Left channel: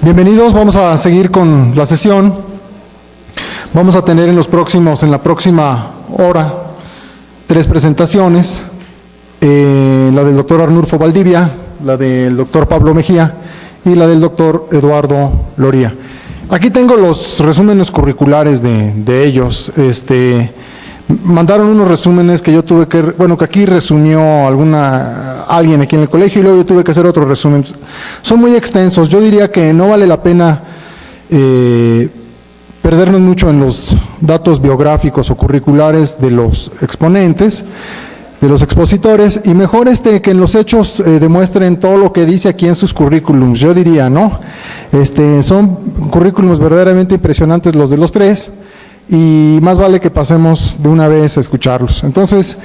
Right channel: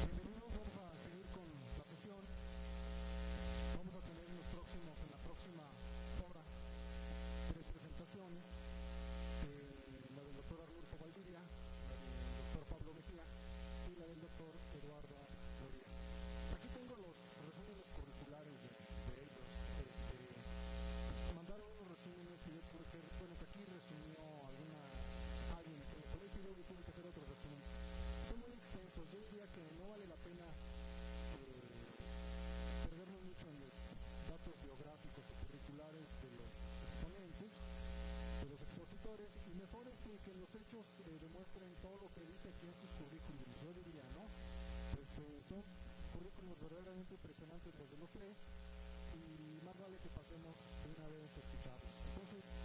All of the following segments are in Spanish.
Bienvenidos, vamos a seguir con la sesión. Vamos a tener en la próxima hora 3 presentaciones, la del doctor Arnulfo Valdivia, la del doctor Pablo Mejía y la del doctor Eduardo Loría. Aquí tengo los resúmenes curriculares de ellos. Mandaron unos resúmenes que yo tuve que, que aquí resumió alguien aquí en el colegio y luego yo tuve que hacer otro resumen. Son muy extensos, yo diría que no vale la pena perdernos mucho en los datos biográficos o curriculares de los exponentes, de los expositores, y mejor que en los hechos demuestren todo lo que dice aquí en sus currículums, yo diría, ¿no? Son currículums verdaderamente impresionantes los de los 3, y más vale que pasemos de una vez a escucharlos. Entonces,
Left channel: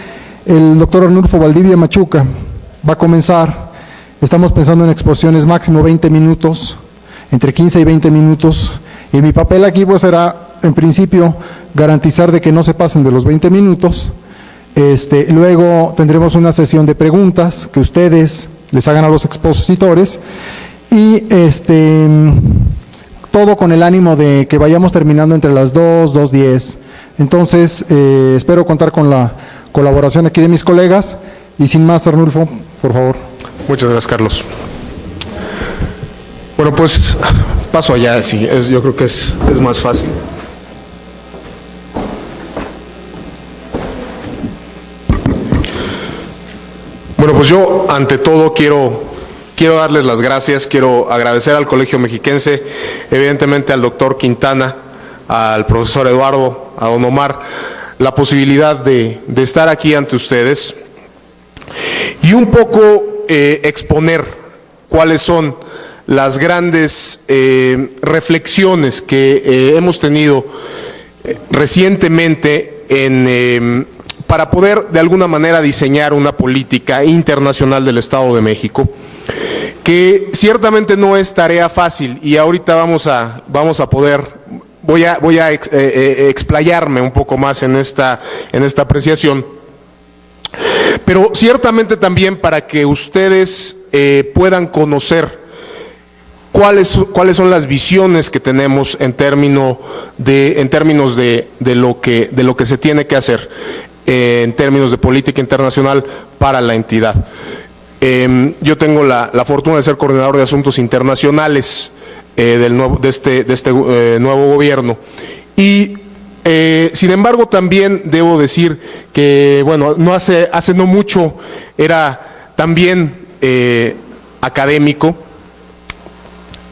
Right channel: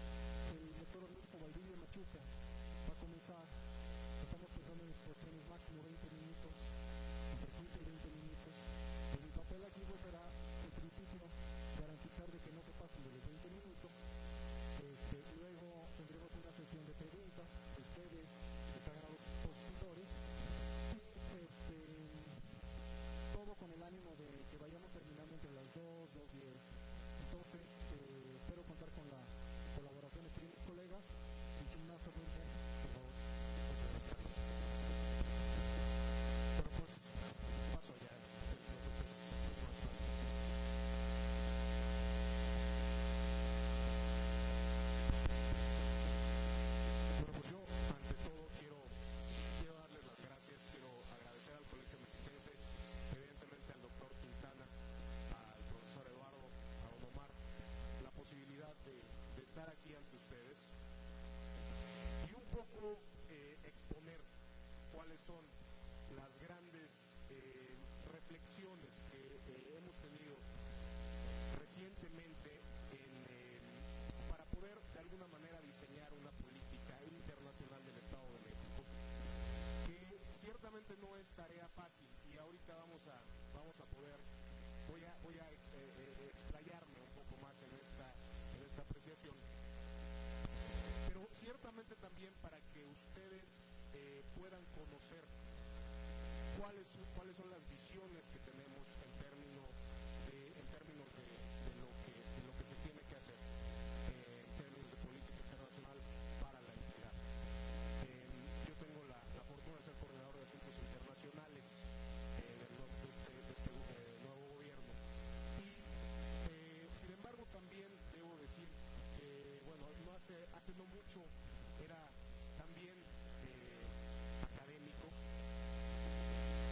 el doctor Arnulfo Valdivia Machuca va a comenzar. Estamos pensando en exposiciones máximo 20 minutos, entre 15 y 20 minutos, y mi papel aquí pues será, en principio, garantizar de que no se pasen de los 20 minutos. Luego tendremos una sesión de preguntas que ustedes les hagan a los expositores, y todo con el ánimo de que vayamos terminando entre las 2:10. Entonces, espero contar con la colaboración aquí de mis colegas, y sin más, Arnulfo, por favor. Muchas gracias, Carlos. Bueno, pues paso allá, sí, yo creo que es más fácil. Bueno, pues yo, ante todo, quiero darles las gracias, quiero agradecer al Colegio Mexiquense, evidentemente al doctor Quintana, al profesor Eduardo, a don Omar, la posibilidad de estar aquí ante ustedes y un poco exponer cuáles son las grandes reflexiones que hemos tenido recientemente para poder de alguna manera diseñar una política internacional del Estado de México, que ciertamente no es tarea fácil, y ahorita voy a explayarme un poco más en esta apreciación, pero ciertamente también para que ustedes puedan conocer cuáles son las visiones que tenemos en términos de lo que se tiene que hacer en términos de política internacional para la entidad. Yo tengo la fortuna de ser coordinador de asuntos internacionales de este nuevo gobierno, y sin embargo también debo decir que, bueno, hace no mucho era también académico,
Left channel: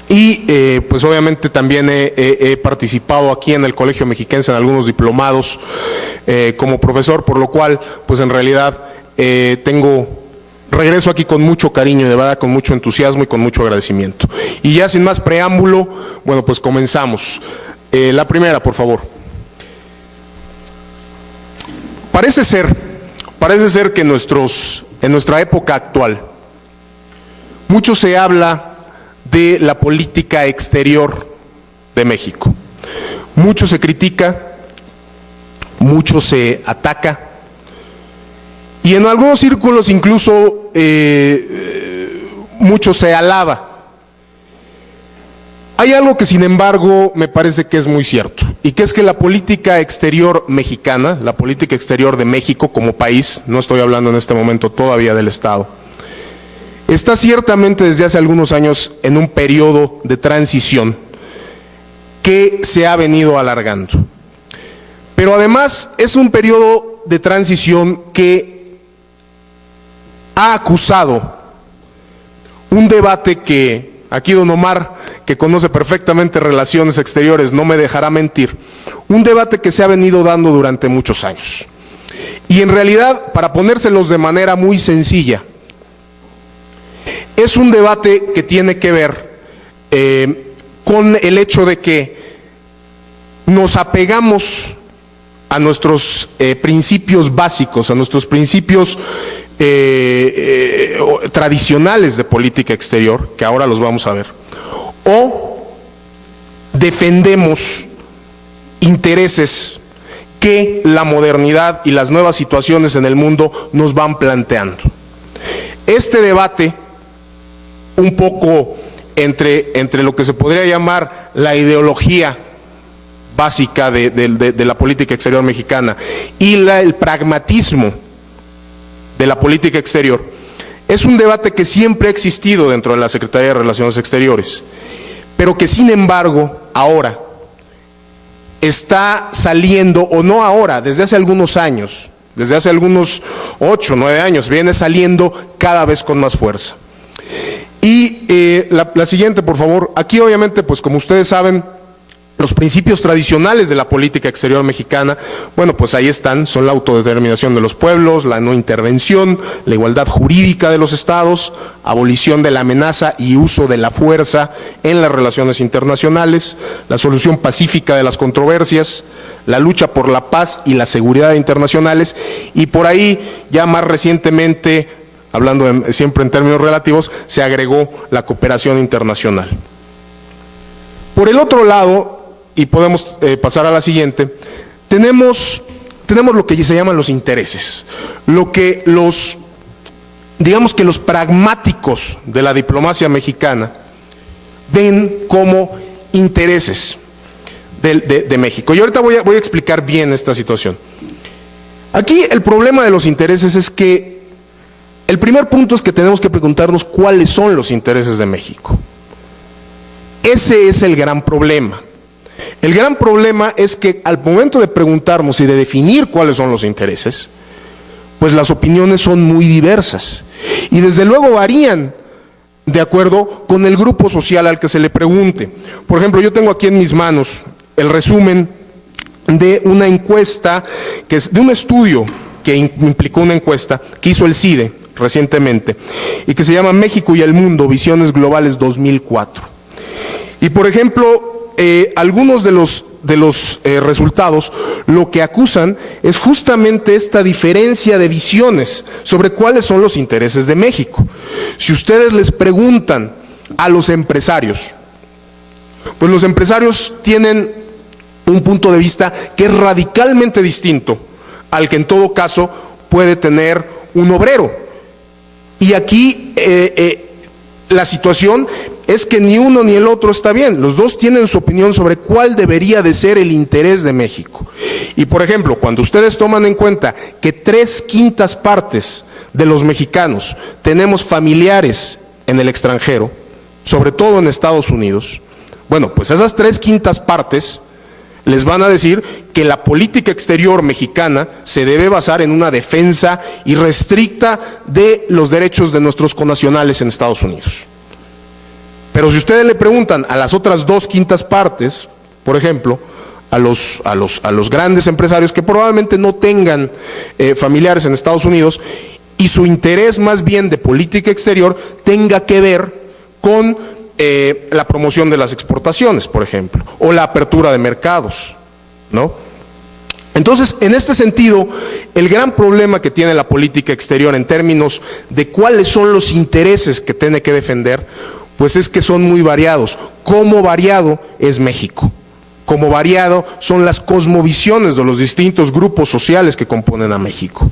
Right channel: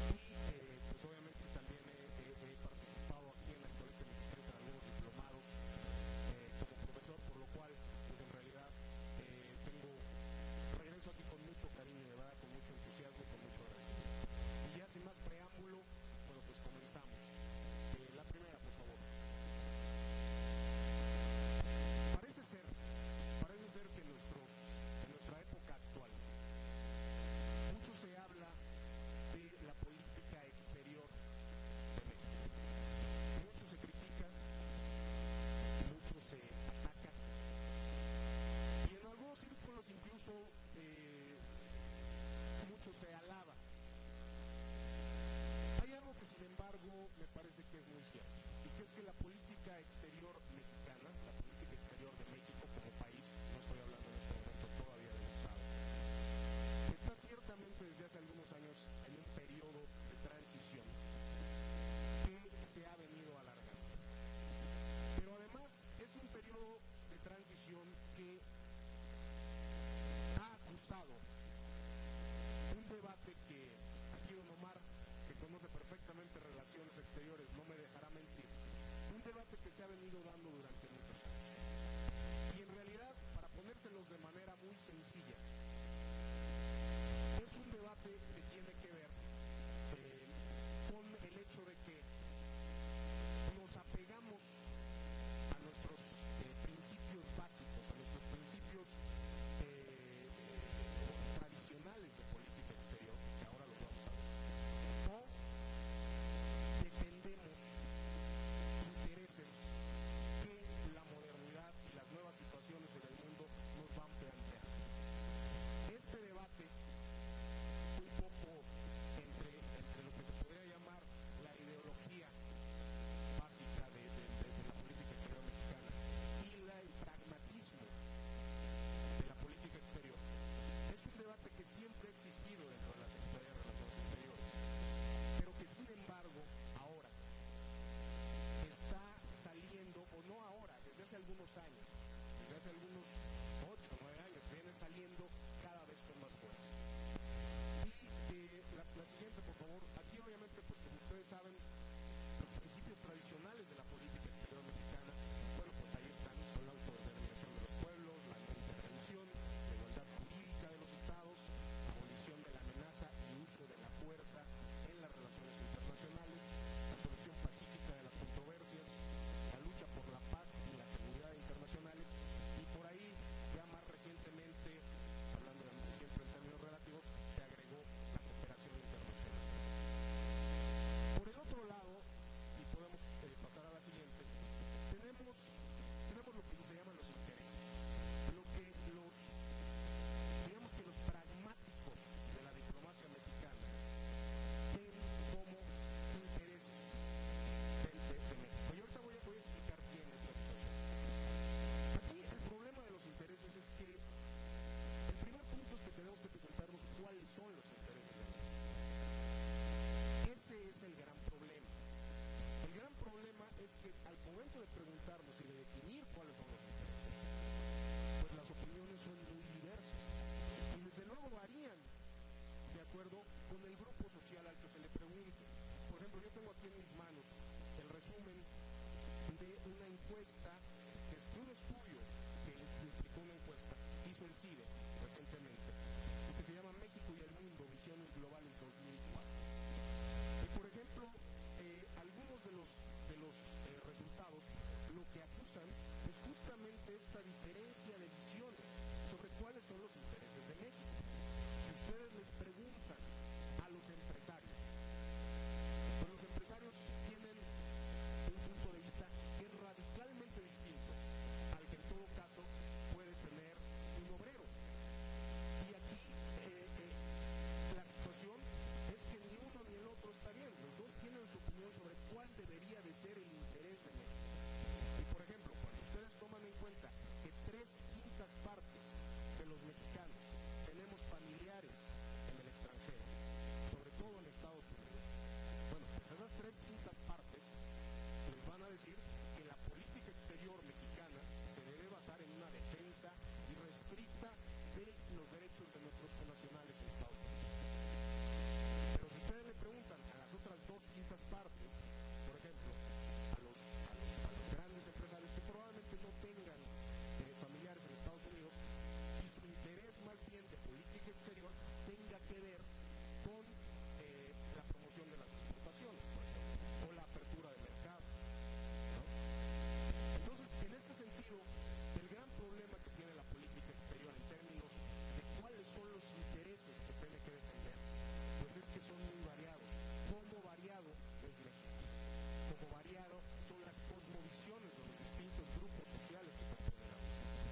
y pues obviamente también he participado aquí en el Colegio Mexiquense en algunos diplomados como profesor, por lo cual pues en realidad regreso aquí con mucho cariño y de verdad con mucho entusiasmo y con mucho agradecimiento. Y ya sin más preámbulo, bueno, pues comenzamos. La primera, por favor. Parece ser que en nuestra época actual, mucho se habla de la política exterior de México. Mucho se critica, mucho se ataca, y en algunos círculos incluso mucho se alaba. Hay algo que, sin embargo, me parece que es muy cierto, y que es que la política exterior mexicana, la política exterior de México como país, no estoy hablando en este momento todavía del Estado, está ciertamente desde hace algunos años en un periodo de transición que se ha venido alargando. Pero además es un periodo de transición que ha acusado un debate que aquí don Omar, que conoce perfectamente relaciones exteriores, no me dejará mentir, un debate que se ha venido dando durante muchos años. Y en realidad, para ponérselos de manera muy sencilla, es un debate que tiene que ver con el hecho de que nos apegamos a nuestros principios básicos, a nuestros principios tradicionales de política exterior, que ahora los vamos a ver, o defendemos intereses que la modernidad y las nuevas situaciones en el mundo nos van planteando. Este debate un poco entre lo que se podría llamar la ideología básica de la política exterior mexicana y el pragmatismo de la política exterior, es un debate que siempre ha existido dentro de la Secretaría de Relaciones Exteriores, pero que sin embargo ahora está saliendo, o no ahora, desde hace algunos años, desde hace algunos 8 o 9 años, viene saliendo cada vez con más fuerza. Y la siguiente, por favor. Aquí obviamente, pues como ustedes saben, los principios tradicionales de la política exterior mexicana, bueno, pues ahí están, son la autodeterminación de los pueblos, la no intervención, la igualdad jurídica de los estados, abolición de la amenaza y uso de la fuerza en las relaciones internacionales, la solución pacífica de las controversias, la lucha por la paz y la seguridad internacionales, y por ahí ya más recientemente, hablando siempre en términos relativos, se agregó la cooperación internacional. Por el otro lado, y podemos pasar a la siguiente, tenemos lo que se llaman los intereses, lo que digamos que los pragmáticos de la diplomacia mexicana ven como intereses de México. Y ahorita voy a explicar bien esta situación. Aquí el problema de los intereses es que el primer punto es que tenemos que preguntarnos cuáles son los intereses de México. Ese es el gran problema. El gran problema es que al momento de preguntarnos y de definir cuáles son los intereses, pues las opiniones son muy diversas y desde luego varían de acuerdo con el grupo social al que se le pregunte. Por ejemplo, yo tengo aquí en mis manos el resumen de una encuesta, de un estudio que implicó una encuesta que hizo el CIDE recientemente y que se llama México y el Mundo, Visiones Globales 2004. Y por ejemplo, algunos de los resultados lo que acusan es justamente esta diferencia de visiones sobre cuáles son los intereses de México. Si ustedes les preguntan a los empresarios, pues los empresarios tienen un punto de vista que es radicalmente distinto al que en todo caso puede tener un obrero. Y aquí la situación es que ni uno ni el otro está bien. Los dos tienen su opinión sobre cuál debería de ser el interés de México. Y por ejemplo, cuando ustedes toman en cuenta que 3/5 partes de los mexicanos tenemos familiares en el extranjero, sobre todo en Estados Unidos, bueno, pues esas 3/5 partes les van a decir que la política exterior mexicana se debe basar en una defensa irrestricta de los derechos de nuestros connacionales en Estados Unidos. Pero si ustedes le preguntan a las otras 2/5 partes, por ejemplo, a los grandes empresarios que probablemente no tengan familiares en Estados Unidos y su interés más bien de política exterior tenga que ver con la promoción de las exportaciones, por ejemplo, o la apertura de mercados, ¿no? Entonces, en este sentido, el gran problema que tiene la política exterior en términos de cuáles son los intereses que tiene que defender, pues es que son muy variados. Cómo variado es México, cómo variado son las cosmovisiones de los distintos grupos sociales que componen a México.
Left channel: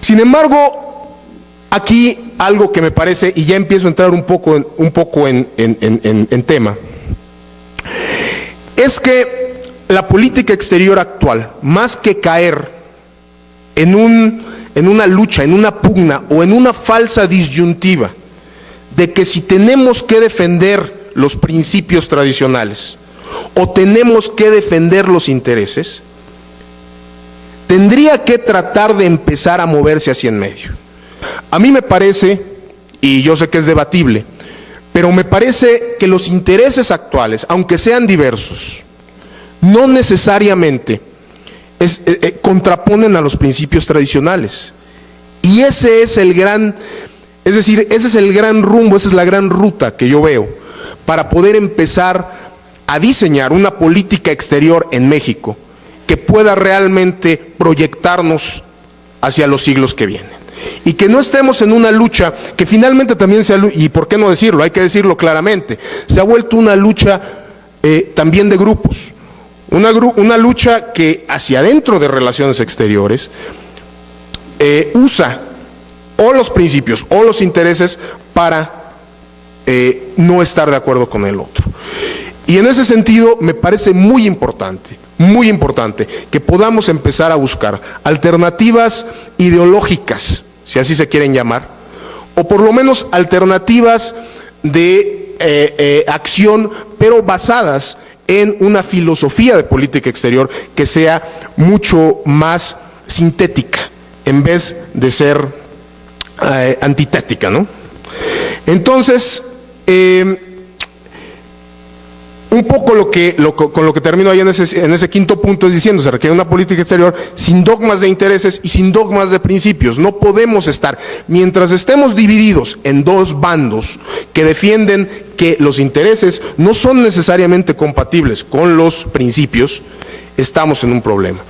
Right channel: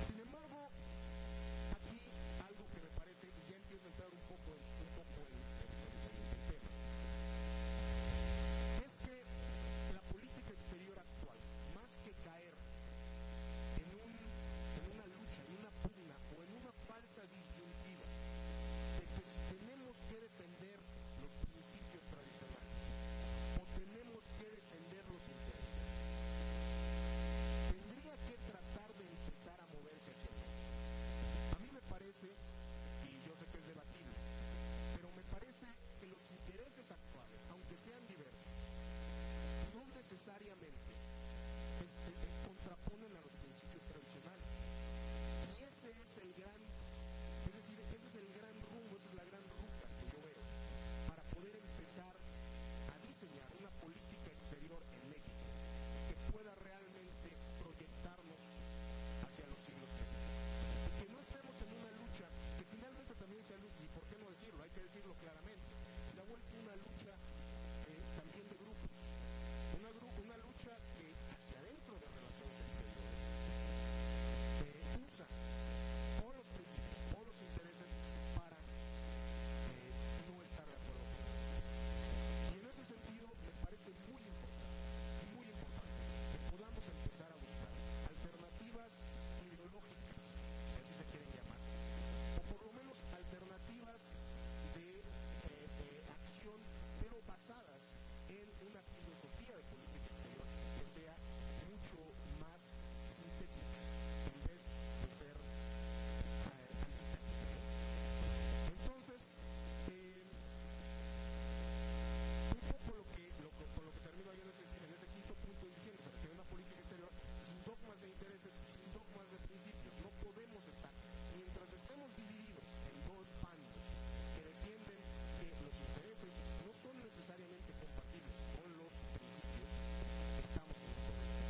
Sin embargo, aquí algo que me parece, y ya empiezo a entrar un poco en tema, es que la política exterior actual, más que caer en una lucha, en una pugna o en una falsa disyuntiva de que si tenemos que defender los principios tradicionales o tenemos que defender los intereses, tendría que tratar de empezar a moverse hacia en medio. A mí me parece, y yo sé que es debatible, pero me parece que los intereses actuales, aunque sean diversos, no necesariamente contraponen a los principios tradicionales. Y ese es el gran, es decir, ese es el gran rumbo, esa es la gran ruta que yo veo para poder empezar a diseñar una política exterior en México que pueda realmente proyectarnos hacia los siglos que vienen. Y que no estemos en una lucha que finalmente también sea, y por qué no decirlo, hay que decirlo claramente, se ha vuelto una lucha también de grupos, una lucha que hacia adentro de relaciones exteriores usa o los principios o los intereses para no estar de acuerdo con el otro. Y en ese sentido me parece muy importante que podamos empezar a buscar alternativas ideológicas, si así se quieren llamar, o por lo menos alternativas de acción, pero basadas en una filosofía de política exterior que sea mucho más sintética, en vez de ser antitética, ¿no? Entonces, un poco con lo que termino ahí en ese quinto punto es diciendo, se requiere una política exterior sin dogmas de intereses y sin dogmas de principios. No podemos estar, mientras estemos divididos en dos bandos que defienden que los intereses no son necesariamente compatibles con los principios, estamos en un problema.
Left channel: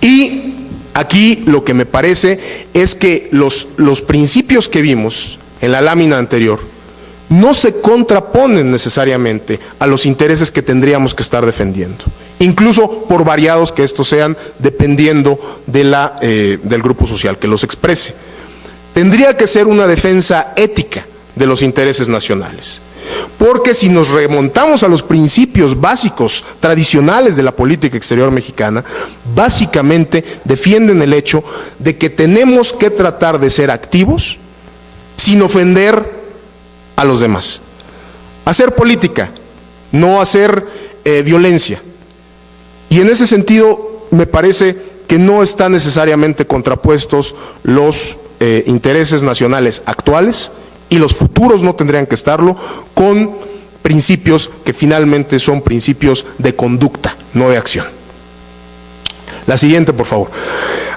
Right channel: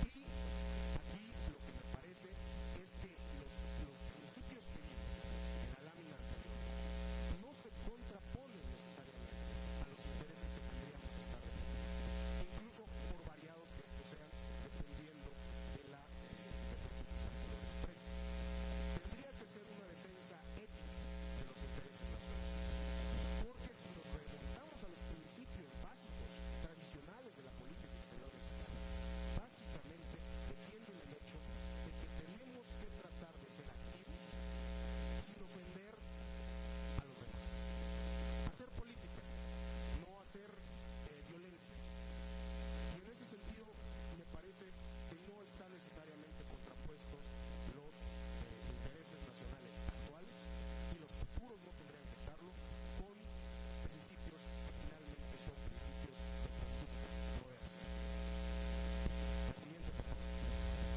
Y aquí lo que me parece es que los principios que vimos en la lámina anterior no se contraponen necesariamente a los intereses que tendríamos que estar defendiendo, incluso por variados que estos sean, dependiendo de del grupo social que los exprese. Tendría que ser una defensa ética de los intereses nacionales, porque si nos remontamos a los principios básicos tradicionales de la política exterior mexicana, básicamente defienden el hecho de que tenemos que tratar de ser activos sin ofender a los demás. Hacer política, no hacer violencia. Y en ese sentido me parece que no están necesariamente contrapuestos los intereses nacionales actuales, y los futuros no tendrían que estarlo, con principios que finalmente son principios de conducta, no de acción. La siguiente, por favor.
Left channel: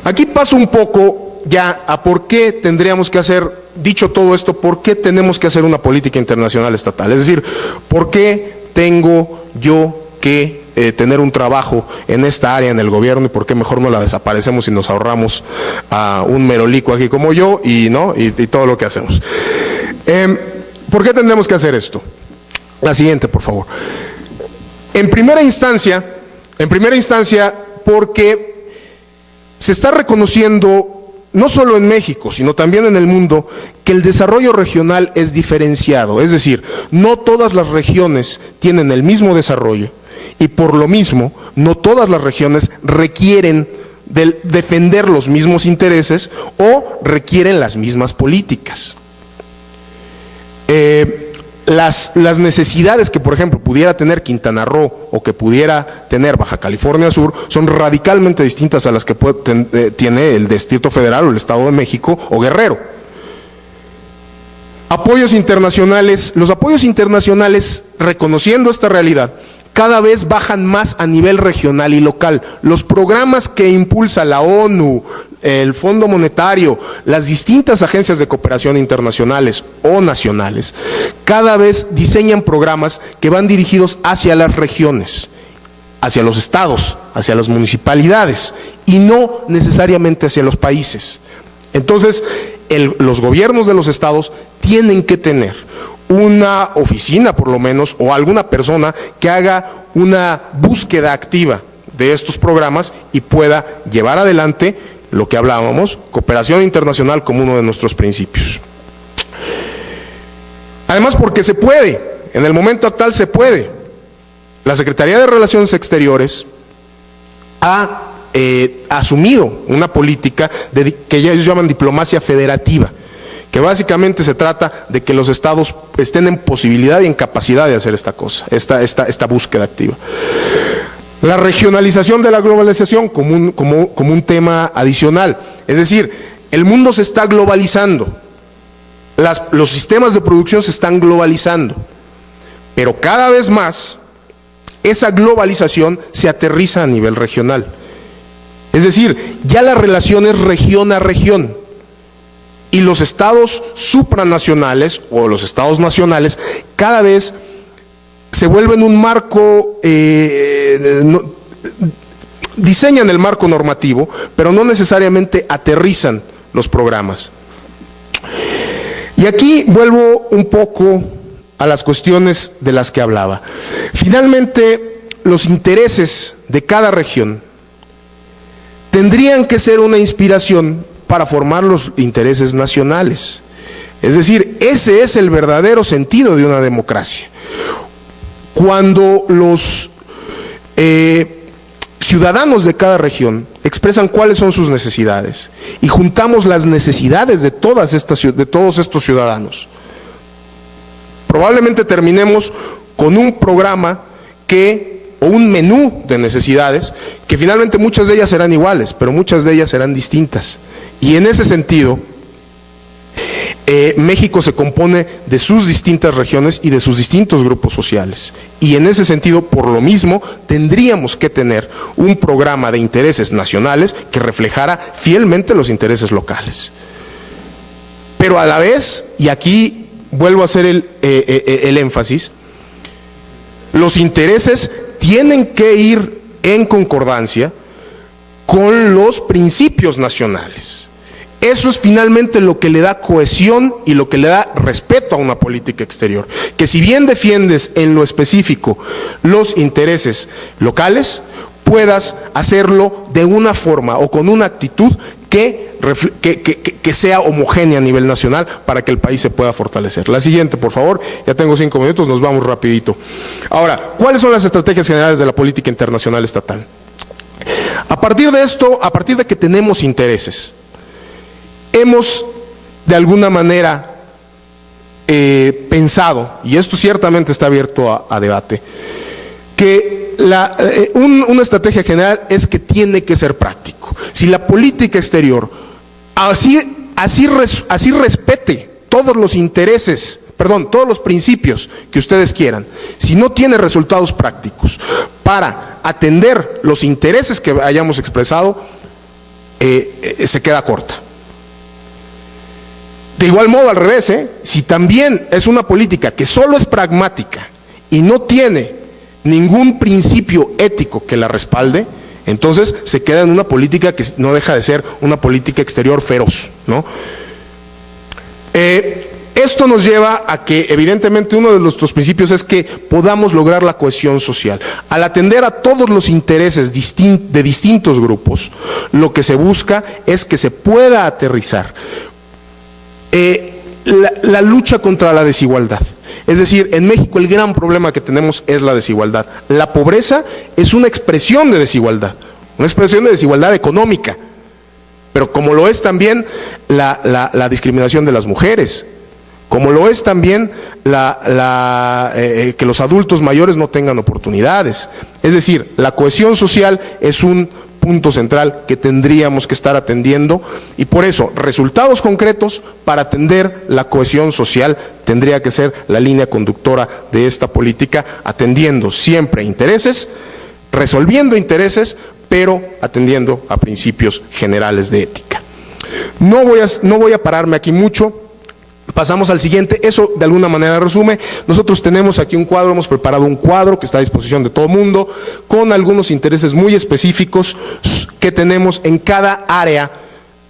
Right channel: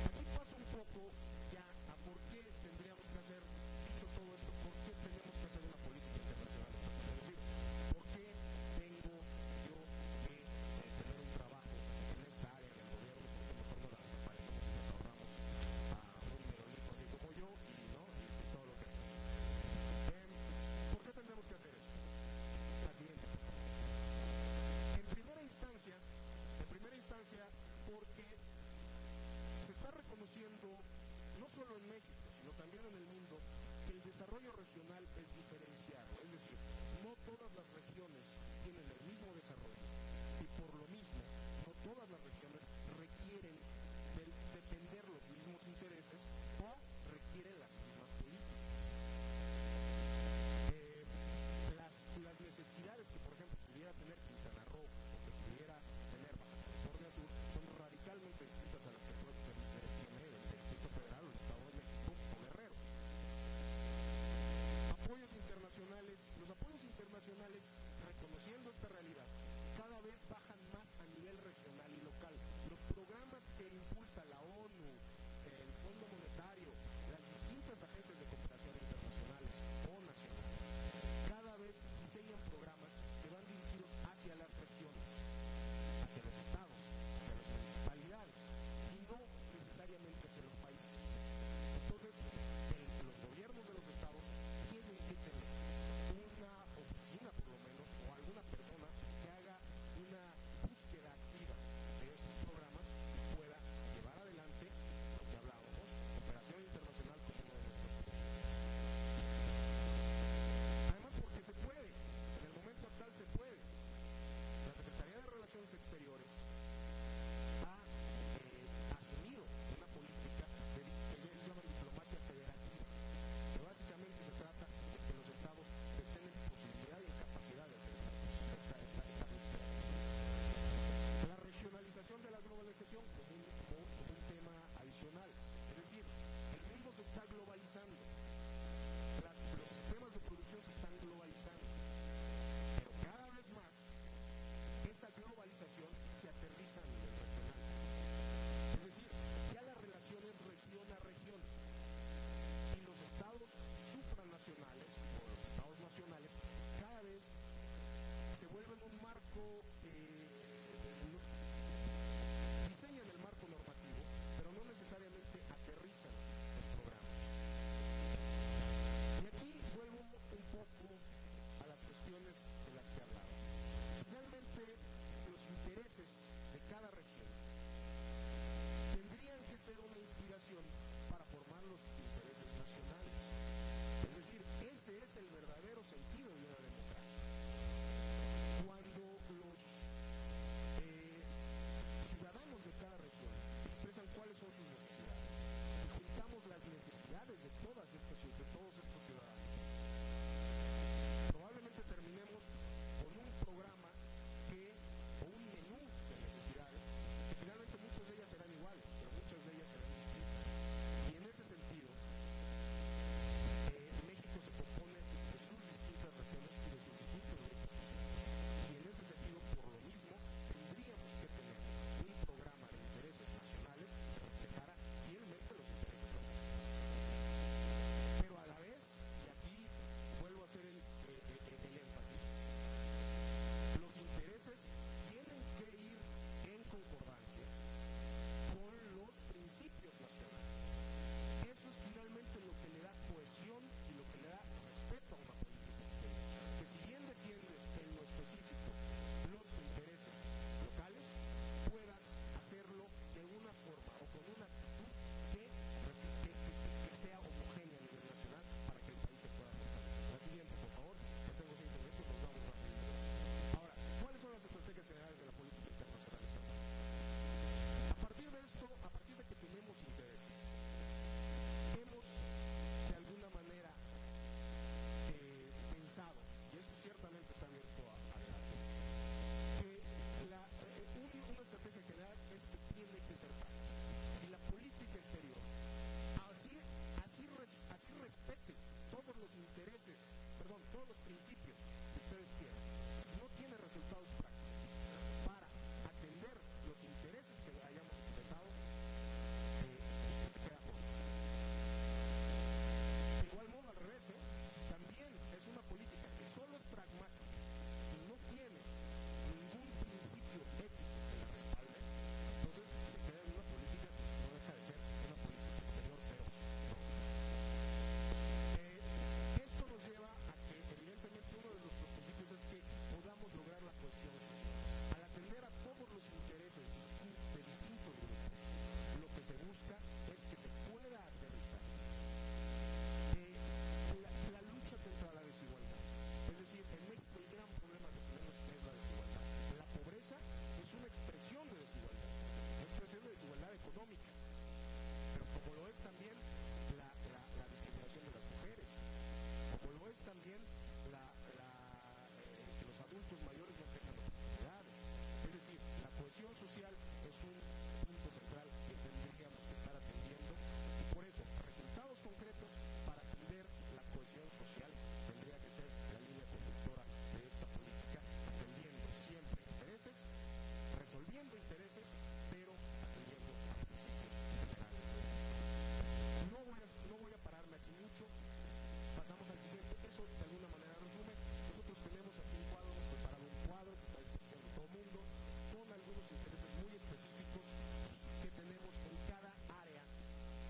Aquí paso un poco ya a por qué tendríamos que hacer, dicho todo esto, por qué tenemos que hacer una política internacional estatal. Es decir, por qué tengo yo que tener un trabajo en esta área en el gobierno, y por qué mejor no la desaparecemos y nos ahorramos a un merolico aquí como yo y todo lo que hacemos. ¿Por qué tendremos que hacer esto? La siguiente, por favor. En primera instancia, porque se está reconociendo, no solo en México, sino también en el mundo, que el desarrollo regional es diferenciado. Es decir, no todas las regiones tienen el mismo desarrollo, y por lo mismo, no todas las regiones requieren defender los mismos intereses o requieren las mismas políticas. Las necesidades que, por ejemplo, pudiera tener Quintana Roo o que pudiera tener Baja California Sur son radicalmente distintas a las que tiene el Distrito Federal o el Estado de México o Guerrero. Apoyos internacionales. Los apoyos internacionales, reconociendo esta realidad, cada vez bajan más a nivel regional y local. Los programas que impulsa la ONU, el Fondo Monetario, las distintas agencias de cooperación internacionales o nacionales, cada vez diseñan programas que van dirigidos hacia las regiones, hacia los estados, hacia las municipalidades, y no necesariamente hacia los países. Entonces, los gobiernos de los estados tienen que tener una oficina, por lo menos, o alguna persona que haga una búsqueda activa de estos programas y pueda llevar adelante lo que hablábamos, cooperación internacional como uno de nuestros principios. Además, porque se puede, en el momento actual se puede. La Secretaría de Relaciones Exteriores ha asumido una política que ellos llaman diplomacia federativa, que básicamente se trata de que los estados estén en posibilidad y en capacidad de hacer esta cosa, esta búsqueda activa. La regionalización de la globalización como un tema adicional, es decir, el mundo se está globalizando, los sistemas de producción se están globalizando, pero cada vez más esa globalización se aterriza a nivel regional. Es decir, ya la relación es región a región. Y los estados supranacionales o los estados nacionales cada vez se vuelven un marco, diseñan el marco normativo, pero no necesariamente aterrizan los programas. Y aquí vuelvo un poco a las cuestiones de las que hablaba. Finalmente, los intereses de cada región tendrían que ser una inspiración para formar los intereses nacionales. Es decir, ese es el verdadero sentido de una democracia. Cuando los ciudadanos de cada región expresan cuáles son sus necesidades y juntamos las necesidades de todos estos ciudadanos, probablemente terminemos con un programa o un menú de necesidades que finalmente muchas de ellas serán iguales, pero muchas de ellas serán distintas. Y en ese sentido, México se compone de sus distintas regiones y de sus distintos grupos sociales. Y en ese sentido, por lo mismo, tendríamos que tener un programa de intereses nacionales que reflejara fielmente los intereses locales. Pero a la vez, y aquí vuelvo a hacer el énfasis, los intereses tienen que ir en concordancia con los principios nacionales. Eso es finalmente lo que le da cohesión y lo que le da respeto a una política exterior. Que si bien defiendes en lo específico los intereses locales, puedas hacerlo de una forma o con una actitud que sea homogénea a nivel nacional para que el país se pueda fortalecer. La siguiente, por favor, ya tengo 5 minutos, nos vamos rapidito. Ahora, ¿cuáles son las estrategias generales de la política internacional estatal? A partir de esto, a partir de que tenemos intereses, hemos de alguna manera pensado, y esto ciertamente está abierto a debate, que una estrategia general es que tiene que ser práctico. Si la política exterior así respete todos los intereses, todos los principios que ustedes quieran, si no tiene resultados prácticos para atender los intereses que hayamos expresado, se queda corta. De igual modo, al revés, si también es una política que solo es pragmática y no tiene ningún principio ético que la respalde, entonces se queda en una política que no deja de ser una política exterior feroz, ¿no? Esto nos lleva a que, evidentemente, uno de nuestros principios es que podamos lograr la cohesión social. Al atender a todos los intereses de distintos grupos, lo que se busca es que se pueda aterrizar la lucha contra la desigualdad. Es decir, en México el gran problema que tenemos es la desigualdad. La pobreza es una expresión de desigualdad económica, pero como lo es también la discriminación de las mujeres, como lo es también que los adultos mayores no tengan oportunidades. Es decir, la cohesión social es un punto central que tendríamos que estar atendiendo, y por eso resultados concretos para atender la cohesión social tendría que ser la línea conductora de esta política, atendiendo siempre intereses, resolviendo intereses, pero atendiendo a principios generales de ética. No voy a pararme aquí mucho. Pasamos al siguiente. Eso de alguna manera resume. Nosotros tenemos aquí un cuadro, hemos preparado un cuadro que está a disposición de todo el mundo, con algunos intereses muy específicos que tenemos en cada área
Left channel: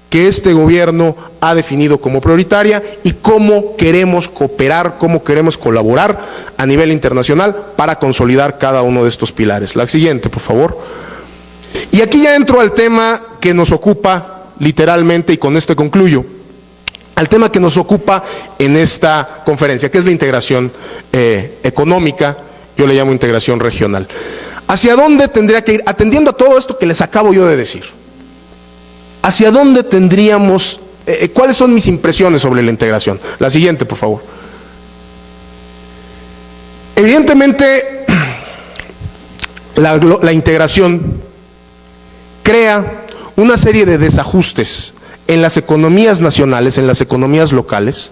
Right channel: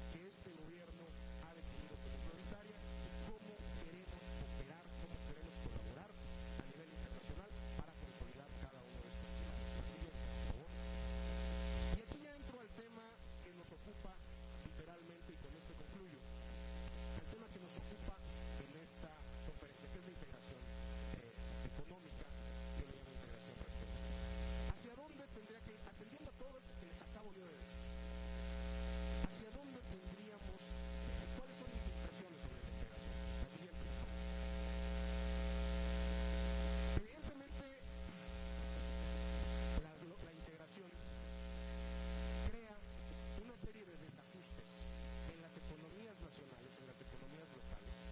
que este gobierno ha definido como prioritaria y cómo queremos cooperar, cómo queremos colaborar a nivel internacional para consolidar cada uno de estos pilares. La siguiente, por favor. Y aquí ya entro al tema que nos ocupa literalmente, y con esto concluyo, al tema que nos ocupa en esta conferencia, que es la integración económica, yo le llamo integración regional. ¿Hacia dónde tendría que ir? Atendiendo a todo esto que les acabo yo de decir, ¿hacia dónde tendríamos, cuáles son mis impresiones sobre la integración? La siguiente, por favor. Evidentemente, la integración crea una serie de desajustes en las economías nacionales, en las economías locales,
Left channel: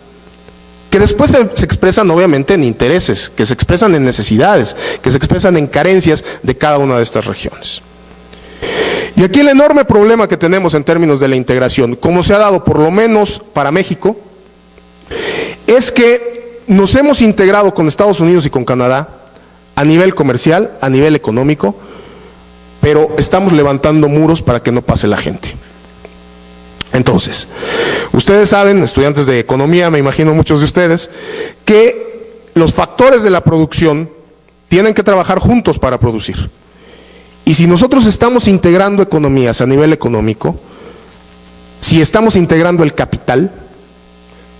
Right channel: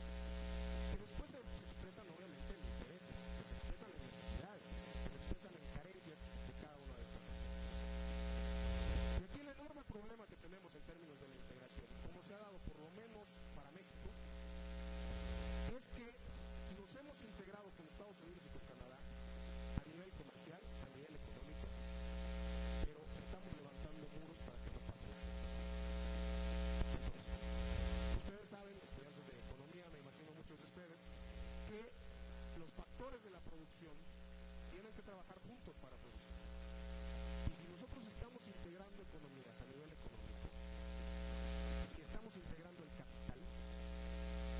que después se expresan obviamente en intereses, que se expresan en necesidades, que se expresan en carencias de cada una de estas regiones. Y aquí el enorme problema que tenemos en términos de la integración, como se ha dado por lo menos para México, es que nos hemos integrado con Estados Unidos y con Canadá a nivel comercial, a nivel económico, pero estamos levantando muros para que no pase la gente. Entonces, ustedes saben, estudiantes de economía, me imagino muchos de ustedes, que los factores de la producción tienen que trabajar juntos para producir. Y si nosotros estamos integrando economías a nivel económico, si estamos integrando el capital,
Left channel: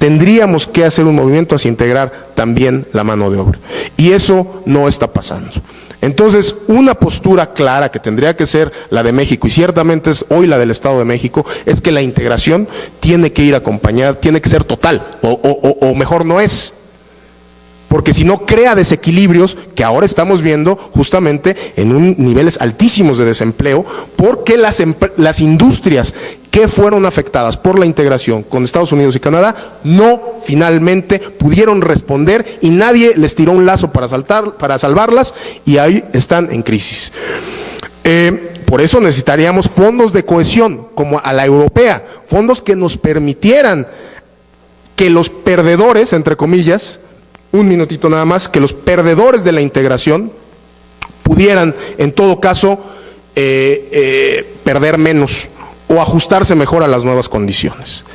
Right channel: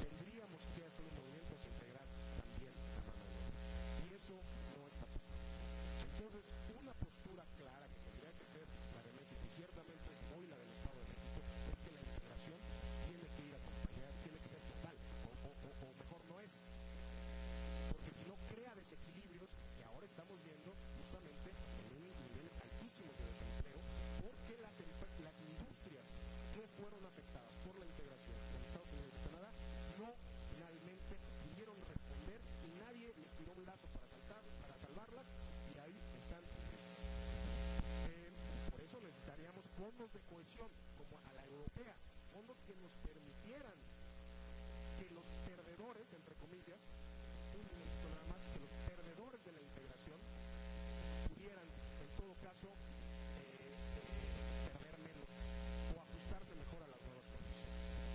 tendríamos que hacer un movimiento hacia integrar también la mano de obra. Y eso no está pasando. Entonces, una postura clara que tendría que ser la de México, y ciertamente es hoy la del Estado de México, es que la integración tiene que ir acompañada, tiene que ser total, o mejor no es. Porque si no crea desequilibrios que ahora estamos viendo justamente en niveles altísimos de desempleo, porque las industrias que fueron afectadas por la integración con Estados Unidos y Canadá no finalmente pudieron responder y nadie les tiró un lazo para salvarlas y ahí están en crisis. Por eso necesitaríamos fondos de cohesión como a la europea, fondos que nos permitieran que los perdedores, entre comillas, un minutito nada más, que los perdedores de la integración pudieran, en todo caso, perder menos o ajustarse mejor a las nuevas condiciones.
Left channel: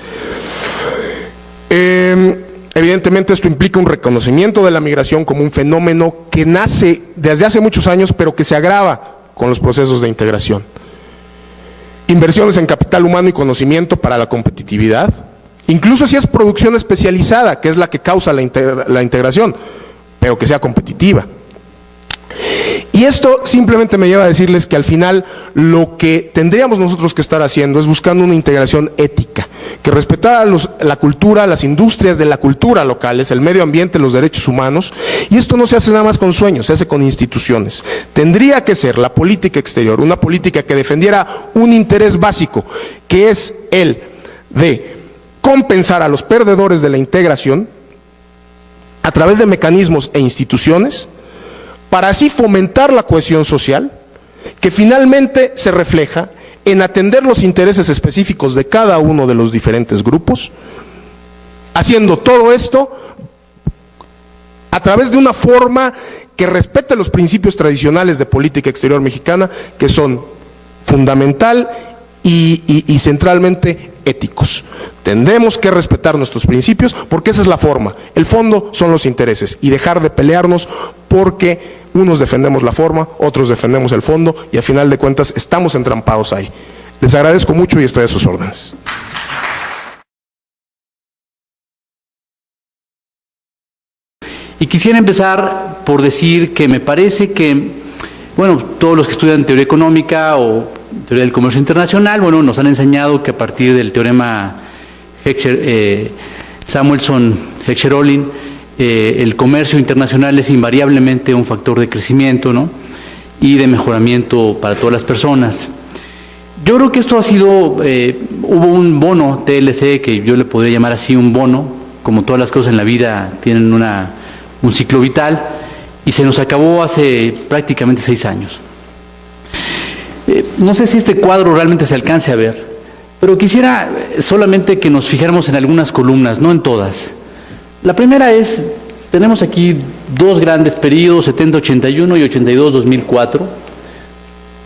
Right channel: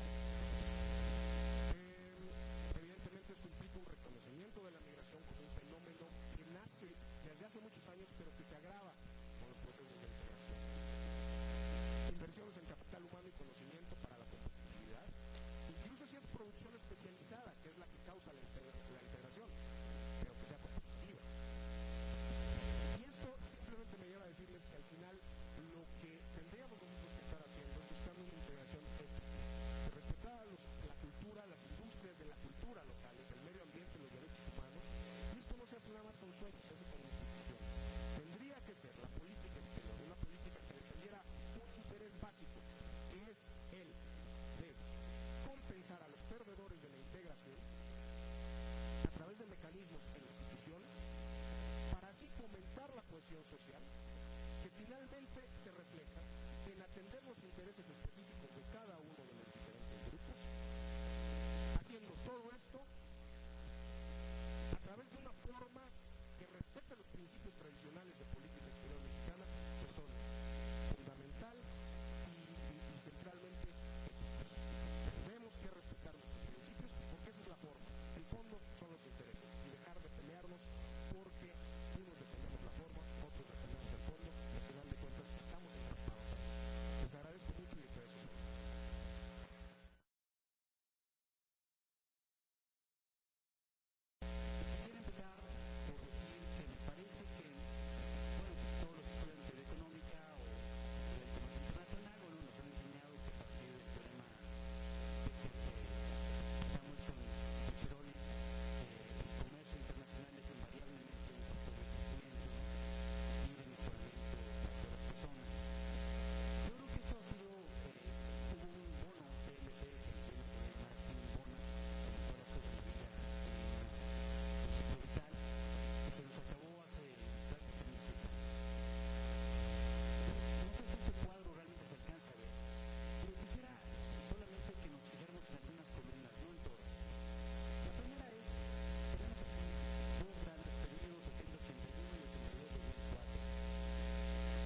Evidentemente esto implica un reconocimiento de la migración como un fenómeno que nace desde hace muchos años, pero que se agrava con los procesos de integración. Inversiones en capital humano y conocimiento para la competitividad, incluso si es producción especializada, que es la que causa la integración, pero que sea competitiva. Y esto simplemente me lleva a decirles que al final lo que tendríamos nosotros que estar haciendo es buscando una integración ética, que respetara la cultura, las industrias de la cultura locales, el medio ambiente, los derechos humanos, y esto no se hace nada más con sueños, se hace con instituciones. Tendría que ser la política exterior, una política que defendiera un interés básico, que es el de compensar a los perdedores de la integración a través de mecanismos e instituciones para así fomentar la cohesión social que finalmente se refleja en atender los intereses específicos de cada uno de los diferentes grupos, haciendo todo esto a través de una forma que respete los principios tradicionales de política exterior mexicana, que son fundamental y centralmente éticos. Tendremos que respetar nuestros principios porque esa es la forma. El fondo son los intereses y dejar de pelearnos porque unos defendemos la forma, otros defendemos el fondo y al final de cuentas estamos entrampados ahí. Les agradezco mucho y estoy a sus órdenes. Y quisiera empezar por decir que me parece que, bueno, todos los que estudian teoría económica o teoría del comercio internacional, bueno, nos han enseñado que a partir del teorema Samuelson-Heckscher-Ohlin, el comercio internacional es invariablemente un factor de crecimiento, ¿no?, y de mejoramiento para todas las personas. Yo creo que esto ha sido, hubo un bono TLC, que yo le podría llamar así un bono, como todas las cosas en la vida tienen un ciclo vital, y se nos acabó hace prácticamente 6 años. No sé si este cuadro realmente se alcance a ver, pero quisiera solamente que nos fijáramos en algunas columnas, no en todas. La primera es, tenemos aquí 2 grandes periodos, 70-81 y 82-2004.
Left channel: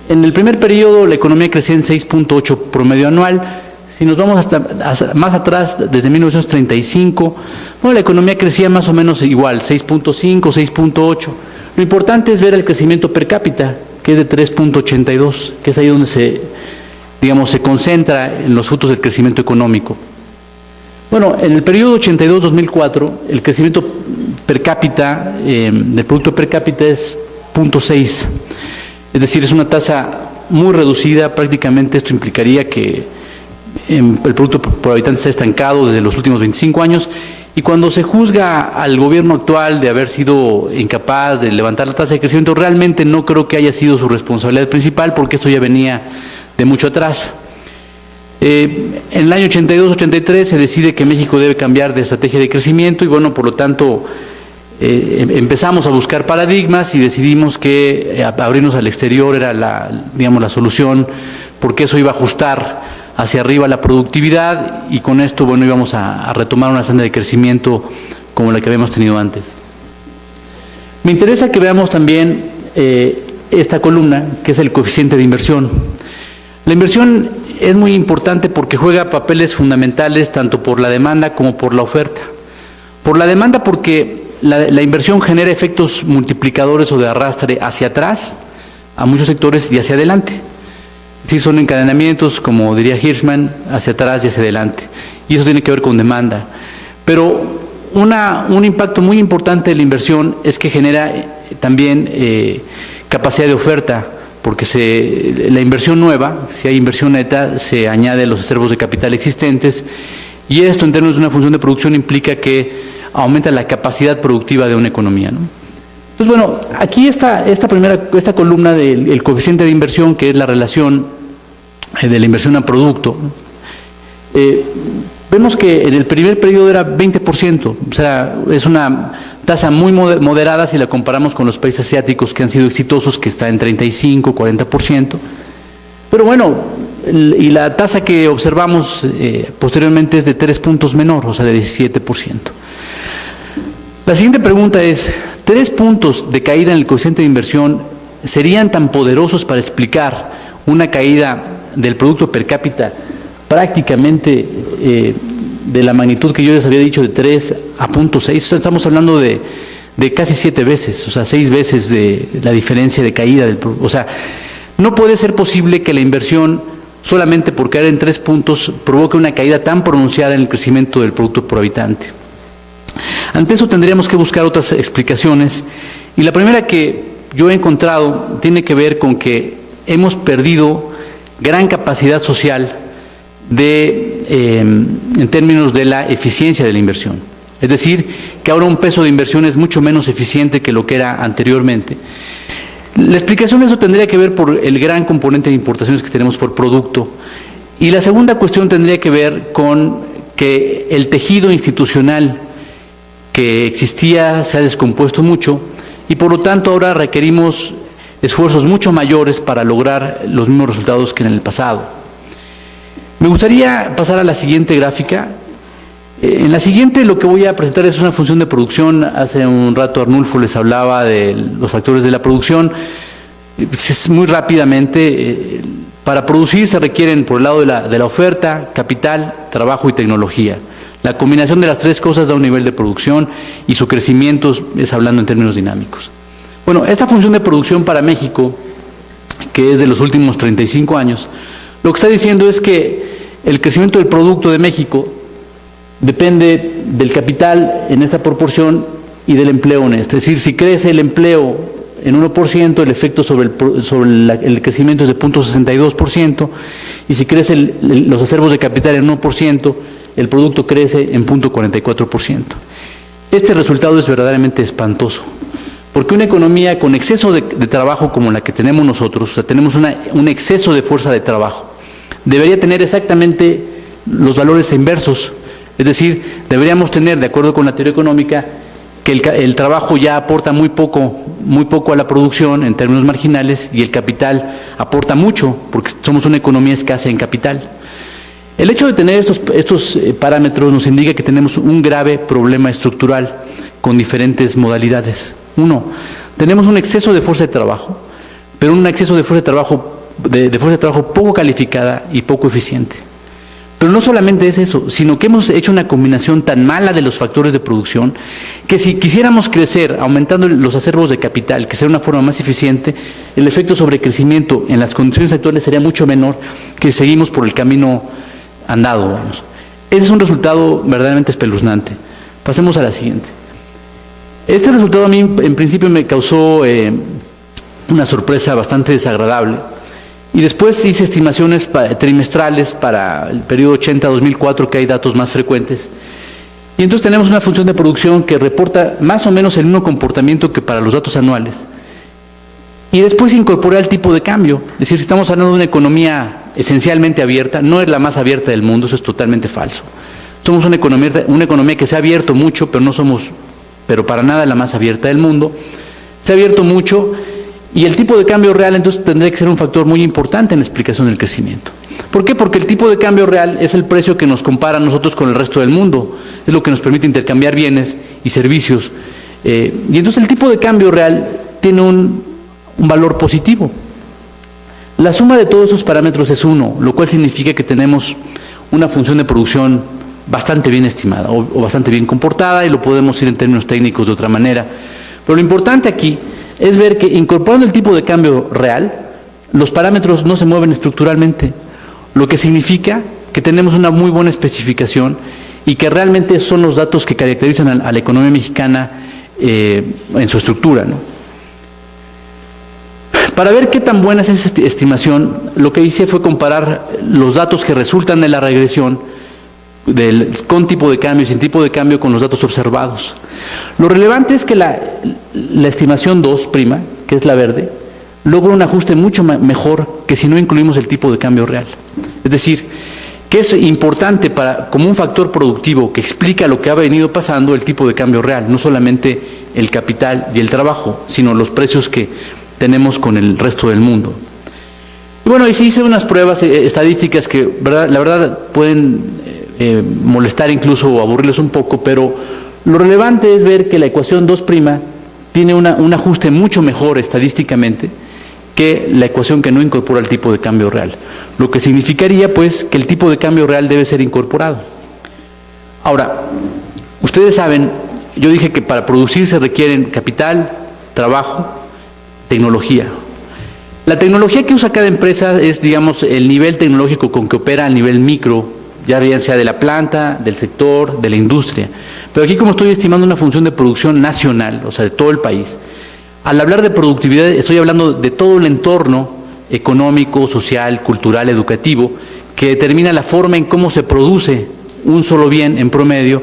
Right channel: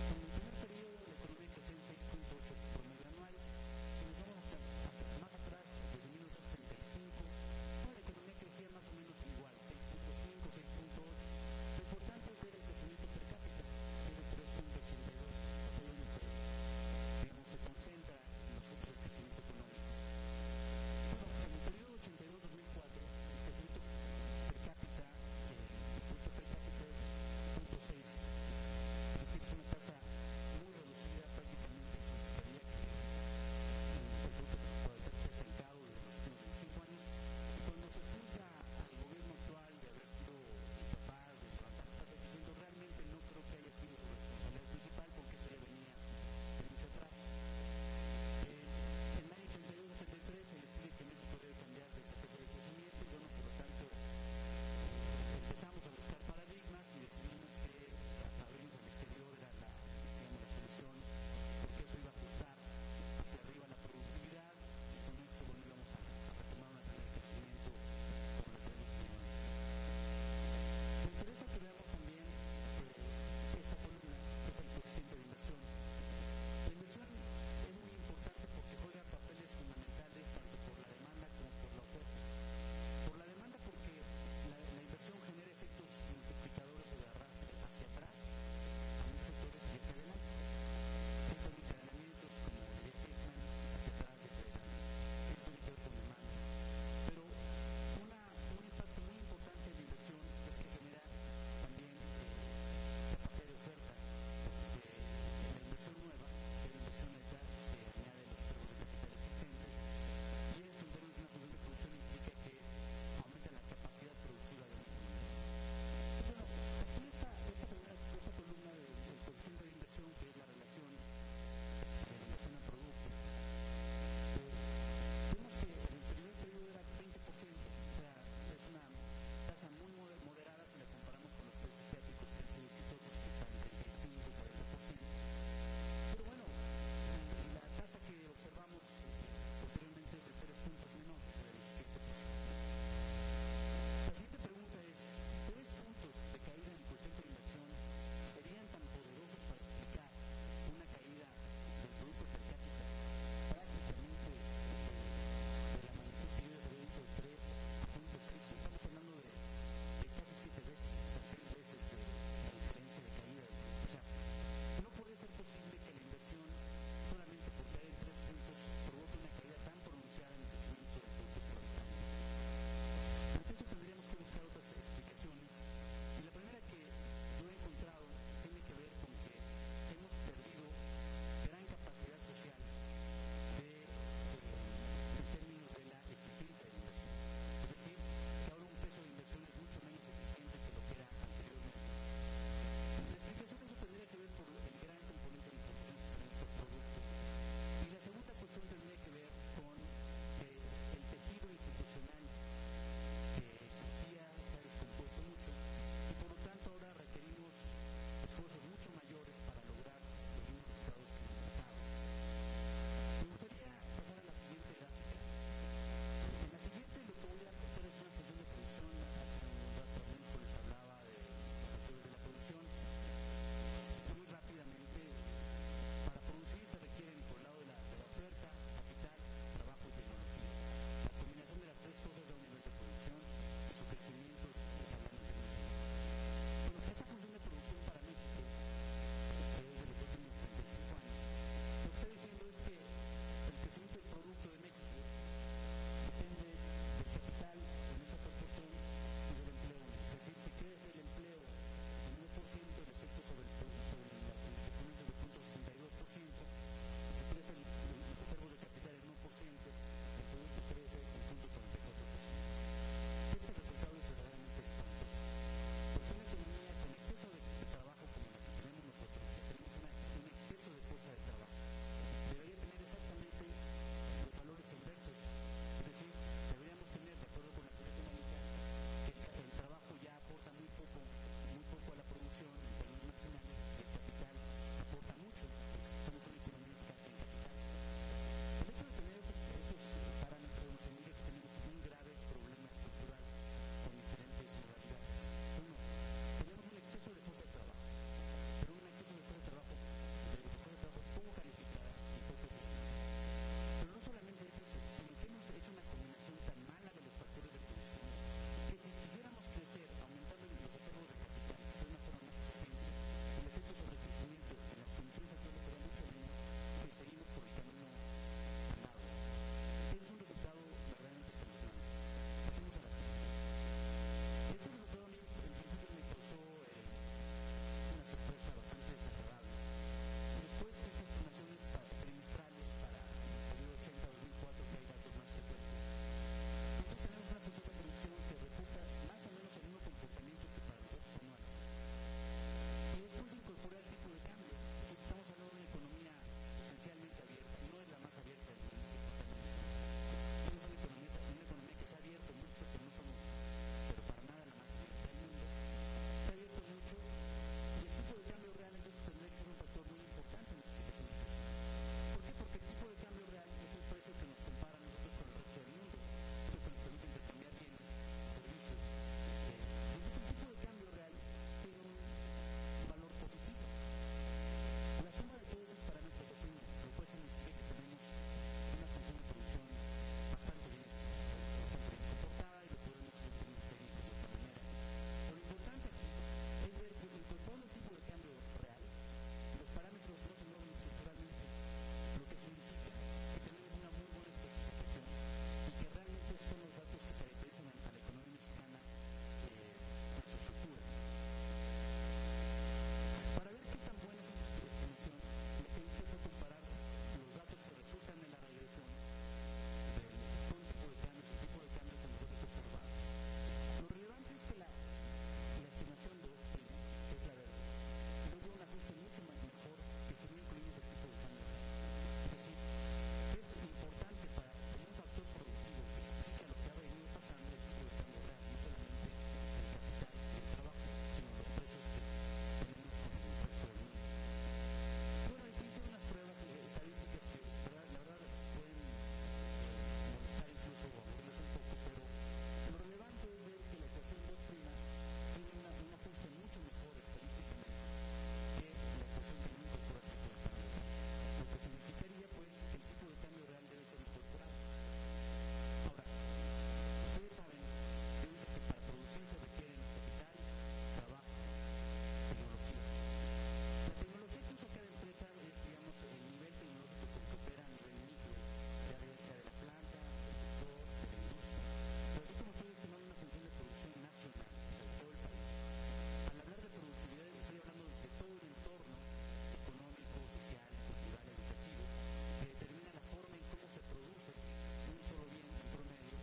En el primer periodo la economía crecía en 6.8 promedio anual. Si nos vamos hasta más atrás, desde 1935, bueno, la economía crecía más o menos igual, 6.5, 6.8. Lo importante es ver el crecimiento per cápita, que es de 3.82, que es ahí donde se concentra en los frutos del crecimiento económico. Bueno, en el periodo 82-2004, el crecimiento per cápita, del producto per cápita es 0.6, es decir, es una tasa muy reducida. Prácticamente esto implicaría que el producto por habitante está estancado desde los últimos 25 años, y cuando se juzga al gobierno actual de haber sido incapaz de levantar la tasa de crecimiento, realmente no creo que haya sido su responsabilidad principal, porque esto ya venía de mucho atrás. En el año 82-83 se decide que México debe cambiar de estrategia de crecimiento y bueno, por lo tanto empezamos a buscar paradigmas y decidimos que abrirnos al exterior era la solución, porque eso iba a ajustar hacia arriba la productividad y con esto, bueno, íbamos a retomar una senda de crecimiento como la que habíamos tenido antes. Me interesa que veamos también esta columna, que es el coeficiente de inversión. La inversión es muy importante porque juega papeles fundamentales tanto por la demanda como por la oferta. Por la demanda porque la inversión genera efectos multiplicadores o de arrastre hacia atrás a muchos sectores y hacia adelante. Sí, son encadenamientos, como diría Hirschman, hacia atrás y hacia adelante. Y eso tiene que ver con demanda. Pero un impacto muy importante de la inversión es que genera también capacidad de oferta, porque la inversión nueva, si hay inversión neta, se añade a los acervos de capital existentes, y esto en términos de una función de producción implica que aumenta la capacidad productiva de una economía, ¿no? Entonces, bueno, aquí esta columna del coeficiente de inversión, que es la relación de la inversión a producto, vemos que en el primer periodo era 20%, o sea, es una tasa muy moderada si la comparamos con los países asiáticos que han sido exitosos, que está en 35, 40%. Pero bueno, y la tasa que observamos posteriormente es de 3 puntos menor, o sea, de 17%. La siguiente pregunta es, ¿3 puntos de caída en el coeficiente de inversión serían tan poderosos para explicar una caída del producto per cápita prácticamente de la magnitud que yo les había dicho, de 3 a 0.6? O sea, estamos hablando de casi 7 veces, o sea, 6 veces de la diferencia de caída del producto. O sea, no puede ser posible que la inversión, solamente por caer en 3 puntos, provoque una caída tan pronunciada en el crecimiento del producto por habitante. Ante eso tendríamos que buscar otras explicaciones, y la primera que yo he encontrado tiene que ver con que hemos perdido gran capacidad social en términos de la eficiencia de la inversión. Es decir, que ahora un peso de inversión es mucho menos eficiente que lo que era anteriormente. La explicación de eso tendría que ver por el gran componente de importaciones que tenemos por producto, y la segunda cuestión tendría que ver con que el tejido institucional que existía se ha descompuesto mucho, y por lo tanto ahora requerimos esfuerzos mucho mayores para lograr los mismos resultados que en el pasado. Me gustaría pasar a la siguiente gráfica. En la siguiente lo que voy a presentar es una función de producción. Hace un rato Arnulfo les hablaba de los factores de la producción. Muy rápidamente, para producir se requieren, por el lado de la oferta, capital, trabajo y tecnología. La combinación de las 3 cosas da un nivel de producción, y su crecimiento es hablando en términos dinámicos. Bueno, esta función de producción para México, que es de los últimos 35 años, lo que está diciendo es que el crecimiento del producto de México depende del capital en esta proporción y del empleo en esta. Es decir, si crece el empleo en 1%, el efecto sobre el crecimiento es de 0.62%, y si crecen los acervos de capital en 1%, el producto crece en 0.44%. Este resultado es verdaderamente espantoso, porque una economía con exceso de trabajo como la que tenemos nosotros, o sea, tenemos un exceso de fuerza de trabajo, debería tener exactamente los valores inversos. Es decir, deberíamos tener, de acuerdo con la teoría económica, que el trabajo ya aporta muy poco a la producción en términos marginales, y el capital aporta mucho, porque somos una economía escasa en capital. El hecho de tener estos parámetros nos indica que tenemos un grave problema estructural con diferentes modalidades. Uno, tenemos un exceso de fuerza de trabajo, pero un exceso de fuerza de trabajo poco calificada y poco eficiente. Pero no solamente es eso, sino que hemos hecho una combinación tan mala de los factores de producción que si quisiéramos crecer aumentando los acervos de capital, que sea una forma más eficiente, el efecto sobre crecimiento en las condiciones actuales sería mucho menor que si seguimos por el camino andado, vamos. Ese es un resultado verdaderamente espeluznante. Pasemos a la siguiente. Este resultado a mí en principio me causó una sorpresa bastante desagradable, y después hice estimaciones trimestrales para el periodo 80-2004, que hay datos más frecuentes, y entonces tenemos una función de producción que reporta más o menos el mismo comportamiento que para los datos anuales, y después incorporé el tipo de cambio. Es decir, si estamos hablando de una economía esencialmente abierta, no es la más abierta del mundo, eso es totalmente falso. Somos una economía que se ha abierto mucho, pero para nada la más abierta del mundo. Se ha abierto mucho, y el tipo de cambio real entonces tendría que ser un factor muy importante en la explicación del crecimiento. ¿Por qué? Porque el tipo de cambio real es el precio que nos compara a nosotros con el resto del mundo, es lo que nos permite intercambiar bienes y servicios, y entonces el tipo de cambio real tiene un valor positivo. La suma de todos esos parámetros es 1, lo cual significa que tenemos una función de producción bastante bien estimada o bastante bien comportada, y lo podemos ir en términos técnicos de otra manera. Pero lo importante aquí es ver que incorporando el tipo de cambio real, los parámetros no se mueven estructuralmente, lo que significa que tenemos una muy buena especificación y que realmente son los datos que caracterizan a la economía mexicana en su estructura, ¿no? Para ver qué tan buena es esa estimación, lo que hice fue comparar los datos que resultan de la regresión con tipo de cambio y sin tipo de cambio con los datos observados. Lo relevante es que la estimación 2', que es la verde, logra un ajuste mucho mejor que si no incluimos el tipo de cambio real. Es decir, que es importante como un factor productivo que explica lo que ha venido pasando el tipo de cambio real, no solamente el capital y el trabajo, sino los precios que tenemos con el resto del mundo. Y bueno, y sí hice unas pruebas estadísticas que la verdad pueden molestar incluso o aburrirlos un poco, pero lo relevante es ver que la ecuación 2' tiene un ajuste mucho mejor estadísticamente que la ecuación que no incorpora el tipo de cambio real, lo que significaría pues que el tipo de cambio real debe ser incorporado. Ahora, ustedes saben, yo dije que para producir se requieren capital, trabajo, tecnología. La tecnología que usa cada empresa es, digamos, el nivel tecnológico con que opera a nivel micro, ya bien sea de la planta, del sector, de la industria. Pero aquí, como estoy estimando una función de producción nacional, o sea, de todo el país, al hablar de productividad estoy hablando de todo el entorno económico, social, cultural, educativo, que determina la forma en cómo se produce un solo bien en promedio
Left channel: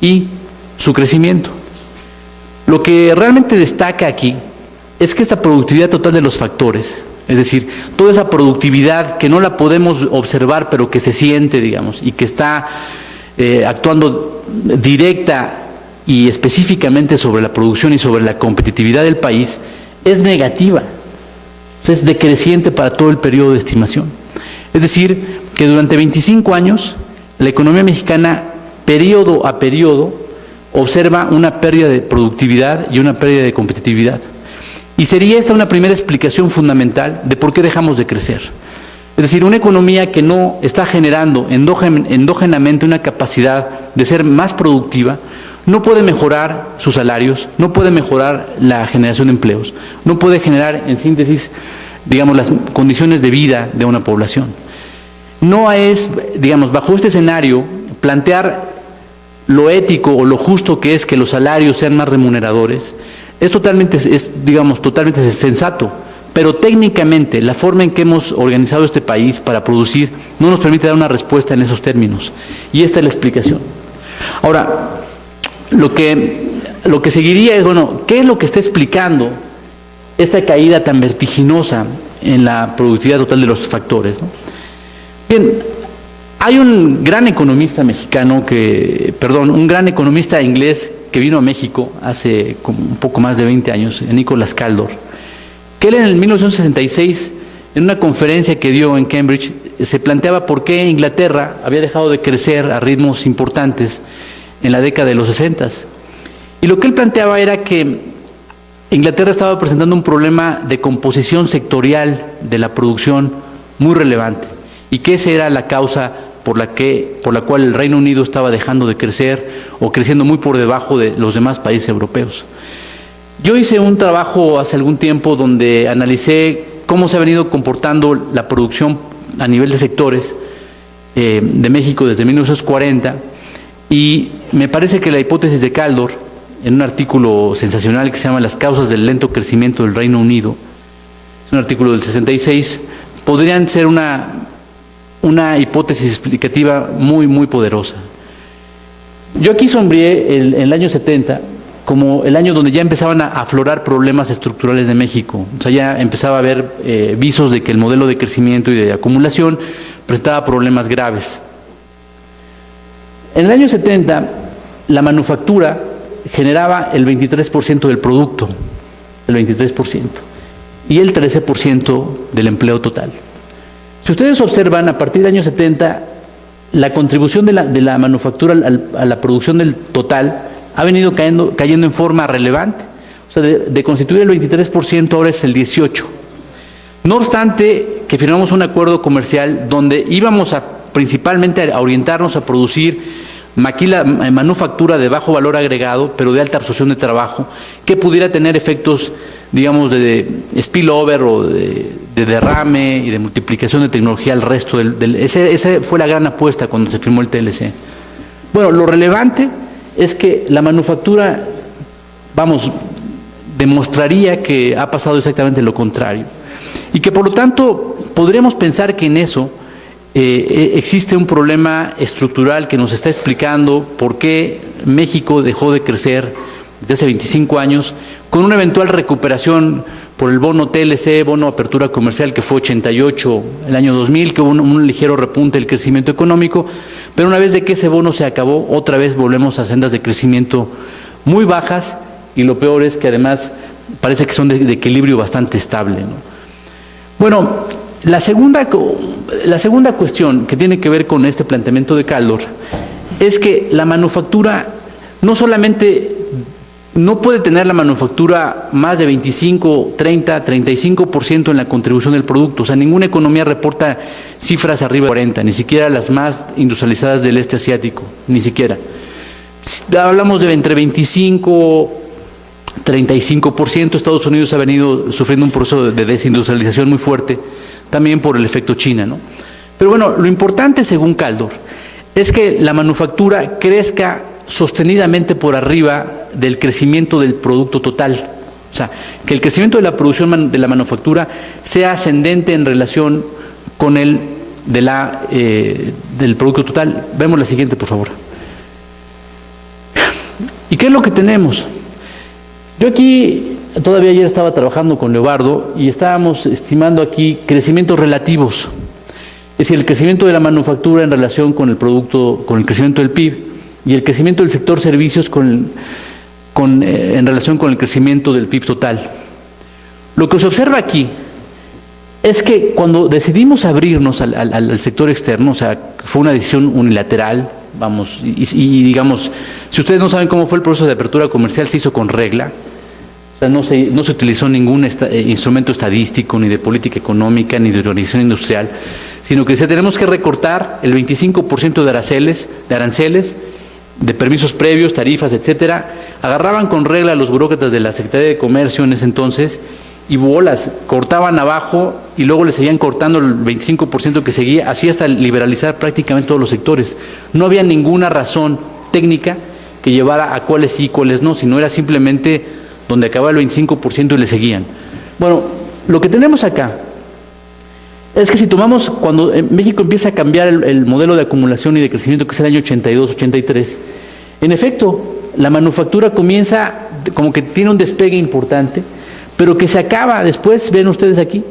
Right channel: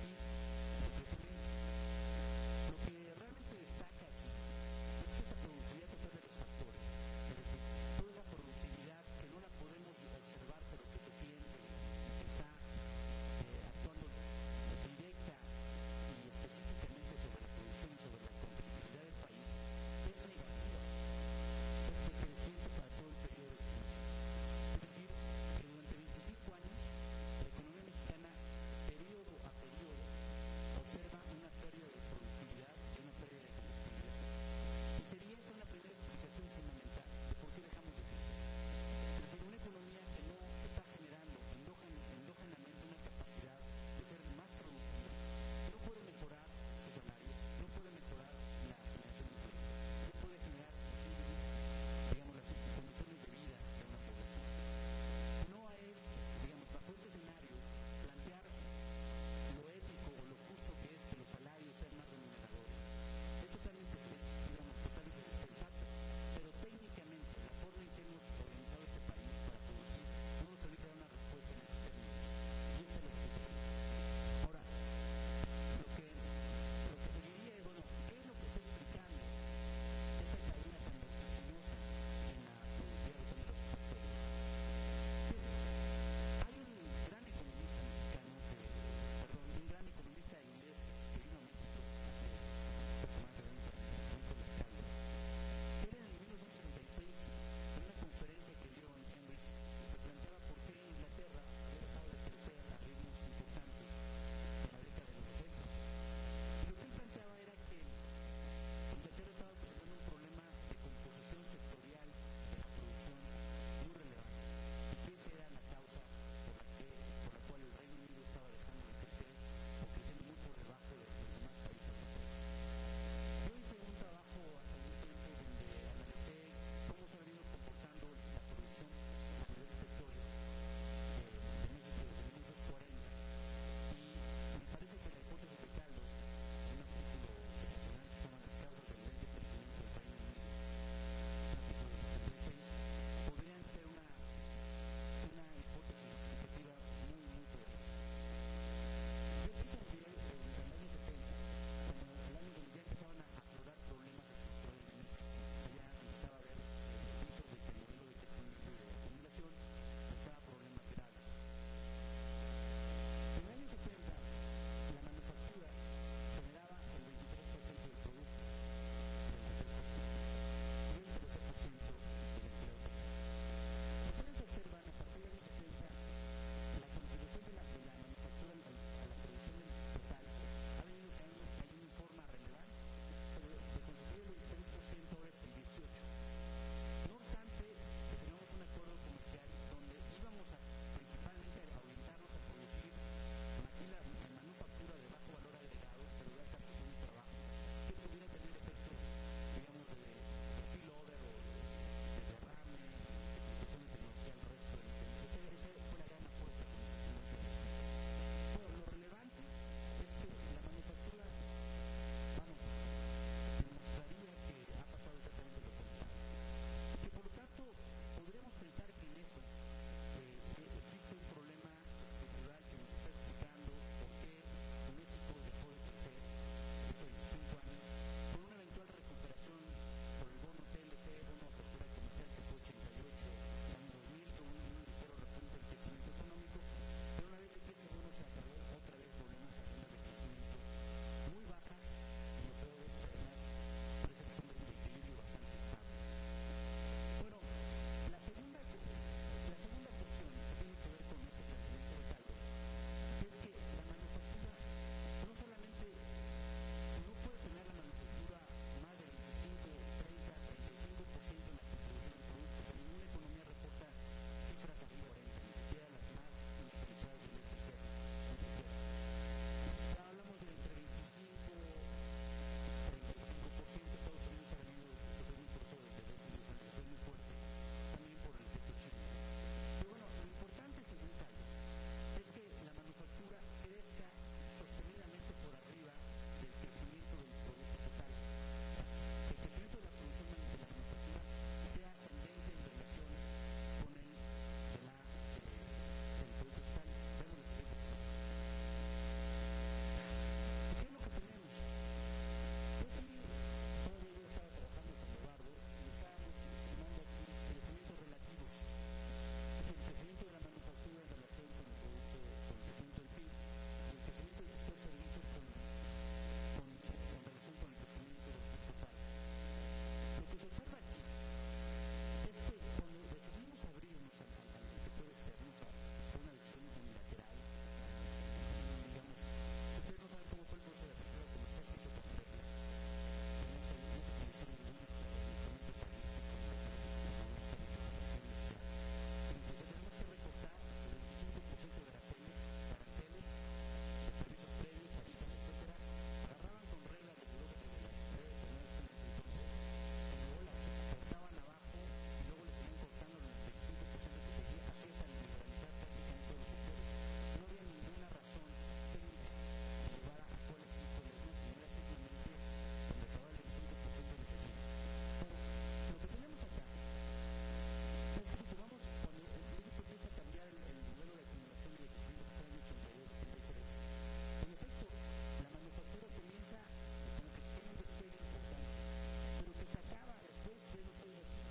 y su crecimiento. Lo que realmente destaca aquí es que esta productividad total de los factores, es decir, toda esa productividad que no la podemos observar pero que se siente, digamos, y que está actuando directa y específicamente sobre la producción y sobre la competitividad del país, es negativa, o sea, es decreciente para todo el periodo de estimación. Es decir, que durante 25 años la economía mexicana, periodo a periodo, observa una pérdida de productividad y una pérdida de competitividad. Y sería esta una primera explicación fundamental de por qué dejamos de crecer. Es decir, una economía que no está generando endógenamente una capacidad de ser más productiva, no puede mejorar sus salarios, no puede mejorar la generación de empleos, no puede generar, en síntesis, digamos, las condiciones de vida de una población. No es, digamos, bajo este escenario, plantear lo ético o lo justo que es que los salarios sean más remuneradores, es totalmente sensato, pero técnicamente la forma en que hemos organizado este país para producir no nos permite dar una respuesta en esos términos, y esta es la explicación. Ahora, lo que seguiría es, bueno, ¿qué es lo que está explicando esta caída tan vertiginosa en la productividad total de los factores, ¿no? Bien, hay un gran economista mexicano un gran economista inglés que vino a México hace como un poco más de 20 años, Nicholas Kaldor, que él en el 1966, en una conferencia que dio en Cambridge, se planteaba por qué Inglaterra había dejado de crecer a ritmos importantes en la década de los 60. Y lo que él planteaba era que Inglaterra estaba presentando un problema de composición sectorial de la producción muy relevante, y que esa era la causa por la cual el Reino Unido estaba dejando de crecer o creciendo muy por debajo de los demás países europeos. Yo hice un trabajo hace algún tiempo donde analicé cómo se ha venido comportando la producción a nivel de sectores de México desde 1940, y me parece que la hipótesis de Kaldor, en un artículo sensacional que se llama Las causas del lento crecimiento del Reino Unido, es un artículo del 66, podrían ser una hipótesis explicativa muy, muy poderosa. Yo aquí sombreé el año 70 como el año donde ya empezaban a aflorar problemas estructurales de México. O sea, ya empezaba a haber visos de que el modelo de crecimiento y de acumulación presentaba problemas graves. En el año 70, la manufactura generaba el 23% del producto, el 23%, y el 13% del empleo total. Si ustedes observan, a partir del año 70, la contribución de la manufactura a la producción del total ha venido cayendo en forma relevante. O sea, de constituir el 23%, ahora es el 18%. No obstante, que firmamos un acuerdo comercial donde íbamos principalmente a orientarnos a producir manufactura de bajo valor agregado, pero de alta absorción de trabajo, que pudiera tener efectos, digamos, de spillover o de derrame y de multiplicación de tecnología al resto esa fue la gran apuesta cuando se firmó el TLC. Bueno, lo relevante es que la manufactura, vamos, demostraría que ha pasado exactamente lo contrario. Y que por lo tanto podríamos pensar que en eso existe un problema estructural que nos está explicando por qué México dejó de crecer desde hace 25 años, con una eventual recuperación por el bono TLC, bono apertura comercial, que fue 88 el año 2000, que hubo un ligero repunte del crecimiento económico, pero una vez de que ese bono se acabó, otra vez volvemos a sendas de crecimiento muy bajas, y lo peor es que además parece que son de equilibrio bastante estable, ¿no? Bueno, la segunda cuestión que tiene que ver con este planteamiento de Kaldor es que la manufactura no solamente no puede tener la manufactura más de 25, 30, 35% en la contribución del producto. O sea, ninguna economía reporta cifras arriba de 40, ni siquiera las más industrializadas del este asiático, ni siquiera. Hablamos de entre 25, 35%. Estados Unidos ha venido sufriendo un proceso de desindustrialización muy fuerte, también por el efecto China, ¿no? Pero bueno, lo importante, según Kaldor, es que la manufactura crezca sostenidamente por arriba del crecimiento del producto total. O sea, que el crecimiento de la producción de la manufactura sea ascendente en relación con el del producto total. Vemos la siguiente, por favor. ¿Y qué es lo que tenemos? Yo aquí, todavía ayer estaba trabajando con Leobardo y estábamos estimando aquí crecimientos relativos. Es decir, el crecimiento de la manufactura en relación con el producto, con el crecimiento del PIB, y el crecimiento del sector servicios en relación con el crecimiento del PIB total. Lo que se observa aquí es que cuando decidimos abrirnos al sector externo, o sea, fue una decisión unilateral, vamos, y digamos, si ustedes no saben cómo fue el proceso de apertura comercial, se hizo con regla. O sea, no se utilizó ningún instrumento estadístico, ni de política económica, ni de organización industrial, sino que tenemos que recortar el 25% de aranceles, de permisos previos, tarifas, etcétera. Agarraban con regla a los burócratas de la Secretaría de Comercio en ese entonces y bolas, cortaban abajo y luego le seguían cortando el 25% que seguía, así hasta liberalizar prácticamente todos los sectores. No había ninguna razón técnica que llevara a cuáles sí y cuáles no, sino era simplemente donde acababa el 25% y le seguían. Bueno, lo que tenemos acá es que si tomamos, cuando México empieza a cambiar el modelo de acumulación y de crecimiento, que es el año 82, 83, en efecto, la manufactura comienza, como que tiene un despegue importante, pero que se acaba después, ven ustedes aquí,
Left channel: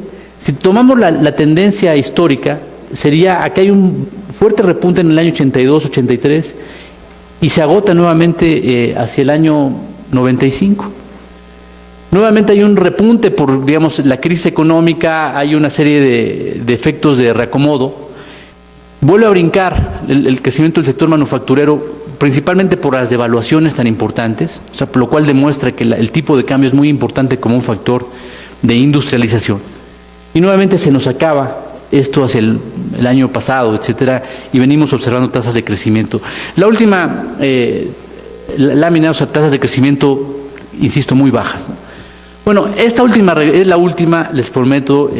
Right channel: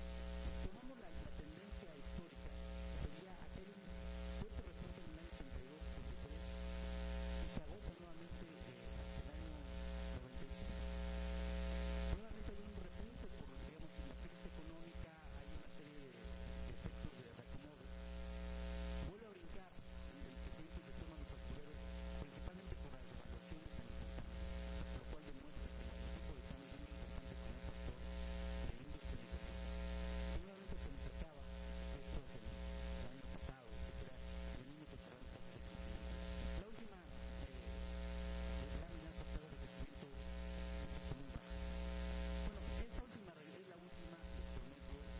si tomamos la tendencia histórica, sería, aquí hay un fuerte repunte en el año 82, 83, y se agota nuevamente hacia el año 95. Nuevamente hay un repunte por, digamos, la crisis económica, hay una serie de efectos de reacomodo. Vuelve a brincar el crecimiento del sector manufacturero, principalmente por las devaluaciones tan importantes, o sea, por lo cual demuestra que el tipo de cambio es muy importante como un factor de industrialización. Y nuevamente se nos acaba esto hacia el año pasado, etcétera, y venimos observando tasas de crecimiento. La última lámina, o sea, tasas de crecimiento, insisto, muy bajas, ¿no? Bueno, esta última es la última, les prometo.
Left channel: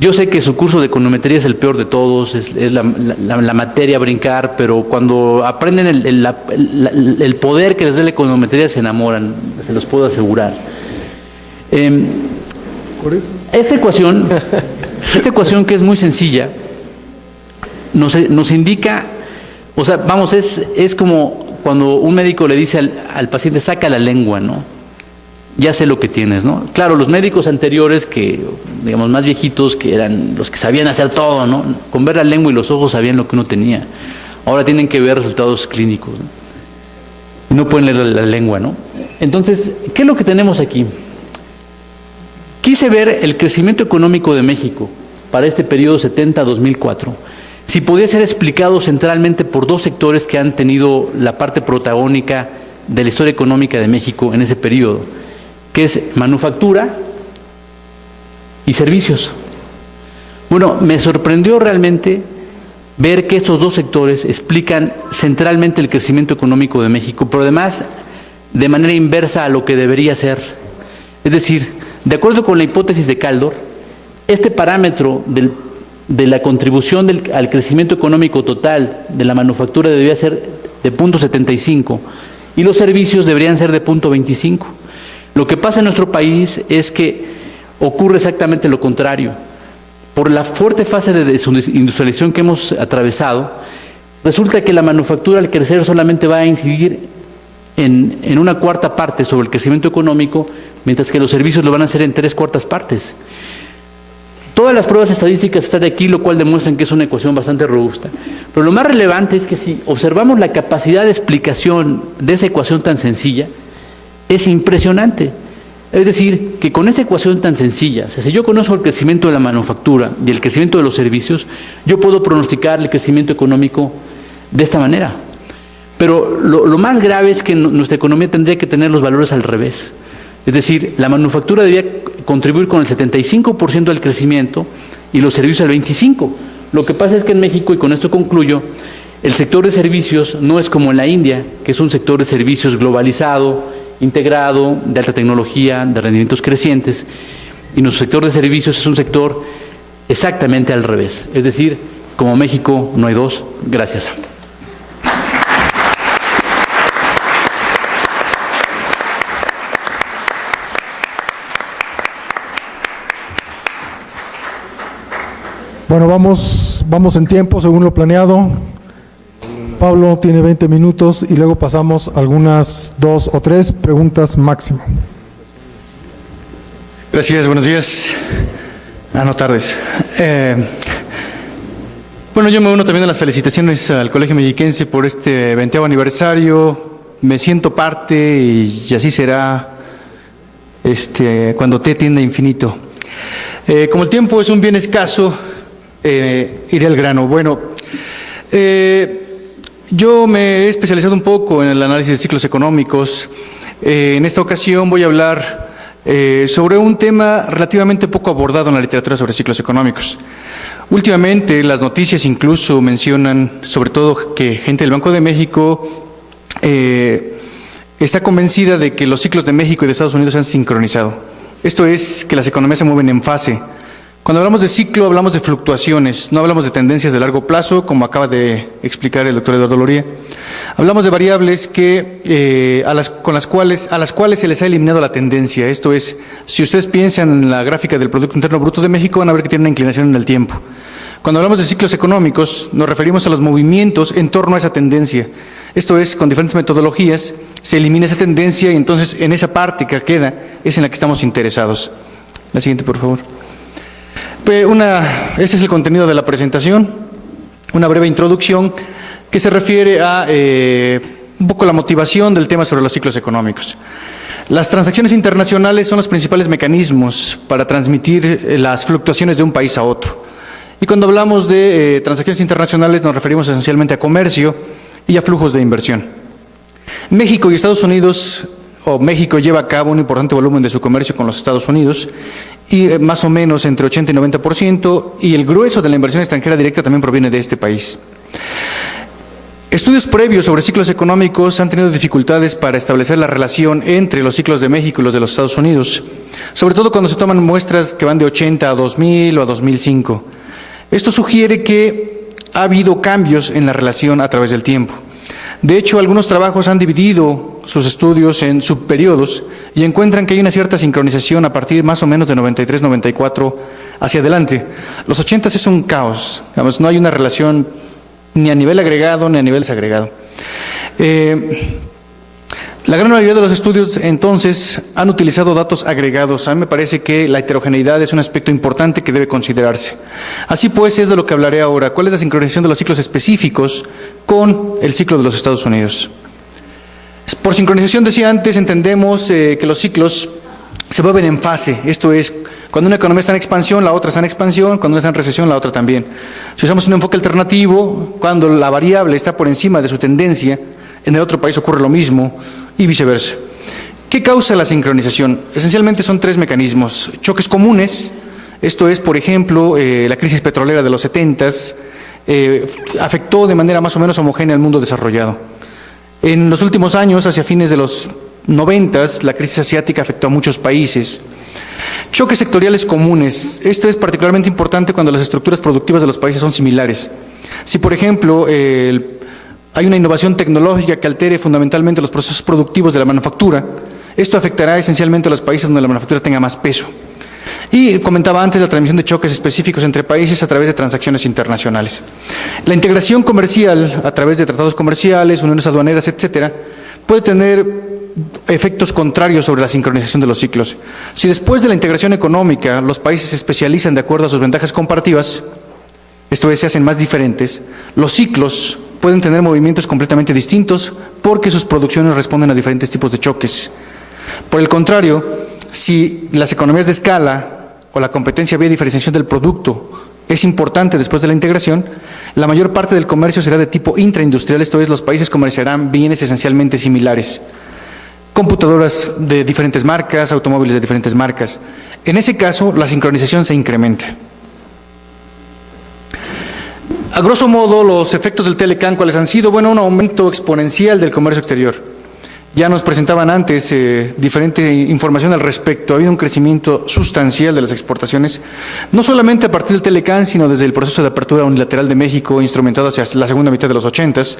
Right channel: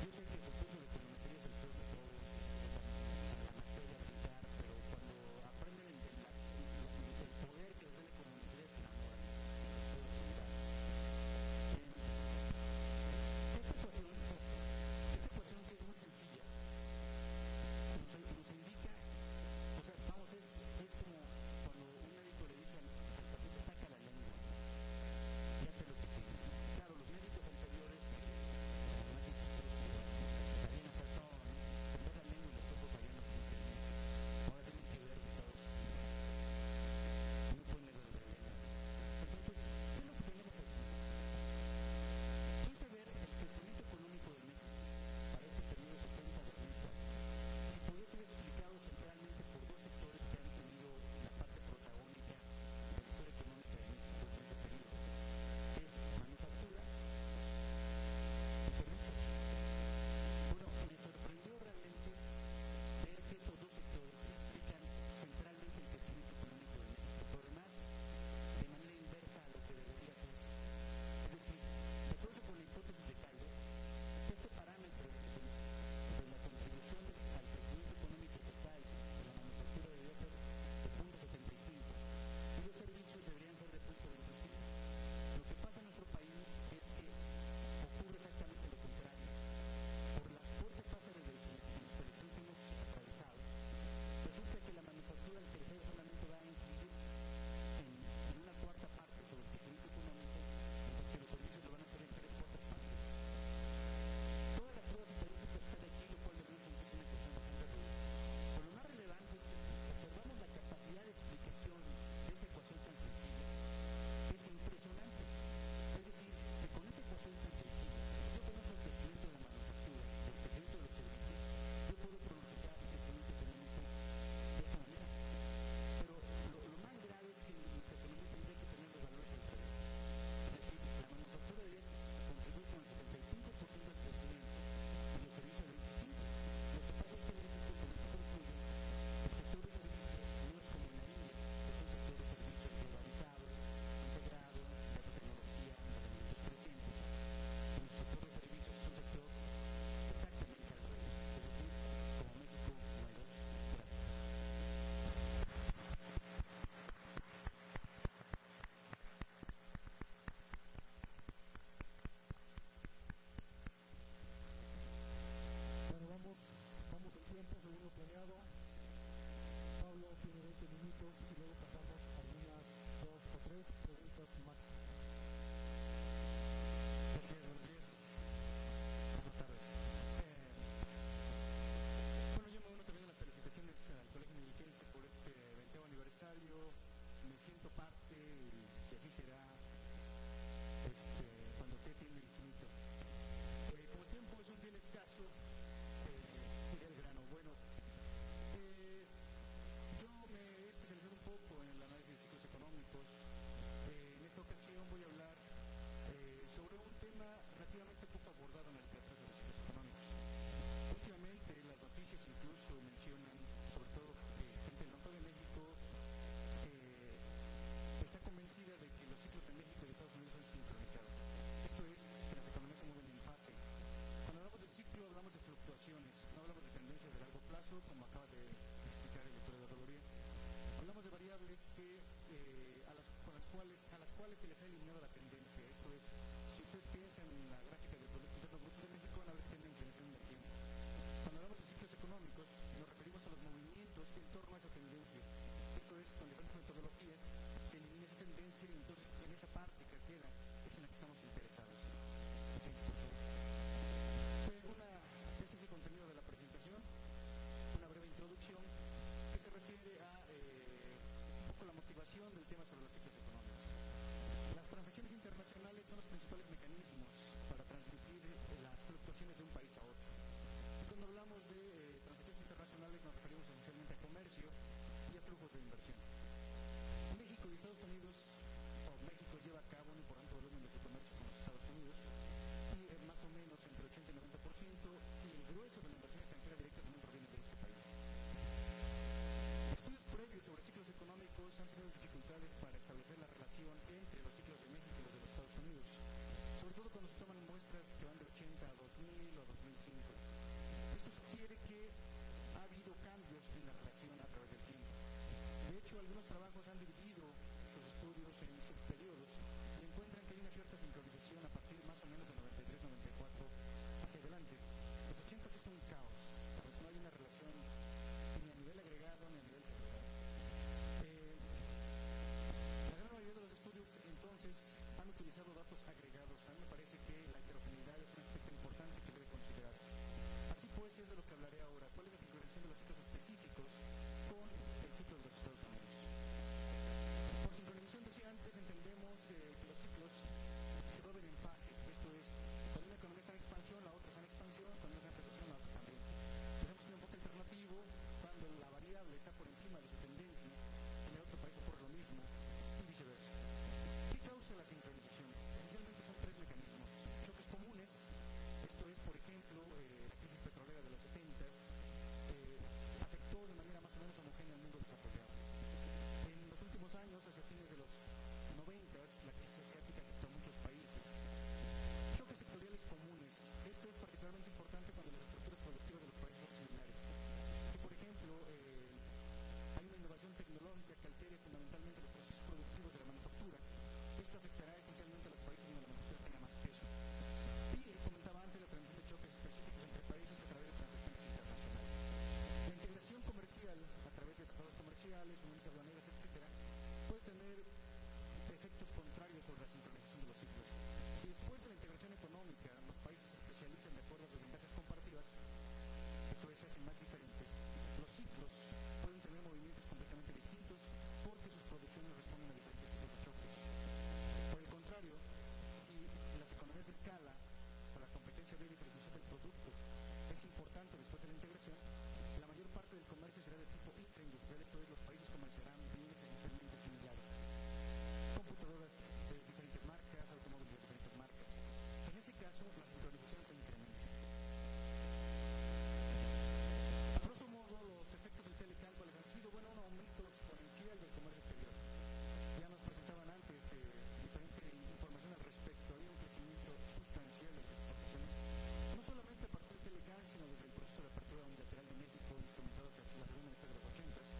Yo sé que su curso de econometría es el peor de todos, es la materia a brincar, pero cuando aprenden el poder que les da la econometría se enamoran, se los puedo asegurar. Por eso. Esta ecuación que es muy sencilla, nos indica, o sea, vamos, es como cuando un médico le dice al paciente, saca la lengua, ¿no? Ya sé lo que tienes, ¿no? Claro, los médicos anteriores, que digamos más viejitos, que eran los que sabían hacer todo, ¿no? Con ver la lengua y los ojos sabían lo que uno tenía. Ahora tienen que ver resultados clínicos, ¿no? Y no pueden leer la lengua, ¿no? Entonces, ¿qué es lo que tenemos aquí? Quise ver el crecimiento económico de México para este periodo 70-2004, si podía ser explicado centralmente por dos sectores que han tenido la parte protagónica de la historia económica de México en ese periodo, que es manufactura y servicios. Bueno, me sorprendió realmente ver que estos dos sectores explican centralmente el crecimiento económico de México, pero además de manera inversa a lo que debería ser. Es decir, de acuerdo con la hipótesis de Kaldor, este parámetro de la contribución al crecimiento económico total de la manufactura debería ser de 0.75 y los servicios deberían ser de 0.25. Lo que pasa en nuestro país es que ocurre exactamente lo contrario. Por la fuerte fase de desindustrialización que hemos atravesado, resulta que la manufactura al crecer solamente va a incidir en una cuarta parte sobre el crecimiento económico, mientras que los servicios lo van a hacer en 3/4 partes. Todas las pruebas estadísticas están aquí, lo cual demuestran que es una ecuación bastante robusta. Pero lo más relevante es que si observamos la capacidad de explicación de esa ecuación tan sencilla, es impresionante. Es decir, que con esa ecuación tan sencilla, o sea, si yo conozco el crecimiento de la manufactura y el crecimiento de los servicios, yo puedo pronosticar el crecimiento económico de esta manera. Pero lo más grave es que nuestra economía tendría que tener los valores al revés. Es decir, la manufactura debía contribuir con el 75% del crecimiento y los servicios al 25%. Lo que pasa es que en México, y con esto concluyo, el sector de servicios no es como en la India, que es un sector de servicios globalizado, integrado, de alta tecnología, de rendimientos crecientes, y nuestro sector de servicios es un sector exactamente al revés. Es decir, como México no hay dos. Gracias. Bueno, vamos en tiempo según lo planeado. Pablo tiene 20 minutos y luego pasamos a algunas 2 o 3 preguntas máximo. Gracias, buenos días. No tardes. Bueno, yo me uno también a las felicitaciones al Colegio Mexiquense por este 20º aniversario. Me siento parte y así será cuando T tienda infinito. Como el tiempo es un bien escaso, iré al grano. Bueno, yo me he especializado un poco en el análisis de ciclos económicos. En esta ocasión voy a hablar sobre un tema relativamente poco abordado en la literatura sobre ciclos económicos. Últimamente las noticias incluso mencionan, sobre todo, que gente del Banco de México está convencida de que los ciclos de México y de Estados Unidos se han sincronizado. Esto es que las economías se mueven en fase. Cuando hablamos de ciclo, hablamos de fluctuaciones, no hablamos de tendencias de largo plazo, como acaba de explicar el doctor Eduardo Loría. Hablamos de variables que, a las cuales se les ha eliminado la tendencia. Esto es, si ustedes piensan en la gráfica del Producto Interno Bruto de México, van a ver que tiene una inclinación en el tiempo. Cuando hablamos de ciclos económicos, nos referimos a los movimientos en torno a esa tendencia. Esto es, con diferentes metodologías, se elimina esa tendencia y entonces en esa parte que queda es en la que estamos interesados. La siguiente, por favor. Este es el contenido de la presentación, una breve introducción que se refiere a un poco la motivación del tema sobre los ciclos económicos. Las transacciones internacionales son los principales mecanismos para transmitir las fluctuaciones de un país a otro. Y cuando hablamos de transacciones internacionales nos referimos esencialmente a comercio y a flujos de inversión. México y Estados Unidos, México lleva a cabo un importante volumen de su comercio con los Estados Unidos, y más o menos entre 80 y 90%, y el grueso de la inversión extranjera directa también proviene de este país. Estudios previos sobre ciclos económicos han tenido dificultades para establecer la relación entre los ciclos de México y los de los Estados Unidos, sobre todo cuando se toman muestras que van de 80 a 2000 o a 2005. Esto sugiere que ha habido cambios en la relación a través del tiempo. De hecho, algunos trabajos han dividido sus estudios en subperiodos y encuentran que hay una cierta sincronización a partir más o menos de 93-94 hacia adelante. Los 80 es un caos, digamos, no hay una relación ni a nivel agregado ni a nivel desagregado. La gran mayoría de los estudios, entonces, han utilizado datos agregados. A mí me parece que la heterogeneidad es un aspecto importante que debe considerarse. Así pues, es de lo que hablaré ahora. ¿Cuál es la sincronización de los ciclos específicos con el ciclo de los Estados Unidos? Por sincronización, decía antes, entendemos que los ciclos se mueven en fase. Esto es, cuando una economía está en expansión, la otra está en expansión, cuando una está en recesión, la otra también. Si usamos un enfoque alternativo, cuando la variable está por encima de su tendencia, en el otro país ocurre lo mismo y viceversa. ¿Qué causa la sincronización? Esencialmente son 3 mecanismos. Choques comunes, esto es, por ejemplo, la crisis petrolera de los 70s, afectó de manera más o menos homogénea al mundo desarrollado. En los últimos años, hacia fines de los 90s, la crisis asiática afectó a muchos países. Choques sectoriales comunes. Esto es particularmente importante cuando las estructuras productivas de los países son similares. Si, por ejemplo, hay una innovación tecnológica que altere fundamentalmente los procesos productivos de la manufactura, esto afectará esencialmente a los países donde la manufactura tenga más peso. Y comentaba antes la transmisión de choques específicos entre países a través de transacciones internacionales. La integración comercial a través de tratados comerciales, uniones aduaneras, etcétera, puede tener efectos contrarios sobre la sincronización de los ciclos. Si después de la integración económica los países se especializan de acuerdo a sus ventajas comparativas, esto es, se hacen más diferentes, los ciclos pueden tener movimientos completamente distintos porque sus producciones responden a diferentes tipos de choques. Por el contrario, si las economías de escala o la competencia vía diferenciación del producto es importante después de la integración, la mayor parte del comercio será de tipo intraindustrial, esto es, los países comerciarán bienes esencialmente similares. Computadoras de diferentes marcas, automóviles de diferentes marcas. En ese caso, la sincronización se incrementa. A grosso modo, los efectos del Telecán, ¿cuáles han sido? Bueno, un aumento exponencial del comercio exterior. Ya nos presentaban antes diferente información al respecto. Ha habido un crecimiento sustancial de las exportaciones, no solamente a partir del Telecán, sino desde el proceso de apertura unilateral de México, instrumentado hacia la segunda mitad de los 80s.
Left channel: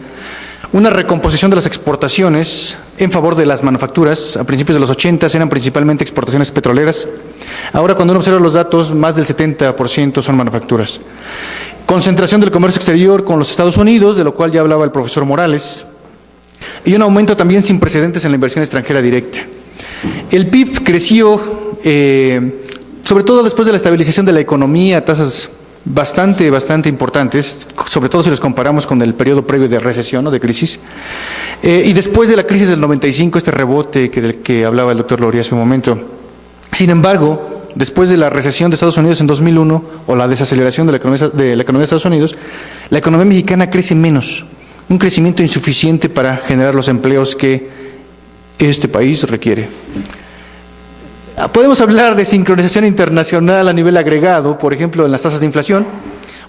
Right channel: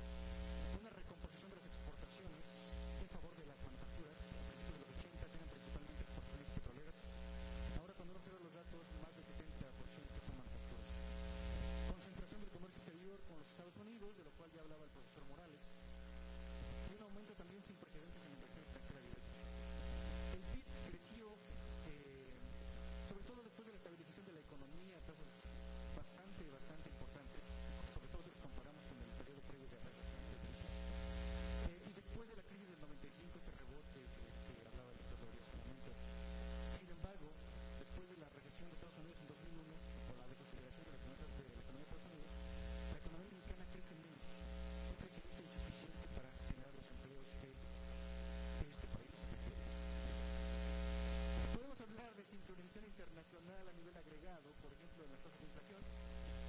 Una recomposición de las exportaciones en favor de las manufacturas. A principios de los 80s eran principalmente exportaciones petroleras. Ahora, cuando uno observa los datos, más del 70% son manufacturas. Concentración del comercio exterior con los Estados Unidos, de lo cual ya hablaba el profesor Morales. Y un aumento también sin precedentes en la inversión extranjera directa. El PIB creció, sobre todo después de la estabilización de la economía, a tasas bastante importantes, sobre todo si los comparamos con el periodo previo de recesión o de crisis. Y después de la crisis del 95, este rebote del que hablaba el doctor Loría hace un momento. Sin embargo, después de la recesión de Estados Unidos en 2001, o la desaceleración de la economía de Estados Unidos, la economía mexicana crece menos. Un crecimiento insuficiente para generar los empleos que este país requiere. Podemos hablar de sincronización internacional a nivel agregado, por ejemplo, en las tasas de inflación.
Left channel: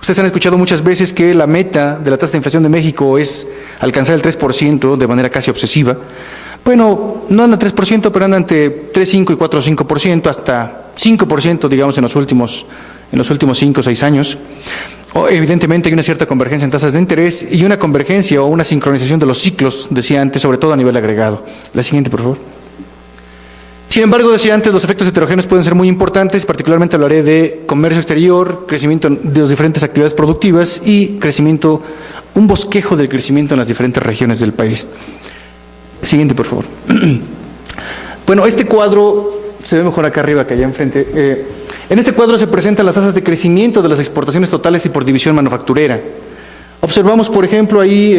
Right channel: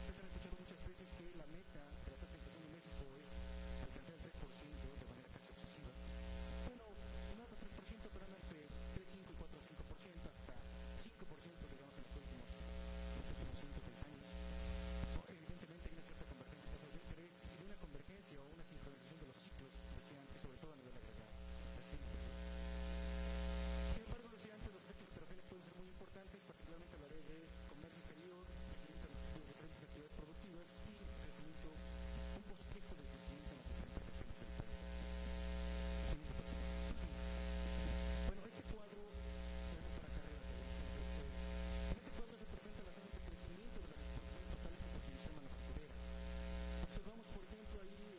Ustedes han escuchado muchas veces que la meta de la tasa de inflación de México es alcanzar el 3% de manera casi obsesiva. Bueno, no anda 3%, pero anda entre 3,5 y 4,5%, hasta 5%, digamos, en los últimos 5 o 6 años. Evidentemente hay una cierta convergencia en tasas de interés y una convergencia o una sincronización de los ciclos, decía antes, sobre todo a nivel agregado. La siguiente, por favor. Sin embargo, decía antes, los efectos heterogéneos pueden ser muy importantes, particularmente hablaré de comercio exterior, crecimiento de las diferentes actividades productivas y crecimiento, un bosquejo del crecimiento en las diferentes regiones del país. Siguiente, por favor. Bueno, este cuadro se ve mejor acá arriba que allá enfrente. En este cuadro se presentan las tasas de crecimiento de las exportaciones totales y por división manufacturera. Observamos, por ejemplo, ahí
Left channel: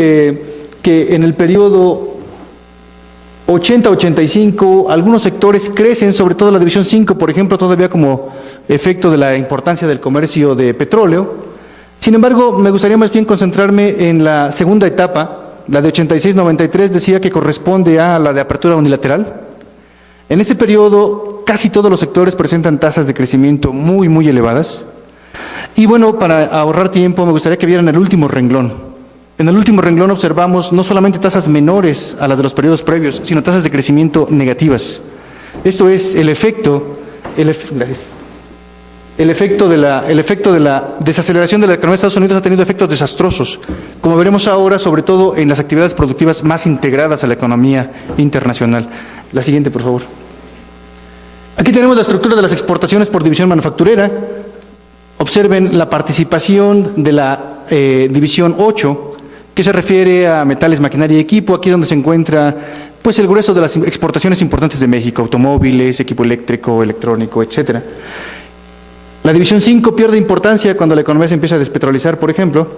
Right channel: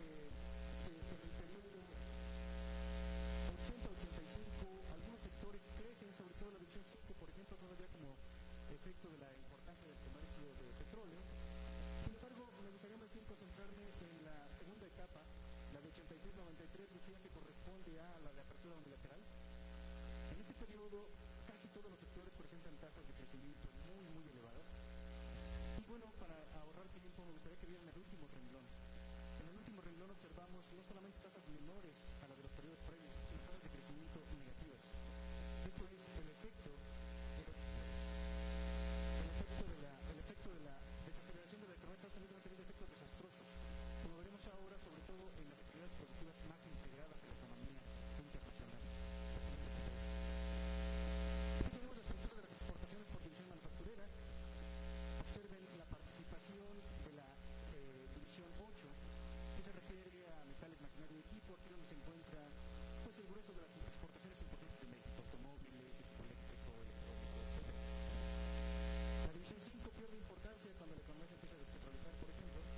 que en el periodo 80-85 algunos sectores crecen, sobre todo la división 5, por ejemplo, todavía como efecto de la importancia del comercio de petróleo. Sin embargo, me gustaría más bien concentrarme en la segunda etapa, la de 86-93, decía que corresponde a la de apertura unilateral. En este periodo, casi todos los sectores presentan tasas de crecimiento muy elevadas. Y bueno, para ahorrar tiempo, me gustaría que vieran el último renglón. En el último renglón observamos no solamente tasas menores a las de los periodos previos, sino tasas de crecimiento negativas. Esto es el efecto de la desaceleración de la economía de Estados Unidos ha tenido efectos desastrosos, como veremos ahora, sobre todo en las actividades productivas más integradas a la economía internacional. La siguiente, por favor. Aquí tenemos la estructura de las exportaciones por división manufacturera. Observen la participación de la división 8, que se refiere a metales, maquinaria y equipo. Aquí es donde se encuentra pues el grueso de las exportaciones importantes de México, automóviles, equipo eléctrico, electrónico, etcétera. La división 5 pierde importancia cuando la economía se empieza a despetrolizar, por ejemplo.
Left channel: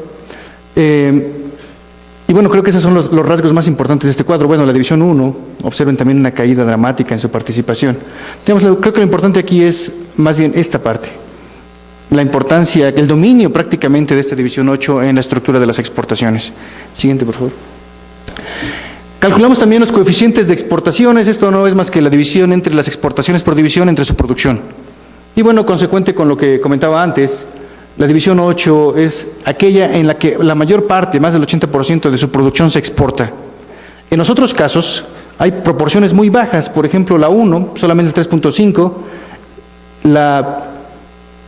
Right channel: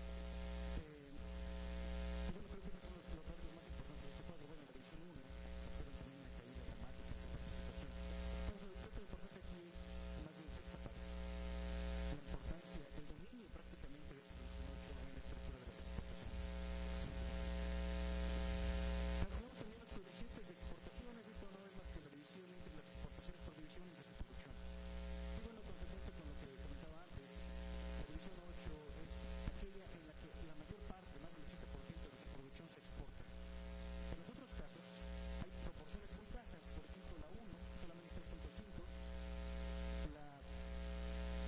Y bueno, creo que esos son los rasgos más importantes de este cuadro. Bueno, la división 1, observen también una caída dramática en su participación. Creo que lo importante aquí es más bien esta parte. La importancia, el dominio prácticamente de esta división 8 en la estructura de las exportaciones. Siguiente, por favor. Calculamos también los coeficientes de exportaciones. Esto no es más que la división entre las exportaciones por división entre su producción. Y bueno, consecuente con lo que comentaba antes, la división 8 es aquella en la que la mayor parte, más del 80% de su producción se exporta. En los otros casos hay proporciones muy bajas, por ejemplo la 1, solamente el 3.5, la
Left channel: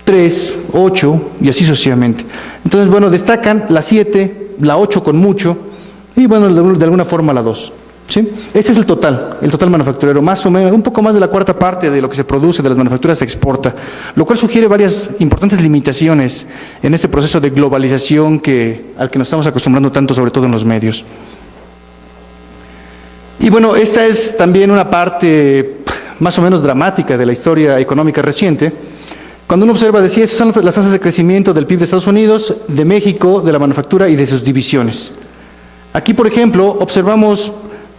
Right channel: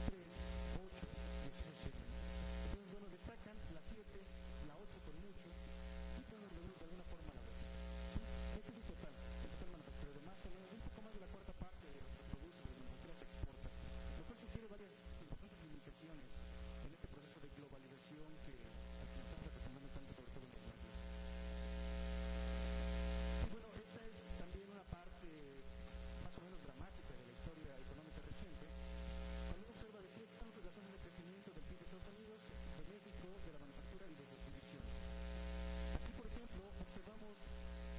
3, 8 y así sucesivamente. Entonces, bueno, destacan la 7, la 8 con mucho y, bueno, de alguna forma la 2. ¿Sí? Este es el total manufacturero, más o menos, un poco más de la cuarta parte de lo que se produce de las manufacturas se exporta, lo cual sugiere varias importantes limitaciones en este proceso de globalización al que nos estamos acostumbrando tanto, sobre todo en los medios. Y bueno, esta es también una parte más o menos dramática de la historia económica reciente. Cuando uno observa, decía, esas son las tasas de crecimiento del PIB de Estados Unidos, de México, de la manufactura y de sus divisiones. Aquí, por ejemplo, observamos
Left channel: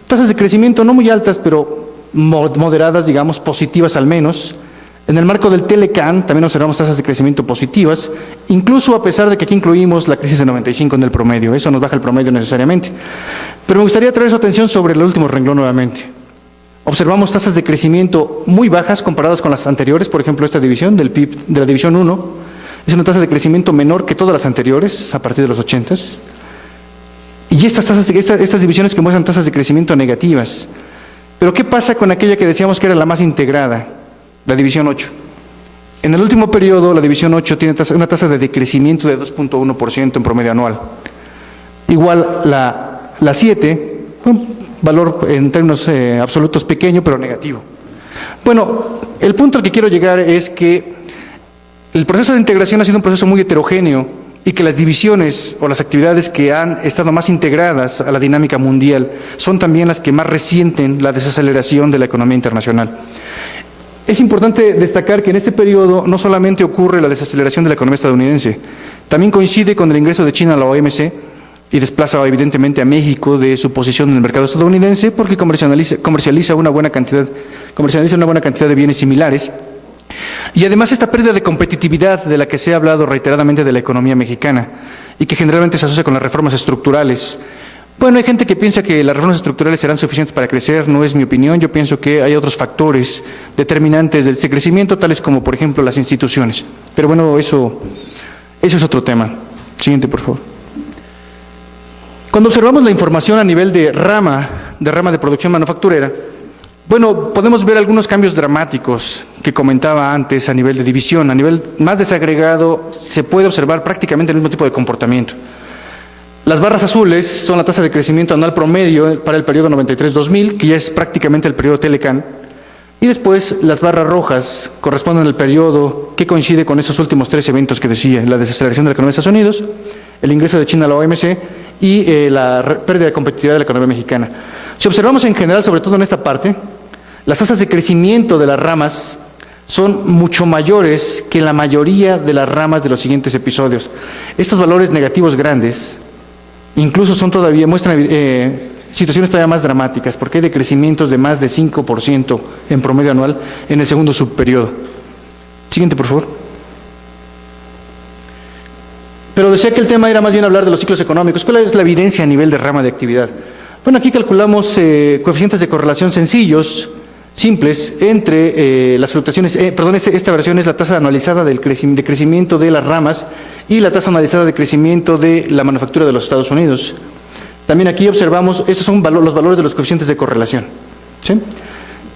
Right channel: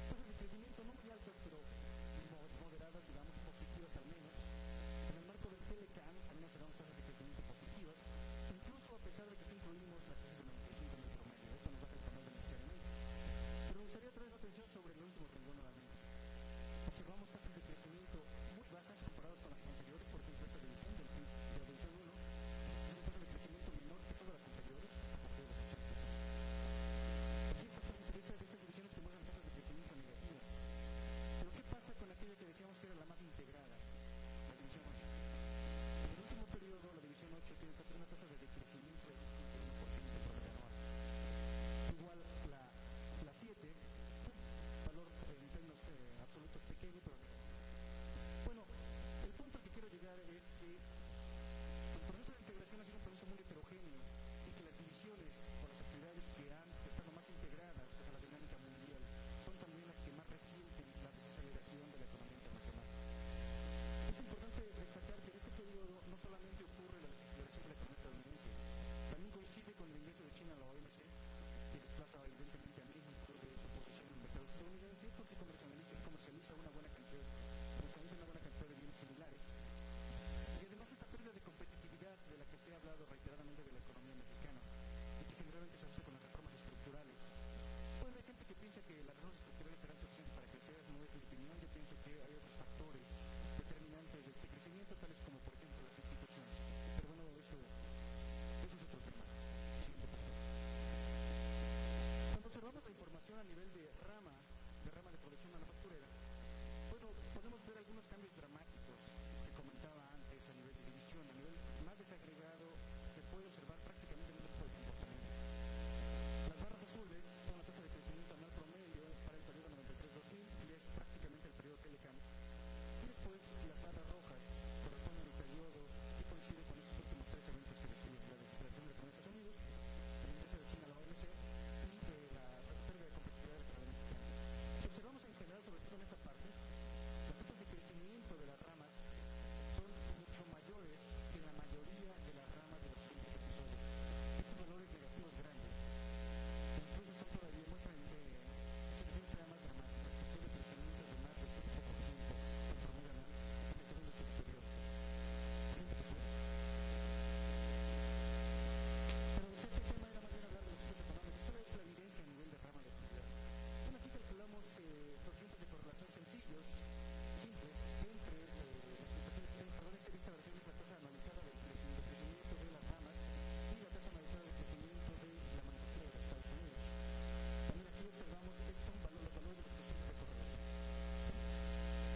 tasas de crecimiento no muy altas, pero moderadas, digamos, positivas al menos. En el marco del Telecan también observamos tasas de crecimiento positivas, incluso a pesar de que aquí incluimos la crisis de 95 en el promedio. Eso nos baja el promedio necesariamente. Pero me gustaría traer su atención sobre el último renglón nuevamente. Observamos tasas de crecimiento muy bajas comparadas con las anteriores, por ejemplo, esta división del PIB de la división 1 es una tasa de crecimiento menor que todas las anteriores, a partir de los 80s. Y estas divisiones que muestran tasas de crecimiento negativas. Pero ¿qué pasa con aquella que decíamos que era la más integrada, la división 8? En el último periodo, la división 8 tiene una tasa de decrecimiento de 2.1% en promedio anual. Igual la 7, un valor en términos absolutos pequeño, pero negativo. Bueno, el punto al que quiero llegar es que el proceso de integración ha sido un proceso muy heterogéneo y que las divisiones o las actividades que han estado más integradas a la dinámica mundial son también las que más resienten la desaceleración de la economía internacional. Es importante destacar que en este periodo no solamente ocurre la desaceleración de la economía estadounidense, también coincide con el ingreso de China a la OMC y desplaza evidentemente a México de su posición en el mercado estadounidense porque comercializa una buena cantidad de bienes similares. Y además esta pérdida de competitividad de la que se ha hablado reiteradamente de la economía mexicana y que generalmente se asocia con las reformas estructurales. Bueno, hay gente que piensa que las reformas estructurales serán suficientes para crecer, no es mi opinión. Yo pienso que hay otros factores determinantes de este crecimiento, tales como, por ejemplo, las instituciones. Pero bueno, eso es otro tema. Siguiente, por favor. Cuando observamos la información a nivel de rama de producción manufacturera, bueno, podemos ver algunos cambios dramáticos que comentaba antes a nivel de división. A nivel más desagregado se puede observar prácticamente el mismo tipo de comportamiento. Las barras azules son la tasa de crecimiento anual promedio para el periodo 93-2000, que ya es prácticamente el periodo Telecan. Y después las barras rojas corresponden al periodo que coincide con esos últimos 3 eventos que decía: la desaceleración de la economía de Estados Unidos, el ingreso de China a la OMC y la pérdida de competitividad de la economía mexicana. Si observamos en general, sobre todo en esta parte, las tasas de crecimiento de las ramas son mucho mayores que la mayoría de las ramas de los siguientes episodios. Estos valores negativos grandes incluso muestran situaciones todavía más dramáticas, porque hay decrecimientos de más de 5% en promedio anual en el segundo subperiodo. Siguiente, por favor. Pero decía que el tema era más bien hablar de los ciclos económicos. ¿Cuál es la evidencia a nivel de rama de actividad? Bueno, aquí calculamos coeficientes de correlación sencillos, simples, entre las fluctuaciones, esta versión es la tasa anualizada de crecimiento de las ramas y la tasa anualizada de crecimiento de la manufactura de los Estados Unidos. También aquí observamos, estos son los valores de los coeficientes de correlación. ¿Sí?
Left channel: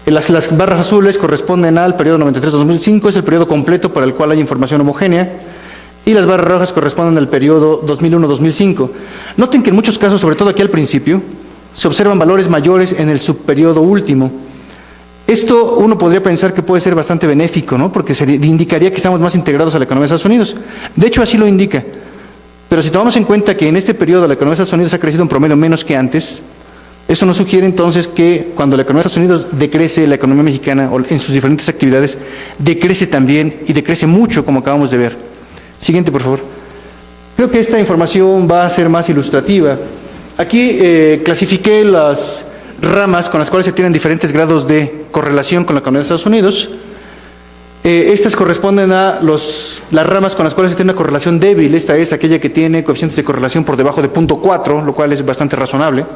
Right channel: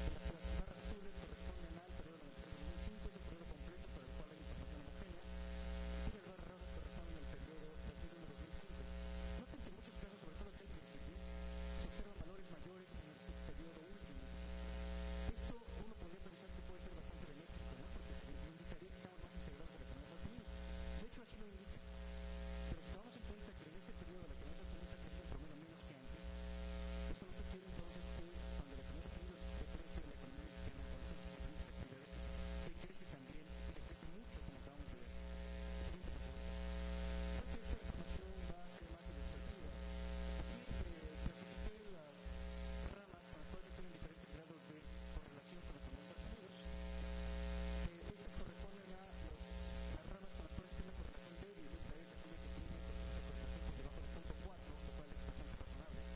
Las barras azules corresponden al periodo 93-2005, es el periodo completo para el cual hay información homogénea, y las barras rojas corresponden al periodo 2001-2005. Noten que en muchos casos, sobre todo aquí al principio, se observan valores mayores en el subperiodo último. Esto uno podría pensar que puede ser bastante benéfico, ¿no? Porque indicaría que estamos más integrados a la economía de Estados Unidos. De hecho, así lo indica. Pero si tomamos en cuenta que en este periodo la economía de Estados Unidos ha crecido en promedio menos que antes, eso nos sugiere entonces que cuando la economía de Estados Unidos decrece, la economía mexicana en sus diferentes actividades decrece también, y decrece mucho, como acabamos de ver. Siguiente, por favor. Creo que esta información va a ser más ilustrativa. Aquí clasifiqué las ramas con las cuales se tienen diferentes grados de correlación con la economía de Estados Unidos. Estas corresponden a las ramas con las cuales se tiene una correlación débil. Esta es aquella que tiene coeficientes de correlación por debajo de 0.4, lo cual es bastante razonable.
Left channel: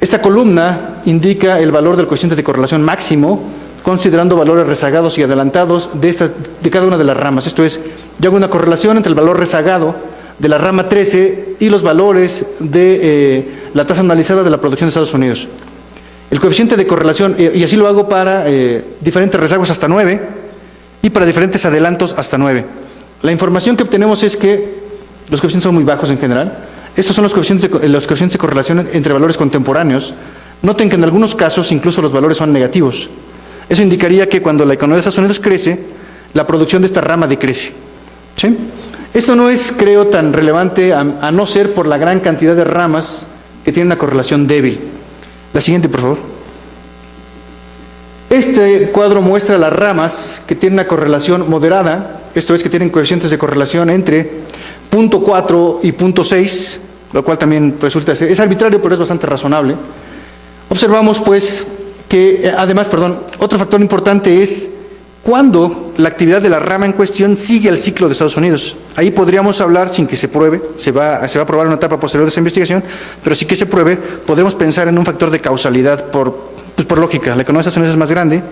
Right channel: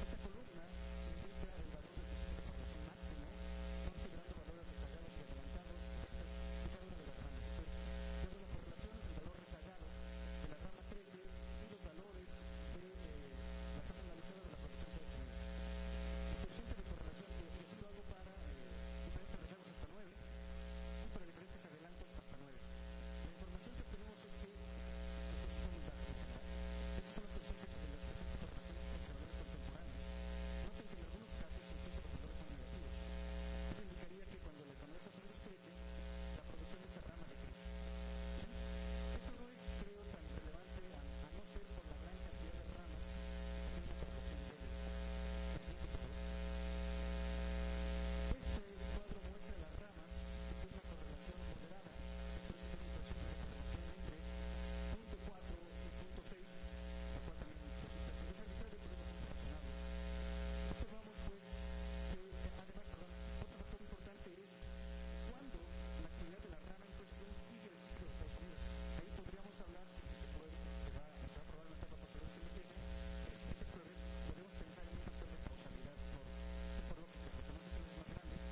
Esta columna indica el valor del coeficiente de correlación máximo, considerando valores rezagados y adelantados de cada una de las ramas. Esto es, yo hago una correlación entre el valor rezagado de la rama 13 y los valores de la tasa anualizada de la producción de Estados Unidos. El coeficiente de correlación, y así lo hago para diferentes rezagos hasta 9, y para diferentes adelantos hasta 9. La información que obtenemos es que los coeficientes son muy bajos en general. Estos son los coeficientes de correlación entre valores contemporáneos. Noten que en algunos casos incluso los valores son negativos. Eso indicaría que cuando la economía de Estados Unidos crece, la producción de esta rama decrece. ¿Sí? Esto no es, creo, tan relevante a no ser por la gran cantidad de ramas que tienen una correlación débil. La siguiente, por favor. Este cuadro muestra las ramas que tienen una correlación moderada, esto es, que tienen coeficientes de correlación entre 0.4 y 0.6, lo cual también resulta, es arbitrario, pero es bastante razonable. Observamos, pues, que, además, otro factor importante es cuando la actividad de la rama en cuestión sigue al ciclo de Estados Unidos. Ahí podríamos hablar, sin que se pruebe, se va a probar en una etapa posterior de esa investigación, pero sí que se pruebe, podemos pensar en un factor de causalidad por lógica. La economía de Estados Unidos es más grande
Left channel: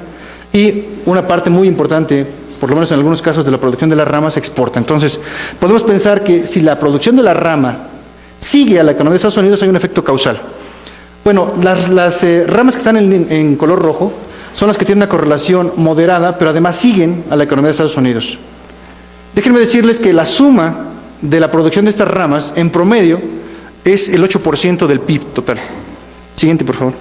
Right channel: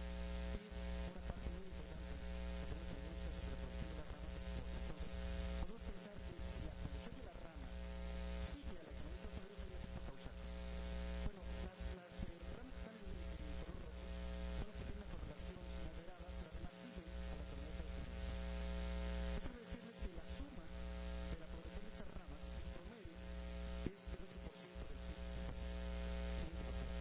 y una parte muy importante, por lo menos en algunos casos, de la producción de la rama se exporta. Entonces, podemos pensar que si la producción de la rama sigue a la economía de Estados Unidos, hay un efecto causal. Bueno, las ramas que están en color rojo son las que tienen una correlación moderada, pero además siguen a la economía de Estados Unidos. Déjenme decirles que la suma de la producción de estas ramas, en promedio, es el 8% del PIB total. Siguiente, por favor.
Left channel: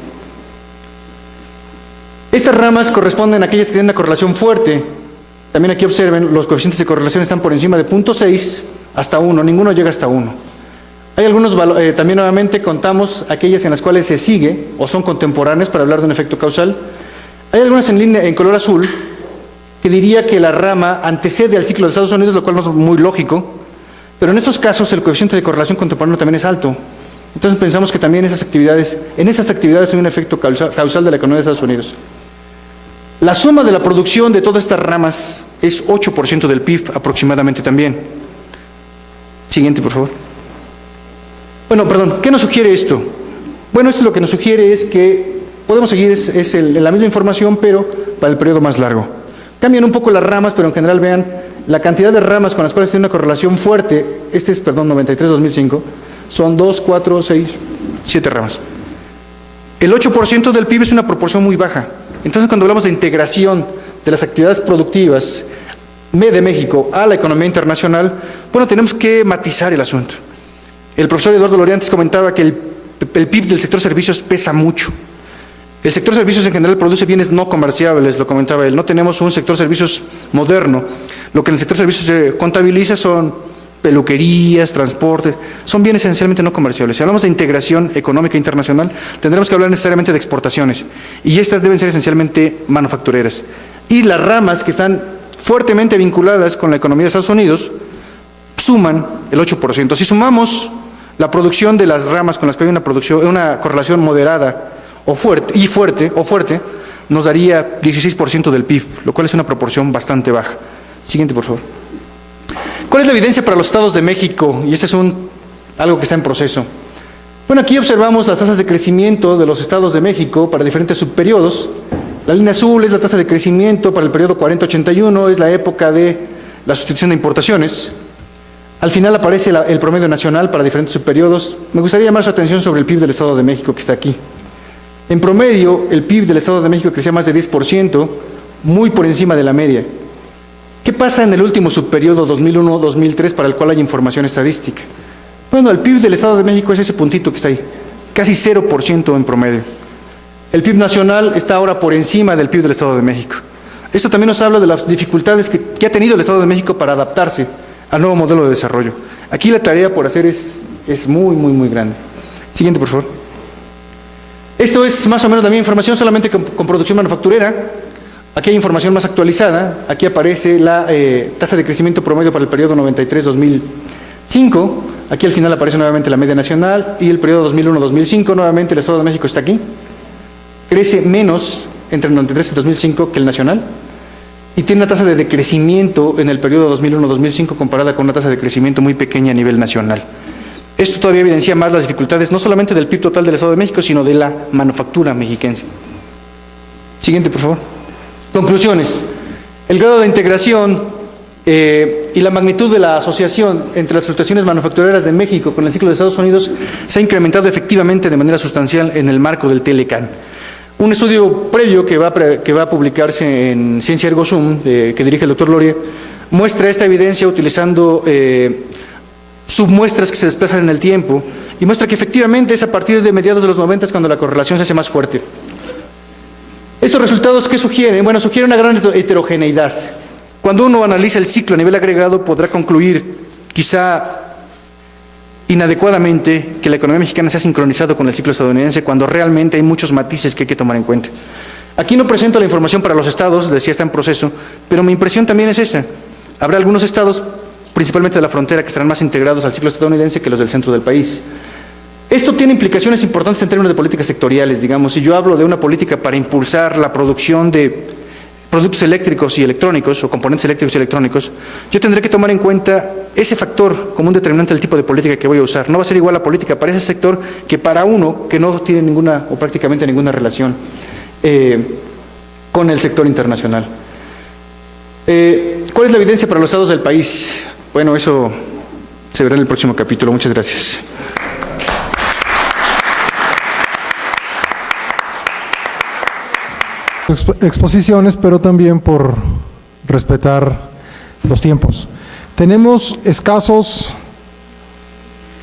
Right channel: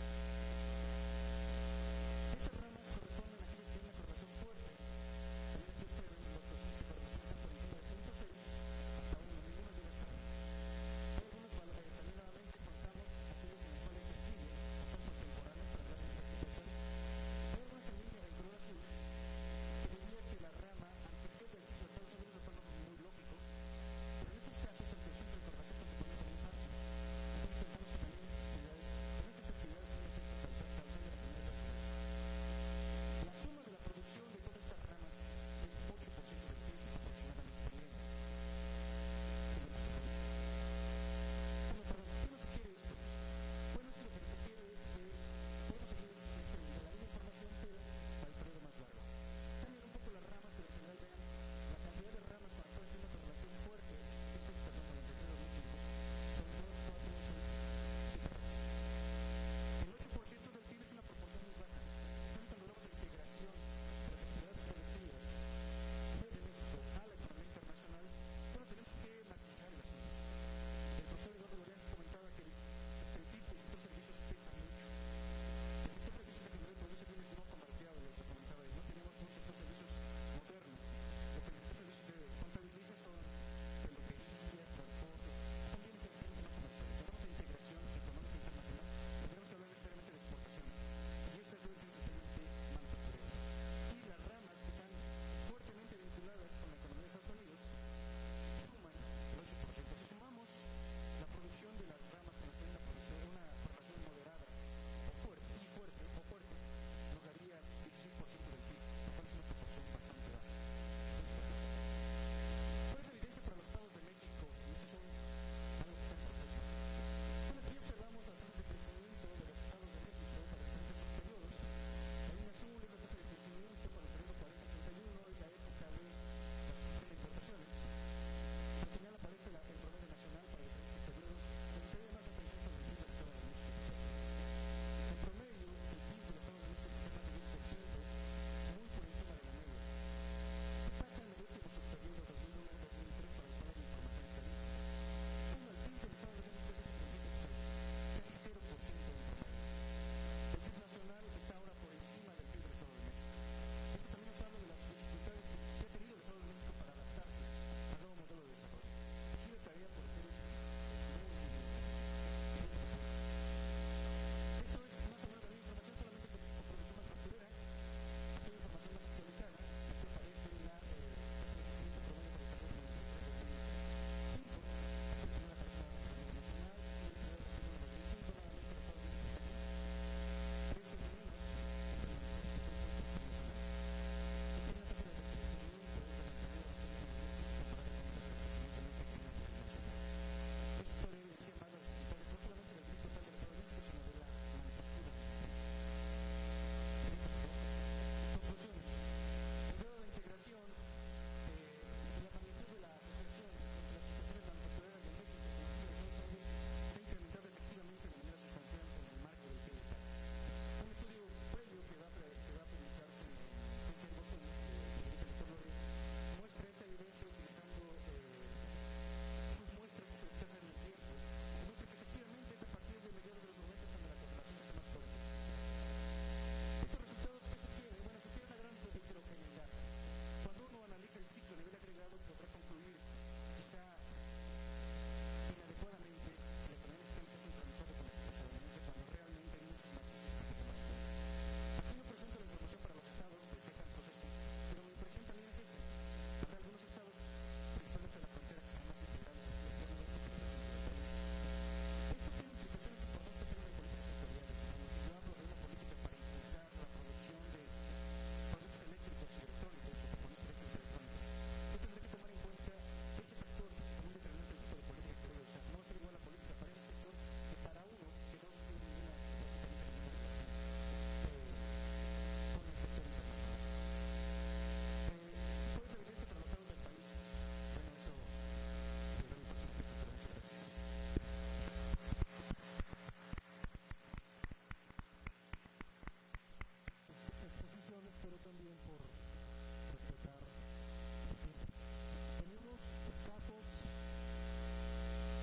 Estas ramas corresponden a aquellas que tienen una correlación fuerte. También aquí observen, los coeficientes de correlación están por encima de 0.6 hasta 1, ninguno llega hasta 1. Hay algunos, también nuevamente contamos aquellas en las cuales se sigue o son contemporáneas para hablar de un efecto causal. Hay algunas en color azul que diría que la rama antecede al ciclo de Estados Unidos, lo cual no es muy lógico, pero en estos casos el coeficiente de correlación contemporáneo también es alto. Entonces pensamos que también en esas actividades hay un efecto causal de la economía de Estados Unidos. La suma de la producción de todas estas ramas es 8% del PIB aproximadamente también. Siguiente, por favor. Bueno, ¿qué nos sugiere esto? Bueno, esto lo que nos sugiere es que podemos seguir la misma información, pero para el periodo más largo. Cambian un poco las ramas, pero en general vean la cantidad de ramas con las cuales tiene una correlación fuerte. Este es, 93-2005, son 2, 4, 6, 7 ramas. El 8% del PIB es una proporción muy baja. Entonces, cuando hablamos de integración de las actividades productivas de México a la economía internacional, bueno, tenemos que matizar el asunto. El profesor Eduardo Loriantes comentaba que el PIB del sector servicios pesa mucho. El sector servicios en general produce bienes no comerciables, lo comentaba él. No tenemos un sector servicios moderno. Lo que en el sector servicios se contabiliza son peluquerías, transporte, son bienes esencialmente no comerciables. Si hablamos de integración económica internacional, tendremos que hablar necesariamente de exportaciones, y estas deben ser esencialmente manufactureras. Y las ramas que están fuertemente vinculadas con la economía de Estados Unidos suman el 8%. Si sumamos la producción de las ramas con las que hay una correlación moderada o fuerte, nos daría 16% del PIB, lo cual es una proporción bastante baja. Siguiente, por favor. ¿Cuál es la evidencia para los estados de México? Y este es algo que está en proceso. Bueno, aquí observamos las tasas de crecimiento de los estados de México para diferentes subperiodos. La línea azul es la tasa de crecimiento para el periodo 40-81, es la época de la sustitución de importaciones. Al final aparece el promedio nacional para diferentes subperiodos. Me gustaría llamar su atención sobre el PIB del Estado de México, que está aquí. En promedio, el PIB del Estado de México crecía más de 10%, muy por encima de la media. ¿Qué pasa en el último subperiodo 2001-2003 para el cual hay información estadística? Bueno, el PIB del Estado de México es ese puntito que está ahí, casi 0% en promedio. El PIB nacional está ahora por encima del PIB del Estado de México. Esto también nos habla de las dificultades que ha tenido el Estado de México para adaptarse al nuevo modelo de desarrollo. Aquí la tarea por hacer es muy grande. Siguiente, por favor. Esto es más o menos la misma información, solamente con producción manufacturera. Aquí hay información más actualizada. Aquí aparece la tasa de crecimiento promedio para el periodo 93-2005. Aquí al final aparece nuevamente la media nacional y el periodo 2001-2005. Nuevamente el Estado de México está aquí. Crece menos entre el 93 y 2005 que el nacional. Y tiene una tasa de decrecimiento en el periodo 2001-2005 comparada con una tasa de crecimiento muy pequeña a nivel nacional. Esto todavía evidencia más las dificultades, no solamente del PIB total del Estado de México, sino de la manufactura mexiquense. Siguiente, por favor. Conclusiones. El grado de integración y la magnitud de la asociación entre las fluctuaciones manufactureras de México con el ciclo de Estados Unidos se ha incrementado efectivamente de manera sustancial en el marco del TLCAN. Un estudio previo que va a publicarse en Ciencia Ergo Sum, que dirige el doctor Loria, muestra esta evidencia utilizando submuestras que se desplazan en el tiempo y muestra que efectivamente es a partir de mediados de los 90 cuando la correlación se hace más fuerte. ¿Estos resultados qué sugieren? Bueno, sugieren una gran heterogeneidad. Cuando uno analiza el ciclo a nivel agregado, podrá concluir, quizá inadecuadamente, que la economía mexicana se ha sincronizado con el ciclo estadounidense, cuando realmente hay muchos matices que hay que tomar en cuenta. Aquí no presento la información para los estados, decía está en proceso, pero mi impresión también es esa. Habrá algunos estados, principalmente de la frontera, que estarán más integrados al ciclo estadounidense que los del centro del país. Esto tiene implicaciones importantes en términos de políticas sectoriales, digamos. Si yo hablo de una política para impulsar la producción de productos eléctricos y electrónicos, o componentes eléctricos y electrónicos, yo tendré que tomar en cuenta ese factor como un determinante del tipo de política que voy a usar. No va a ser igual la política para ese sector que para uno que no tiene ninguna o prácticamente ninguna relación con el sector internacional. ¿Cuál es la evidencia para los estados del país? Bueno, eso se verá en el próximo capítulo. Muchas gracias. Exposiciones, pero también por respetar los tiempos. Tenemos escasos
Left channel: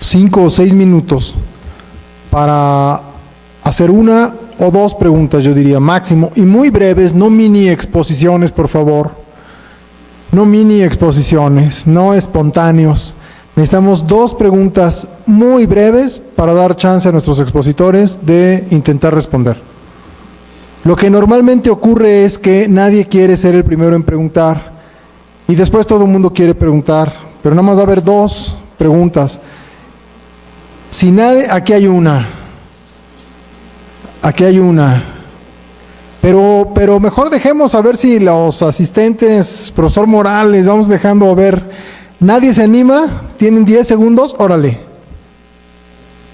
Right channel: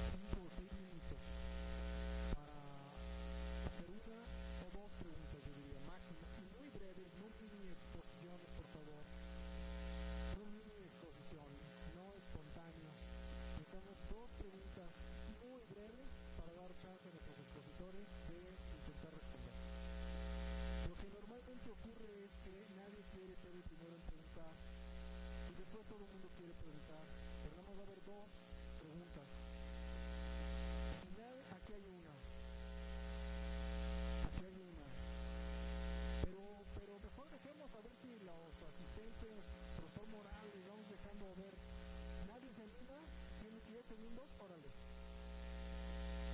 5 o 6 minutos para hacer una o dos preguntas, yo diría máximo, y muy breves, no mini exposiciones, por favor. No mini exposiciones, no espontáneos. Necesitamos 2 preguntas muy breves para dar chance a nuestros expositores de intentar responder. Lo que normalmente ocurre es que nadie quiere ser el primero en preguntar y después todo el mundo quiere preguntar, pero nada más va a haber 2 preguntas. Si nadie, aquí hay una, pero mejor dejemos a ver si los asistentes, profesor Morales, vamos dejando a ver. ¿Nadie se anima? ¿Tienen 10 segundos? Órale.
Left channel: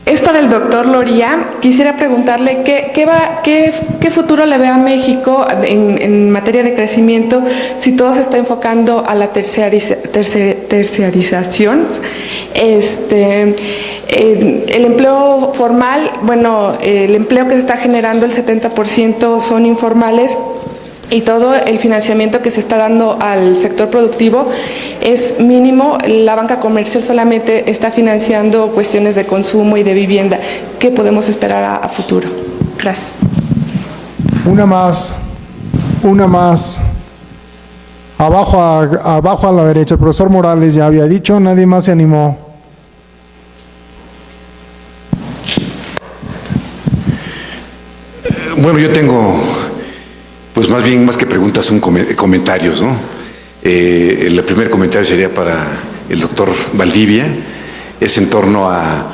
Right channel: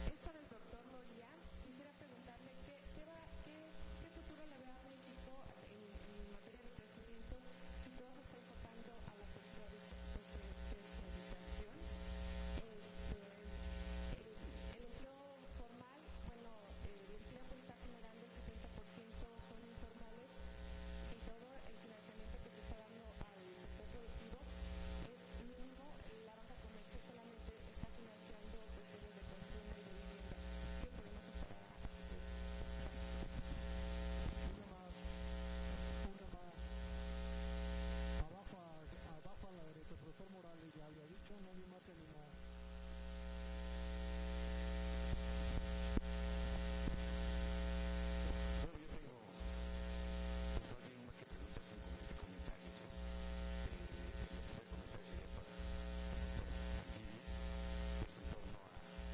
Es para el doctor Loria. Quisiera preguntarle qué futuro le ve a México en materia de crecimiento si todo se está enfocando a la terciarización. El empleo formal, bueno, el empleo que se está generando, el 70% son informales. Y todo el financiamiento que se está dando al sector productivo es mínimo. La banca comercial solamente está financiando cuestiones de consumo y de vivienda. ¿Qué podemos esperar a futuro? Gracias. Una más. Abajo a la derecha. El profesor Morales ya había dicho, nadie más se animó. Bueno, yo tengo... Pues más bien, más que preguntas, son comentarios, ¿no? El primer comentario sería para el doctor Valdivia, es en torno a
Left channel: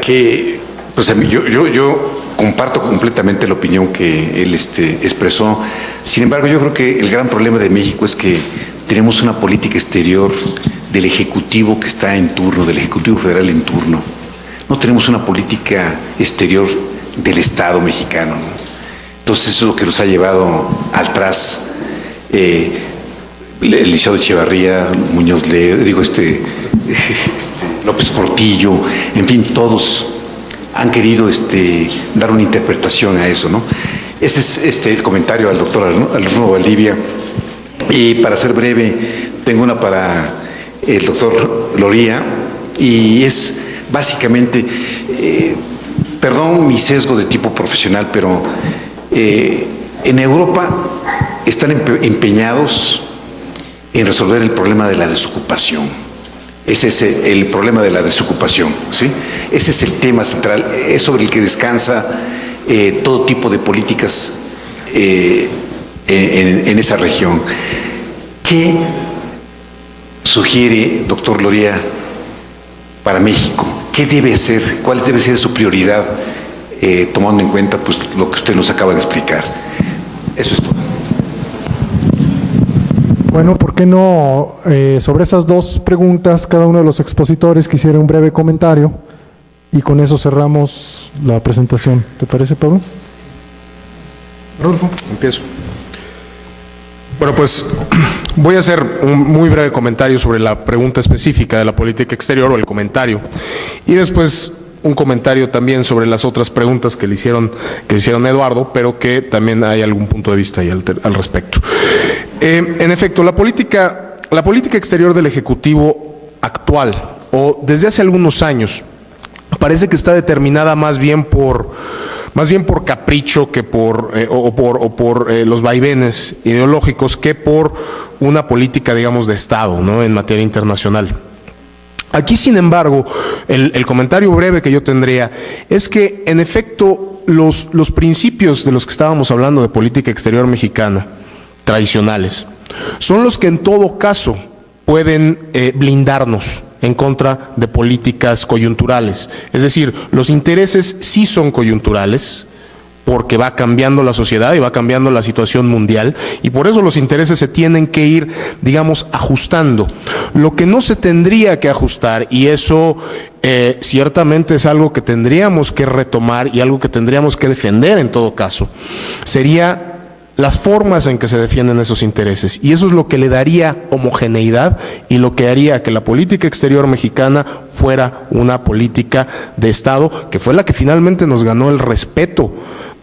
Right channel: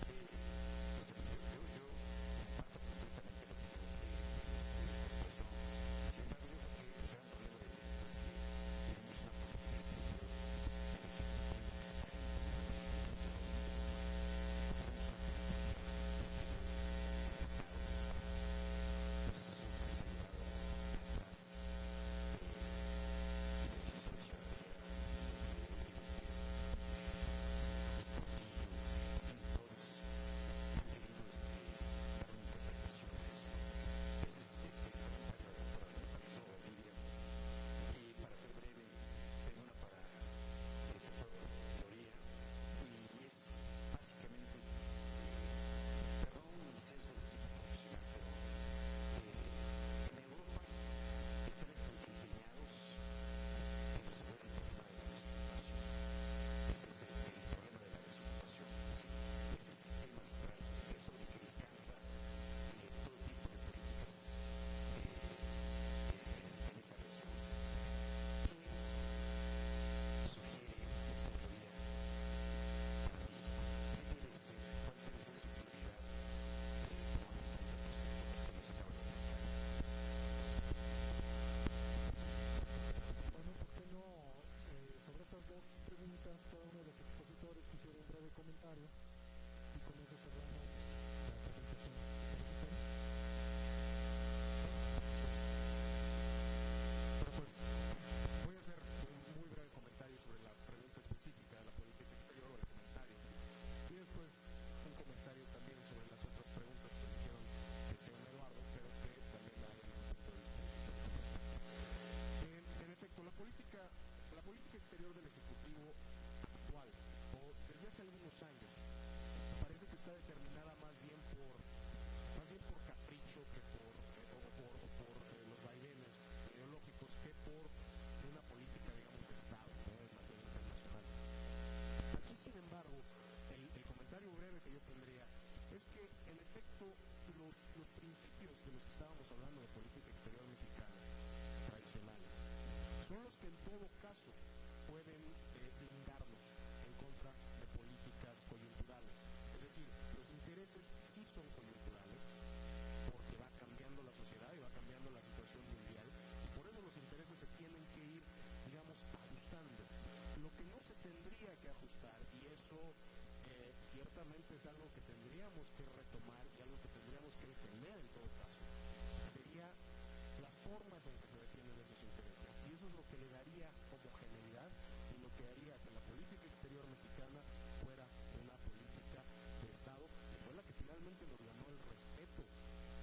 que, pues a mí, yo comparto completamente la opinión que él expresó. Sin embargo, yo creo que el gran problema de México es que tenemos una política exterior del Ejecutivo que está en turno, del Ejecutivo Federal en turno. No tenemos una política exterior del Estado mexicano, ¿no? Entonces eso es lo que nos ha llevado al tras. Eliseo Echevarría, Muñoz Ledo, López Portillo, en fin, todos han querido dar una interpretación a eso, ¿no? Ese es el comentario al doctor Arnulfo Valdivia. Y para ser breve, tengo una para el doctor Loria, y es básicamente, perdón mi sesgo de tipo profesional, pero en Europa están empeñados en resolver el problema de la desocupación. Ese es el problema de la desocupación, ¿sí? Ese es el tema central, es sobre el que descansa todo tipo de políticas en esa región. ¿Qué sugiere, doctor Loria, para México? ¿Qué debe hacer? ¿Cuál debe ser su prioridad? Tomando en cuenta pues lo que usted nos acaba de explicar. Eso es todo. Bueno, ¿por qué no sobre esas 2 preguntas cada uno de los expositores quisiera un breve comentario y con eso cerramos la presentación? ¿Te parece, Pablo? Rodolfo, empiezo. Bueno, pues voy a hacer un muy breve comentario sobre la pregunta específica de la política exterior o el comentario y después un comentario también sobre las otras preguntas que le hicieron Eduardo, pero que también hay algún punto de vista ahí al respecto. En efecto, la política exterior del Ejecutivo actual, o desde hace algunos años, parece que está determinada más bien por capricho que por los vaivenes ideológicos que por una política, digamos, de Estado, ¿no?, en materia internacional. Aquí, sin embargo, el comentario breve que yo tendría es que, en efecto, los principios de los que estábamos hablando de política exterior mexicana, tradicionales, son los que en todo caso pueden blindarnos en contra de políticas coyunturales. Es decir, los intereses sí son coyunturales, porque va cambiando la sociedad y va cambiando la situación mundial, y por eso los intereses se tienen que ir, digamos, ajustando. Lo que no se tendría que ajustar, y eso ciertamente es algo que tendríamos que retomar y algo que tendríamos que defender en todo caso, sería las formas en que se defienden esos intereses, y eso es lo que le daría homogeneidad y lo que haría que la política exterior mexicana fuera una política de Estado, que fue la que finalmente nos ganó el respeto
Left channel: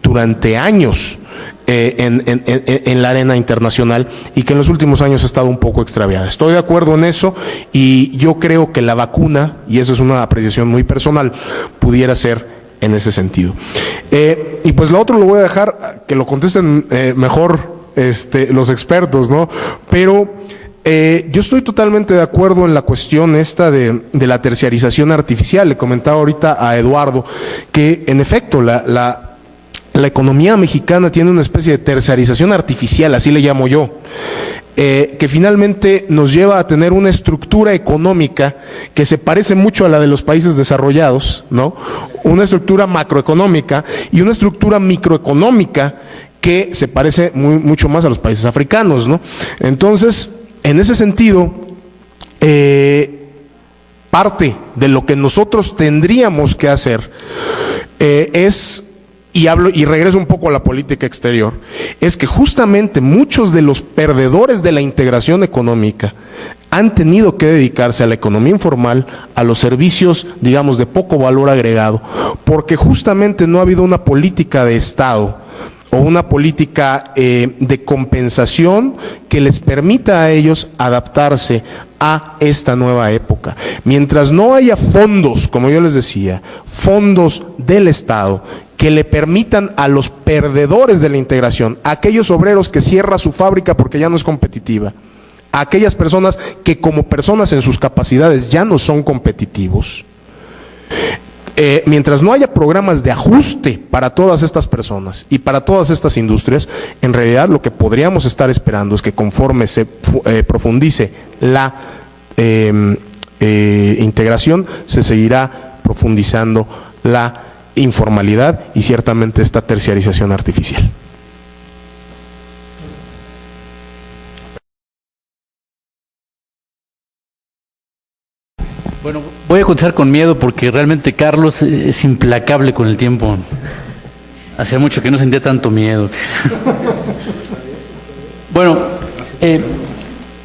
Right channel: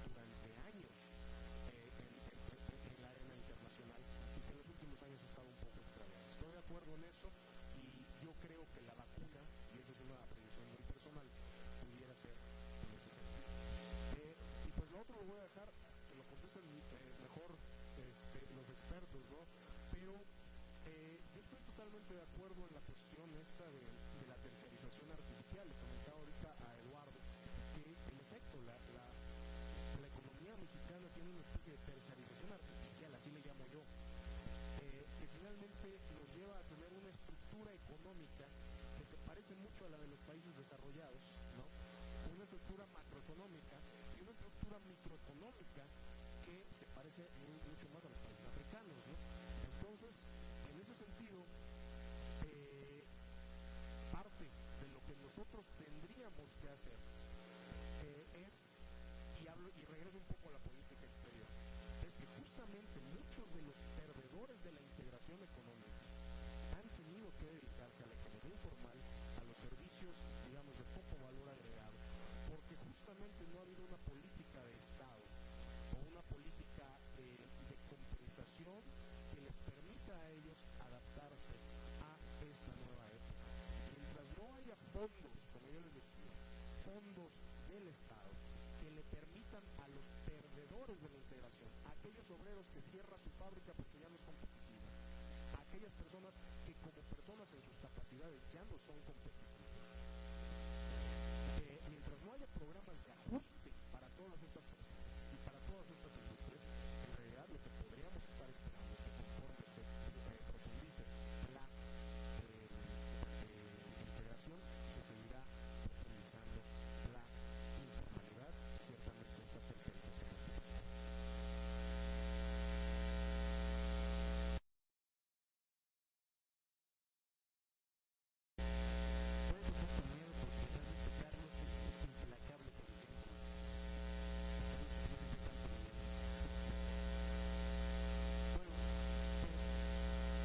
durante años en la arena internacional, y que en los últimos años ha estado un poco extraviada. Estoy de acuerdo en eso, y yo creo que la vacuna, y eso es una apreciación muy personal, pudiera ser en ese sentido. Y pues lo otro lo voy a dejar que lo contesten mejor los expertos, ¿no? Pero yo estoy totalmente de acuerdo en la cuestión esta de la terciarización artificial. Le comentaba ahorita a Eduardo que, en efecto, la economía mexicana tiene una especie de terciarización artificial, así le llamo yo, que finalmente nos lleva a tener una estructura económica que se parece mucho a la de los países desarrollados, ¿no? Una estructura macroeconómica y una estructura microeconómica que se parece mucho más a los países africanos, ¿no? Entonces, en ese sentido, parte de lo que nosotros tendríamos que hacer es, y regreso un poco a la política exterior, es que justamente muchos de los perdedores de la integración económica han tenido que dedicarse a la economía informal, a los servicios, digamos, de poco valor agregado, porque justamente no ha habido una política de Estado o una política de compensación que les permita a ellos adaptarse a esta nueva época. Mientras no haya fondos, como yo les decía, fondos del Estado que le permitan a los perdedores de la integración, a aquellos obreros que cierran su fábrica porque ya no es competitiva, a aquellas personas que como personas en sus capacidades ya no son competitivos, mientras no haya programas de ajuste para todas estas personas y para todas estas industrias, en realidad lo que podríamos estar esperando es que conforme se profundice la integración, se seguirá profundizando la informalidad y ciertamente esta terciarización artificial. Bueno, voy a contestar con miedo porque realmente Carlos es implacable con el tiempo. Hacía mucho que no sentía tanto miedo. Bueno,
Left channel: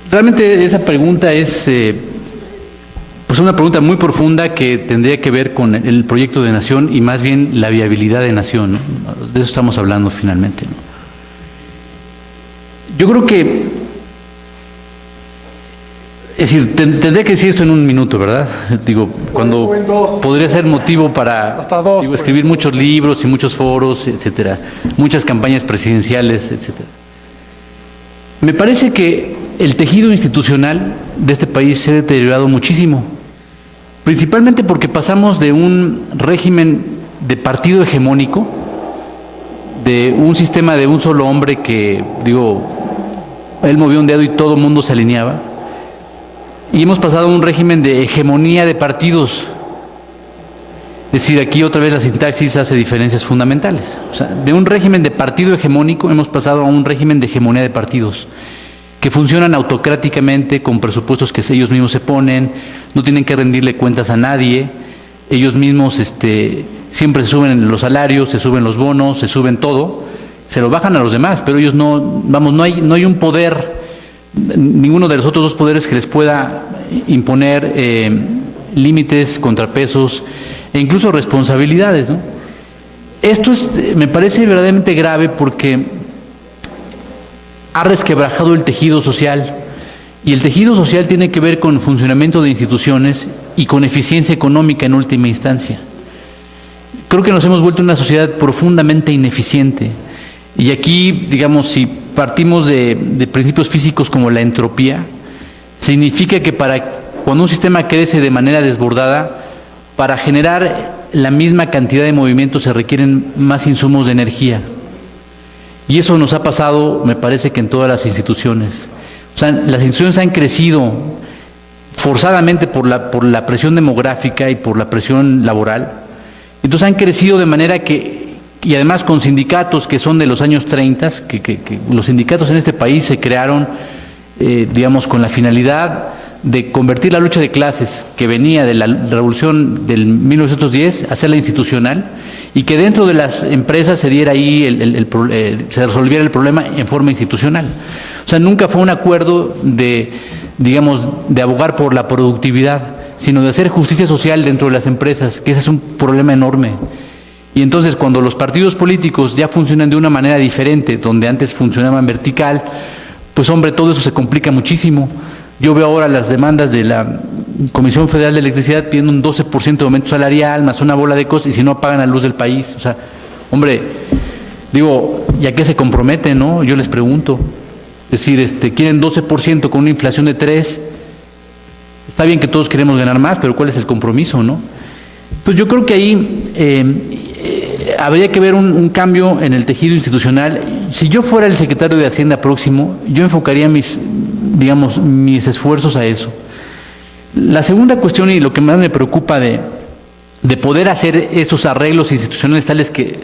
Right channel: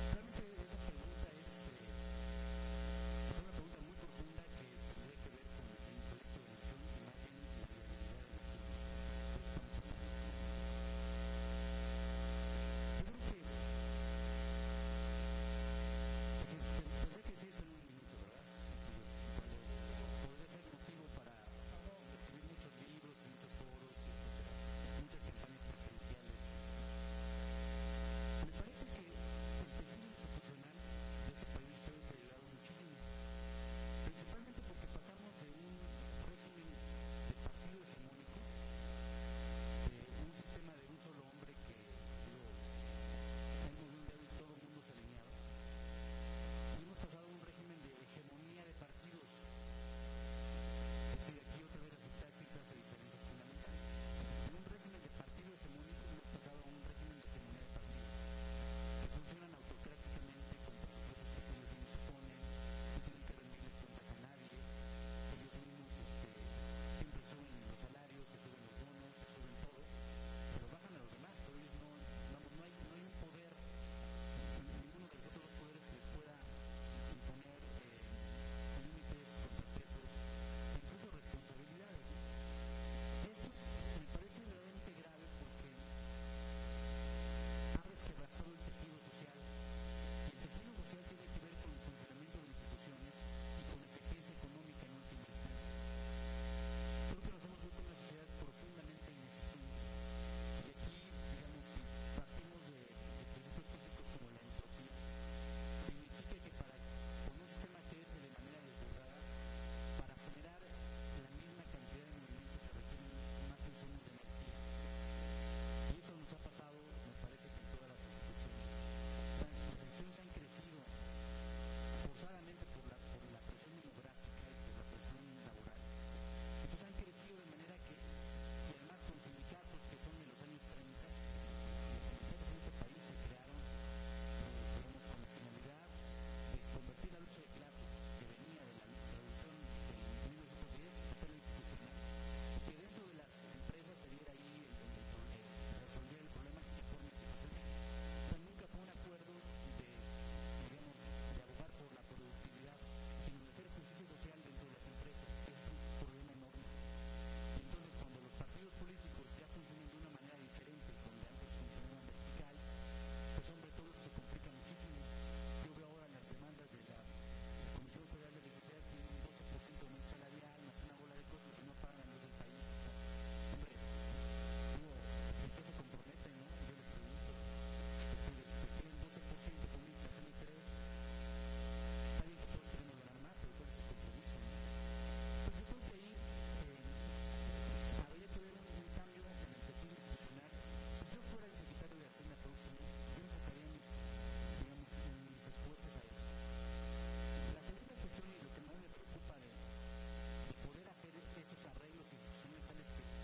realmente esa pregunta es pues una pregunta muy profunda que tendría que ver con el proyecto de nación y más bien la viabilidad de nación, ¿no? De eso estamos hablando finalmente, ¿no? Yo creo que, es decir, tendría que decir esto en un minuto, ¿verdad? Digo, cuando podría ser motivo para escribir muchos libros y muchos foros, etcétera, muchas campañas presidenciales, etcétera. Me parece que el tejido institucional de este país se ha deteriorado muchísimo, principalmente porque pasamos de un régimen de partido hegemónico, de un sistema de un solo hombre que, digo, él movía un dedo y todo el mundo se alineaba, y hemos pasado a un régimen de hegemonía de partidos. Es decir, aquí otra vez la sintaxis hace diferencias fundamentales. O sea, de un régimen de partido hegemónico hemos pasado a un régimen de hegemonía de partidos, que funcionan autocráticamente con presupuestos que ellos mismos se ponen, no tienen que rendirle cuentas a nadie, ellos mismos siempre se suben los salarios, se suben los bonos, se suben todo, se lo bajan a los demás, pero ellos no, vamos, no hay un poder, ninguno de los otros dos poderes que les pueda imponer límites, contrapesos, e incluso responsabilidades, ¿no? Esto me parece verdaderamente grave porque ha resquebrajado el tejido social, y el tejido social tiene que ver con funcionamiento de instituciones y con eficiencia económica en última instancia. Creo que nos hemos vuelto una sociedad profundamente ineficiente, y aquí, digamos, si partimos de principios físicos como la entropía, significa que cuando un sistema crece de manera desbordada, para generar la misma cantidad de movimientos se requieren más insumos de energía. Y eso nos ha pasado, me parece, que en todas las instituciones. O sea, las instituciones han crecido forzadamente por la presión demográfica y por la presión laboral. Entonces han crecido de manera que, y además con sindicatos que son de los años 30, que los sindicatos en este país se crearon, digamos, con la finalidad de convertir la lucha de clases que venía de la revolución del 1910, hacerla institucional, y que dentro de las empresas se diera ahí, se resolviera el problema en forma institucional. O sea, nunca fue un acuerdo de abogar por la productividad, sino de hacer justicia social dentro de las empresas, que ese es un problema enorme. Y entonces, cuando los partidos políticos ya funcionan de una manera diferente, donde antes funcionaban vertical, pues hombre, todo eso se complica muchísimo. Yo veo ahora las demandas de la Comisión Federal de Electricidad pidiendo un 12% de aumento salarial, más una bola de cosas, y si no apagan la luz del país. O sea, hombre, digo, ¿y a qué se comprometen, no? Yo les pregunto. Es decir, quieren 12% con una inflación de 3%. Está bien que todos queremos ganar más, pero ¿cuál es el compromiso, no? Pues yo creo que ahí habría que ver un cambio en el tejido institucional. Si yo fuera el secretario de Hacienda próximo, yo enfocaría mis esfuerzos a eso. La segunda cuestión, y lo que más me preocupa de poder hacer esos arreglos institucionales tales que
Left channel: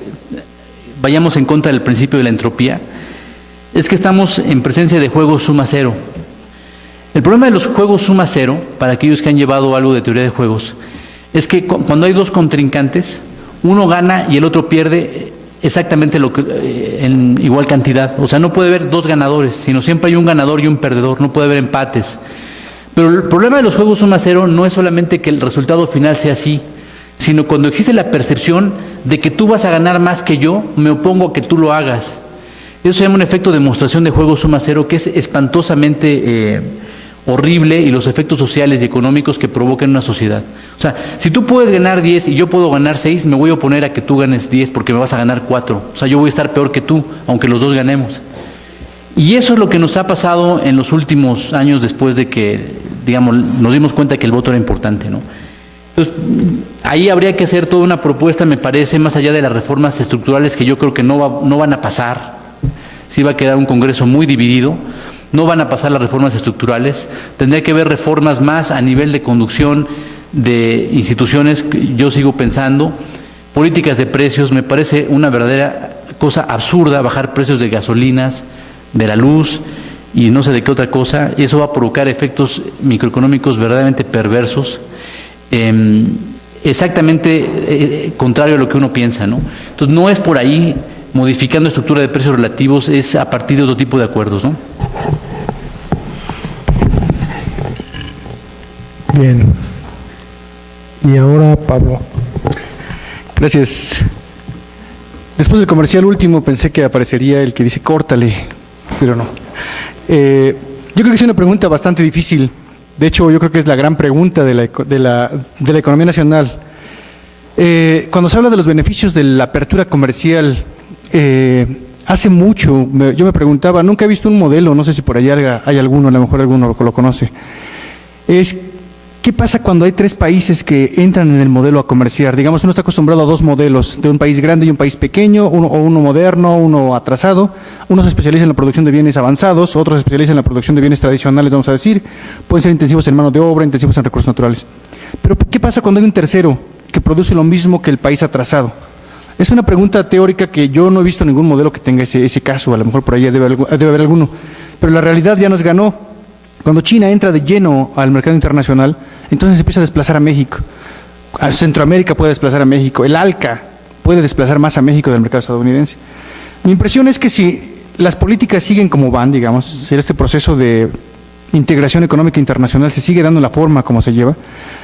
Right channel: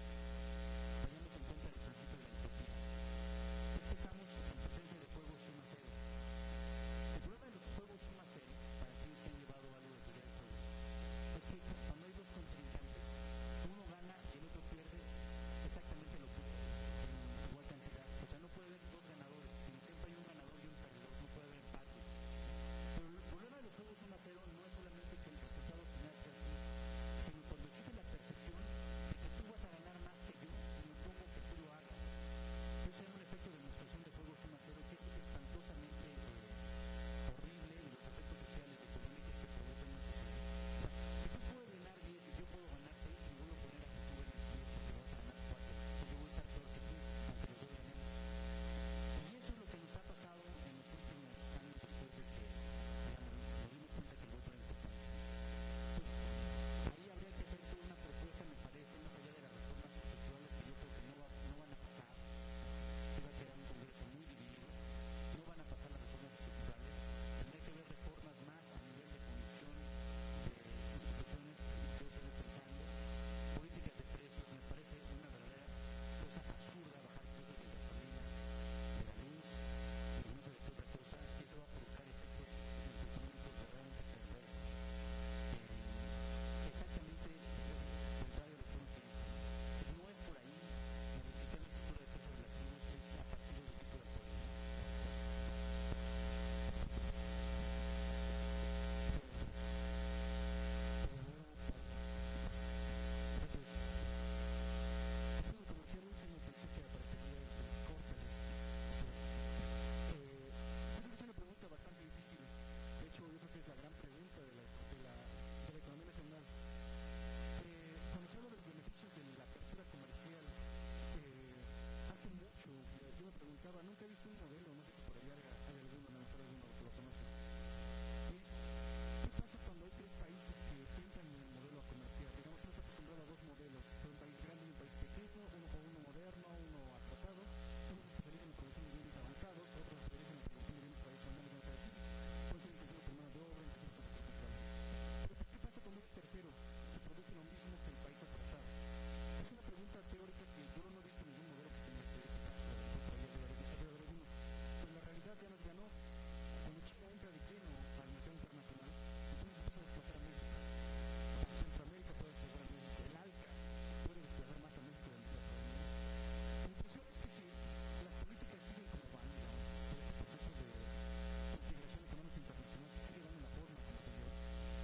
vayamos en contra del principio de la entropía, es que estamos en presencia de juegos suma cero. El problema de los juegos suma cero, para aquellos que han llevado algo de teoría de juegos, es que cuando hay dos contrincantes, uno gana y el otro pierde exactamente en igual cantidad. O sea, no puede haber dos ganadores, sino siempre hay un ganador y un perdedor, no puede haber empates. Pero el problema de los juegos suma cero no es solamente que el resultado final sea así, sino cuando existe la percepción de que tú vas a ganar más que yo, me opongo a que tú lo hagas. Eso se llama un efecto de demostración de juego suma cero, que es espantosamente horrible, y los efectos sociales y económicos que provoca en una sociedad. O sea, si tú puedes ganar 10 y yo puedo ganar 6, me voy a oponer a que tú ganes 10 porque me vas a ganar 4. O sea, yo voy a estar peor que tú, aunque los dos ganemos. Y eso es lo que nos ha pasado en los últimos años después de que, digamos, nos dimos cuenta que el voto era importante, ¿no? Entonces, ahí habría que hacer toda una propuesta, me parece, más allá de las reformas estructurales que yo creo que no van a pasar. Sí va a quedar un Congreso muy dividido. No van a pasar las reformas estructurales, tendría que haber reformas más a nivel de conducción de instituciones. Yo sigo pensando, políticas de precios, me parece una verdadera cosa absurda bajar precios de gasolinas, de la luz y no sé de qué otra cosa. Eso va a provocar efectos microeconómicos verdaderamente perversos, exactamente contrario a lo que uno piensa, ¿no? Entonces no es por ahí. Modificando estructura de precios relativos, es a partir de otro tipo de acuerdos, ¿no? Bien. Y ahora Pablo. Gracias. Después del comercial último pensé que aparecería el que dice córtale, pero no. Yo creo que es una pregunta bastante difícil. De hecho, yo creo que es la gran pregunta de la economía nacional. Cuando se habla de los beneficios de la apertura comercial, hace mucho yo me preguntaba, nunca he visto un modelo, no sé si por allá hay alguno, a lo mejor alguno lo conoce, ¿qué pasa cuando hay tres países que entran en el modelo a comerciar? Digamos, uno está acostumbrado a dos modelos, de un país grande y un país pequeño, uno moderno, uno atrasado. Uno se especializa en la producción de bienes avanzados, otro se especializa en la producción de bienes tradicionales, vamos a decir, pueden ser intensivos en mano de obra, intensivos en recursos naturales. Pero ¿qué pasa cuando hay un tercero que produce lo mismo que el país atrasado? Es una pregunta teórica que yo no he visto ningún modelo que tenga ese caso, a lo mejor por ahí debe haber alguno, pero la realidad ya nos ganó. Cuando China entra de lleno al mercado internacional, entonces empieza a desplazar a México. A Centroamérica puede desplazar a México, el ALCA puede desplazar más a México del mercado estadounidense. Mi impresión es que si las políticas siguen como van, digamos, si este proceso de integración económica internacional se sigue dando la forma como se lleva,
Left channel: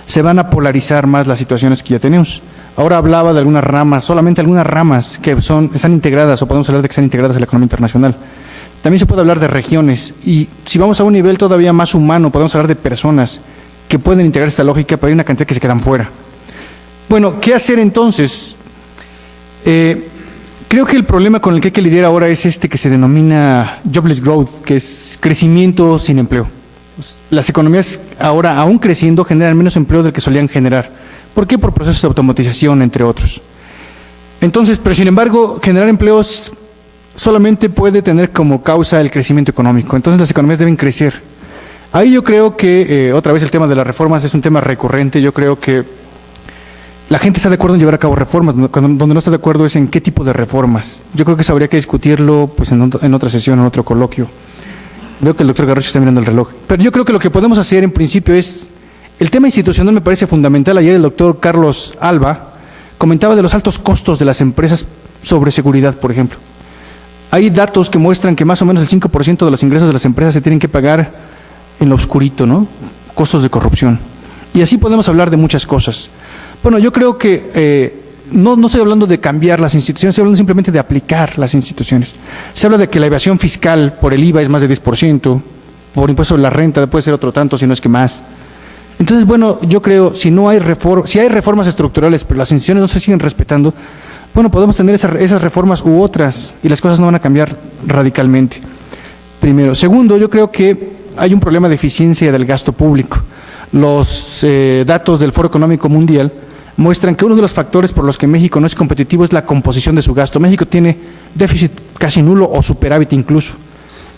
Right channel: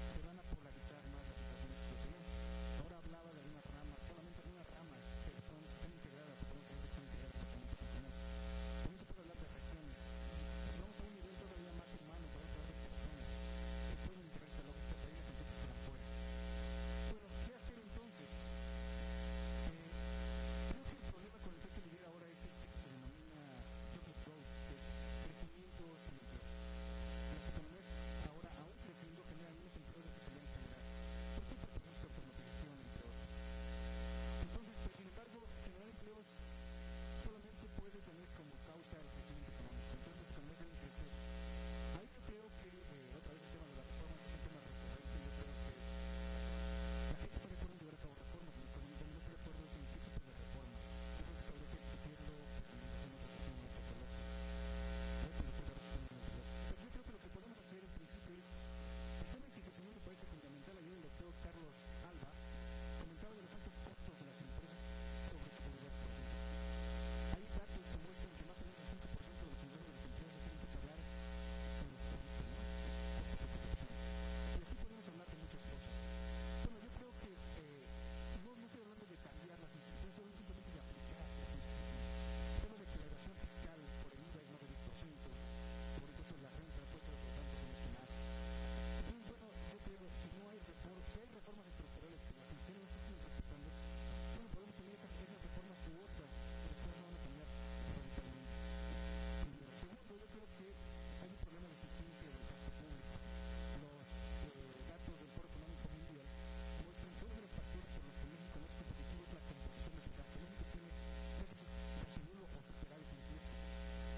se van a polarizar más las situaciones que ya tenemos. Ahora hablaba de algunas ramas, solamente algunas ramas que están integradas, o podemos hablar de que están integradas en la economía internacional. También se puede hablar de regiones, y si vamos a un nivel todavía más humano, podemos hablar de personas que pueden integrar esta lógica, pero hay una cantidad que se quedan fuera. Bueno, ¿qué hacer entonces? Creo que el problema con el que hay que lidiar ahora es este que se denomina jobless growth, que es crecimiento sin empleo. Las economías ahora, aún creciendo, generan menos empleo del que solían generar. ¿Por qué? Por procesos de automatización, entre otros. Entonces, pero sin embargo, generar empleos solamente puede tener como causa el crecimiento económico. Entonces las economías deben crecer. Ahí yo creo que, otra vez el tema de las reformas es un tema recurrente. Yo creo que la gente está de acuerdo en llevar a cabo reformas, donde no está de acuerdo es en qué tipo de reformas. Yo creo que eso habría que discutirlo pues, en otra sesión, en otro coloquio. Veo que el doctor Garrocho está mirando el reloj. Pero yo creo que lo que podemos hacer en principio es, el tema institucional me parece fundamental. Ayer el doctor Carlos Alba comentaba de los altos costos de las empresas sobre seguridad, por ejemplo. Hay datos que muestran que más o menos el 5% de los ingresos de las empresas se tienen que pagar en lo oscurito, ¿no? Costos de corrupción. Y así podemos hablar de muchas cosas. Bueno, yo creo que no estoy hablando de cambiar las instituciones, estoy hablando simplemente de aplicar las instituciones. Se habla de que la evasión fiscal por el IVA es más de 10%, por impuesto sobre la renta puede ser otro tanto, si no es que más. Entonces, bueno, yo creo, si hay reformas estructurales, pero las instituciones no se siguen respetando, bueno, podemos tener esas reformas u otras, y las cosas no van a cambiar radicalmente. Primero. Segundo, yo creo que hay un problema de eficiencia del gasto público. Los datos del Foro Económico Mundial muestran que uno de los factores por los que México no es competitivo es la composición de su gasto. México tiene déficit casi nulo o superávit incluso,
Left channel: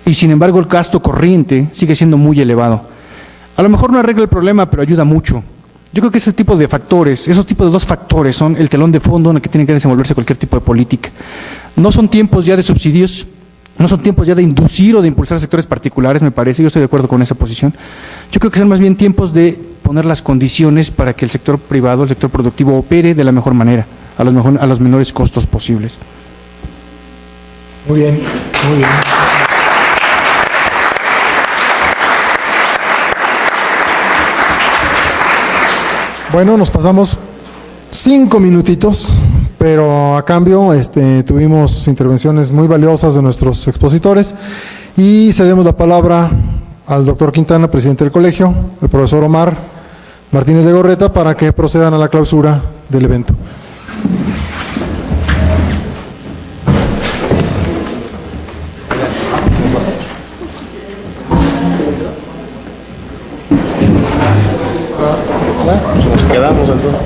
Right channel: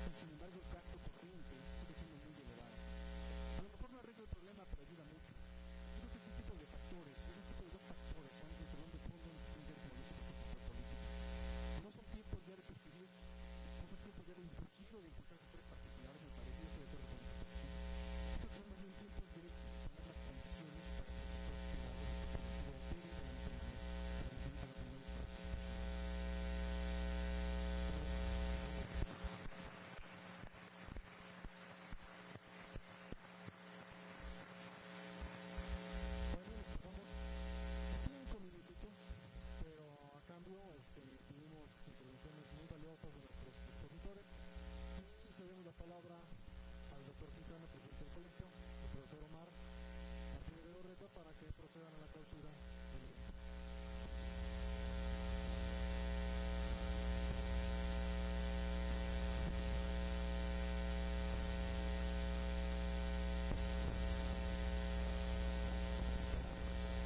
y sin embargo el gasto corriente sigue siendo muy elevado. A lo mejor no arregla el problema, pero ayuda mucho. Yo creo que ese tipo de factores, esos tipos de dos factores son el telón de fondo en el que tiene que desenvolverse cualquier tipo de política. No son tiempos ya de subsidios, no son tiempos ya de inducir o de impulsar sectores particulares, me parece, yo estoy de acuerdo con esa posición. Yo creo que son más bien tiempos de poner las condiciones para que el sector privado, el sector productivo opere de la mejor manera, a los menores costos posibles. Muy bien, muy bien. Bueno, nos pasamos 5 minutitos, pero a cambio tuvimos intervenciones muy valiosas de nuestros expositores y cedemos la palabra al doctor Quintana, presidente del colegio, el profesor Omar Martínez de Gorreta, para que procedan a la clausura del evento. Nos quedamos entonces.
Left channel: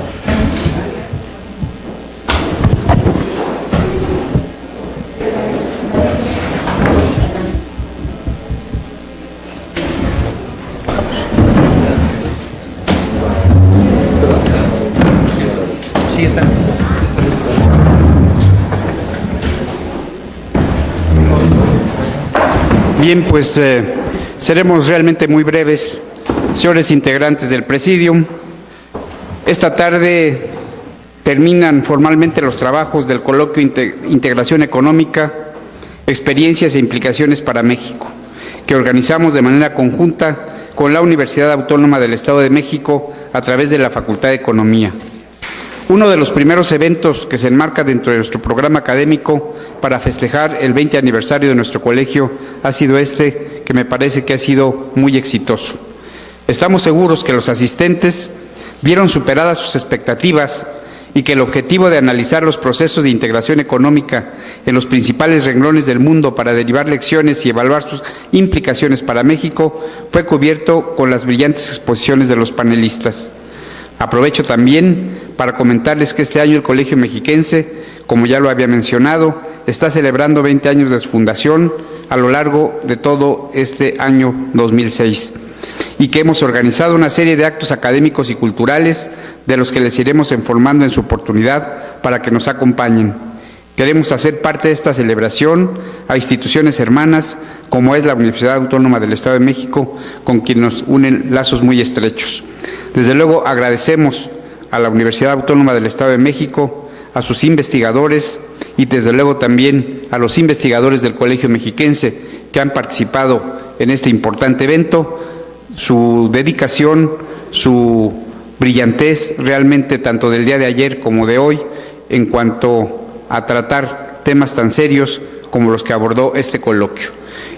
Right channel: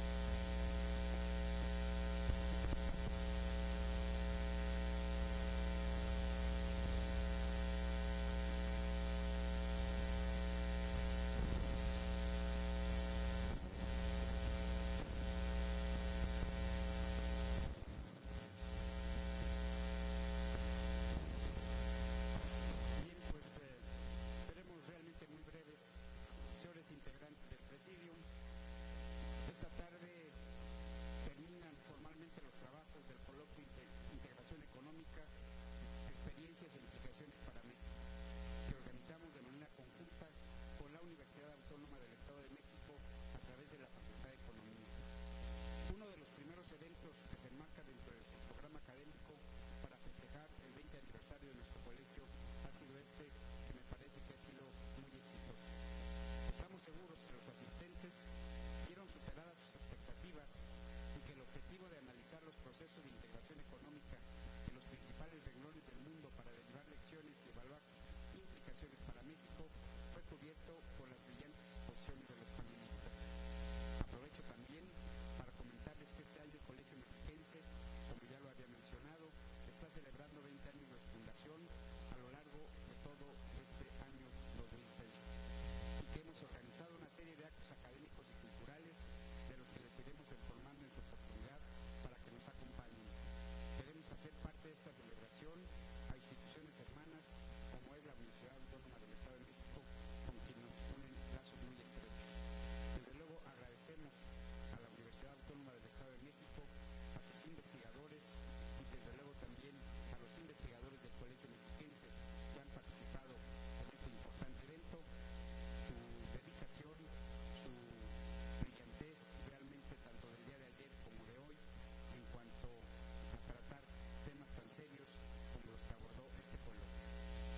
Sí, está. Bien, pues seremos realmente muy breves, señores integrantes del Presidium. Esta tarde terminan formalmente los trabajos del coloquio Integración Económica, Experiencias e Implicaciones para México, que organizamos de manera conjunta con la Universidad Autónoma del Estado de México a través de la Facultad de Economía. Uno de los primeros eventos que se enmarca dentro de nuestro programa académico para festejar el 20 aniversario de nuestro colegio ha sido que me parece que ha sido muy exitoso. Estamos seguros que los asistentes vieron superadas sus expectativas y que el objetivo de analizar los procesos de integración económica en los principales renglones del mundo para derivar lecciones y evaluar sus implicaciones para México fue cubierto con las brillantes exposiciones de los panelistas. Aprovecho también para comentarles que este año el Colegio Mexiquense, como ya lo había mencionado, está celebrando 20 años de su fundación a lo largo de todo este año 2006 y que hemos organizado una serie de actos académicos y culturales de los que les iremos informando en su oportunidad para que nos acompañen. Queremos hacer parte de esta celebración a instituciones hermanas como es la Universidad Autónoma del Estado de México, con quien nos unen lazos muy estrechos. Desde luego agradecemos a la Universidad Autónoma del Estado de México, a sus investigadores y desde luego también a los investigadores del Colegio Mexiquense que han participado en este importante evento, su dedicación, su brillantez realmente tanto del día de ayer como de hoy en cuanto a tratar temas tan serios como los que abordó este coloquio.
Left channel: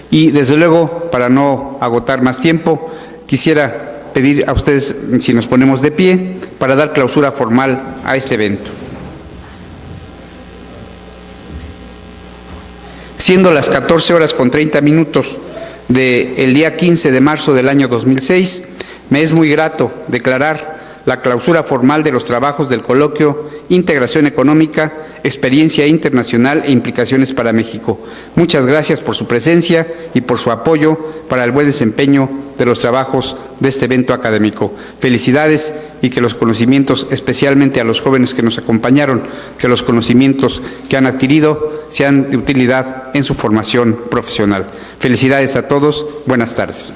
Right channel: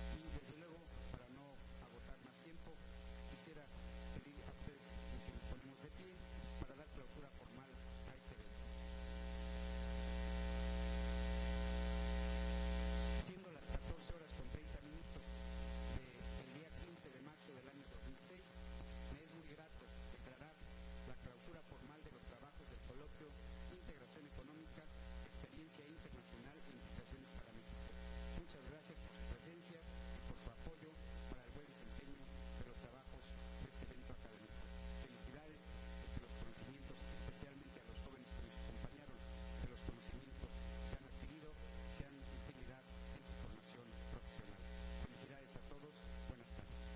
Y desde luego, para no agotar más tiempo, quisiera pedir a ustedes si nos ponemos de pie para dar clausura formal a este evento. Siendo las 14:30 del día 15 de marzo del año 2006, me es muy grato declarar la clausura formal de los trabajos del coloquio Integración Económica, Experiencia Internacional e Implicaciones para México. Muchas gracias por su presencia y por su apoyo para el buen desempeño de los trabajos de este evento académico. Felicidades y que los conocimientos, especialmente a los jóvenes que nos acompañaron, que los conocimientos que han adquirido sean de utilidad en su formación profesional. Felicidades a todos. Buenas tardes.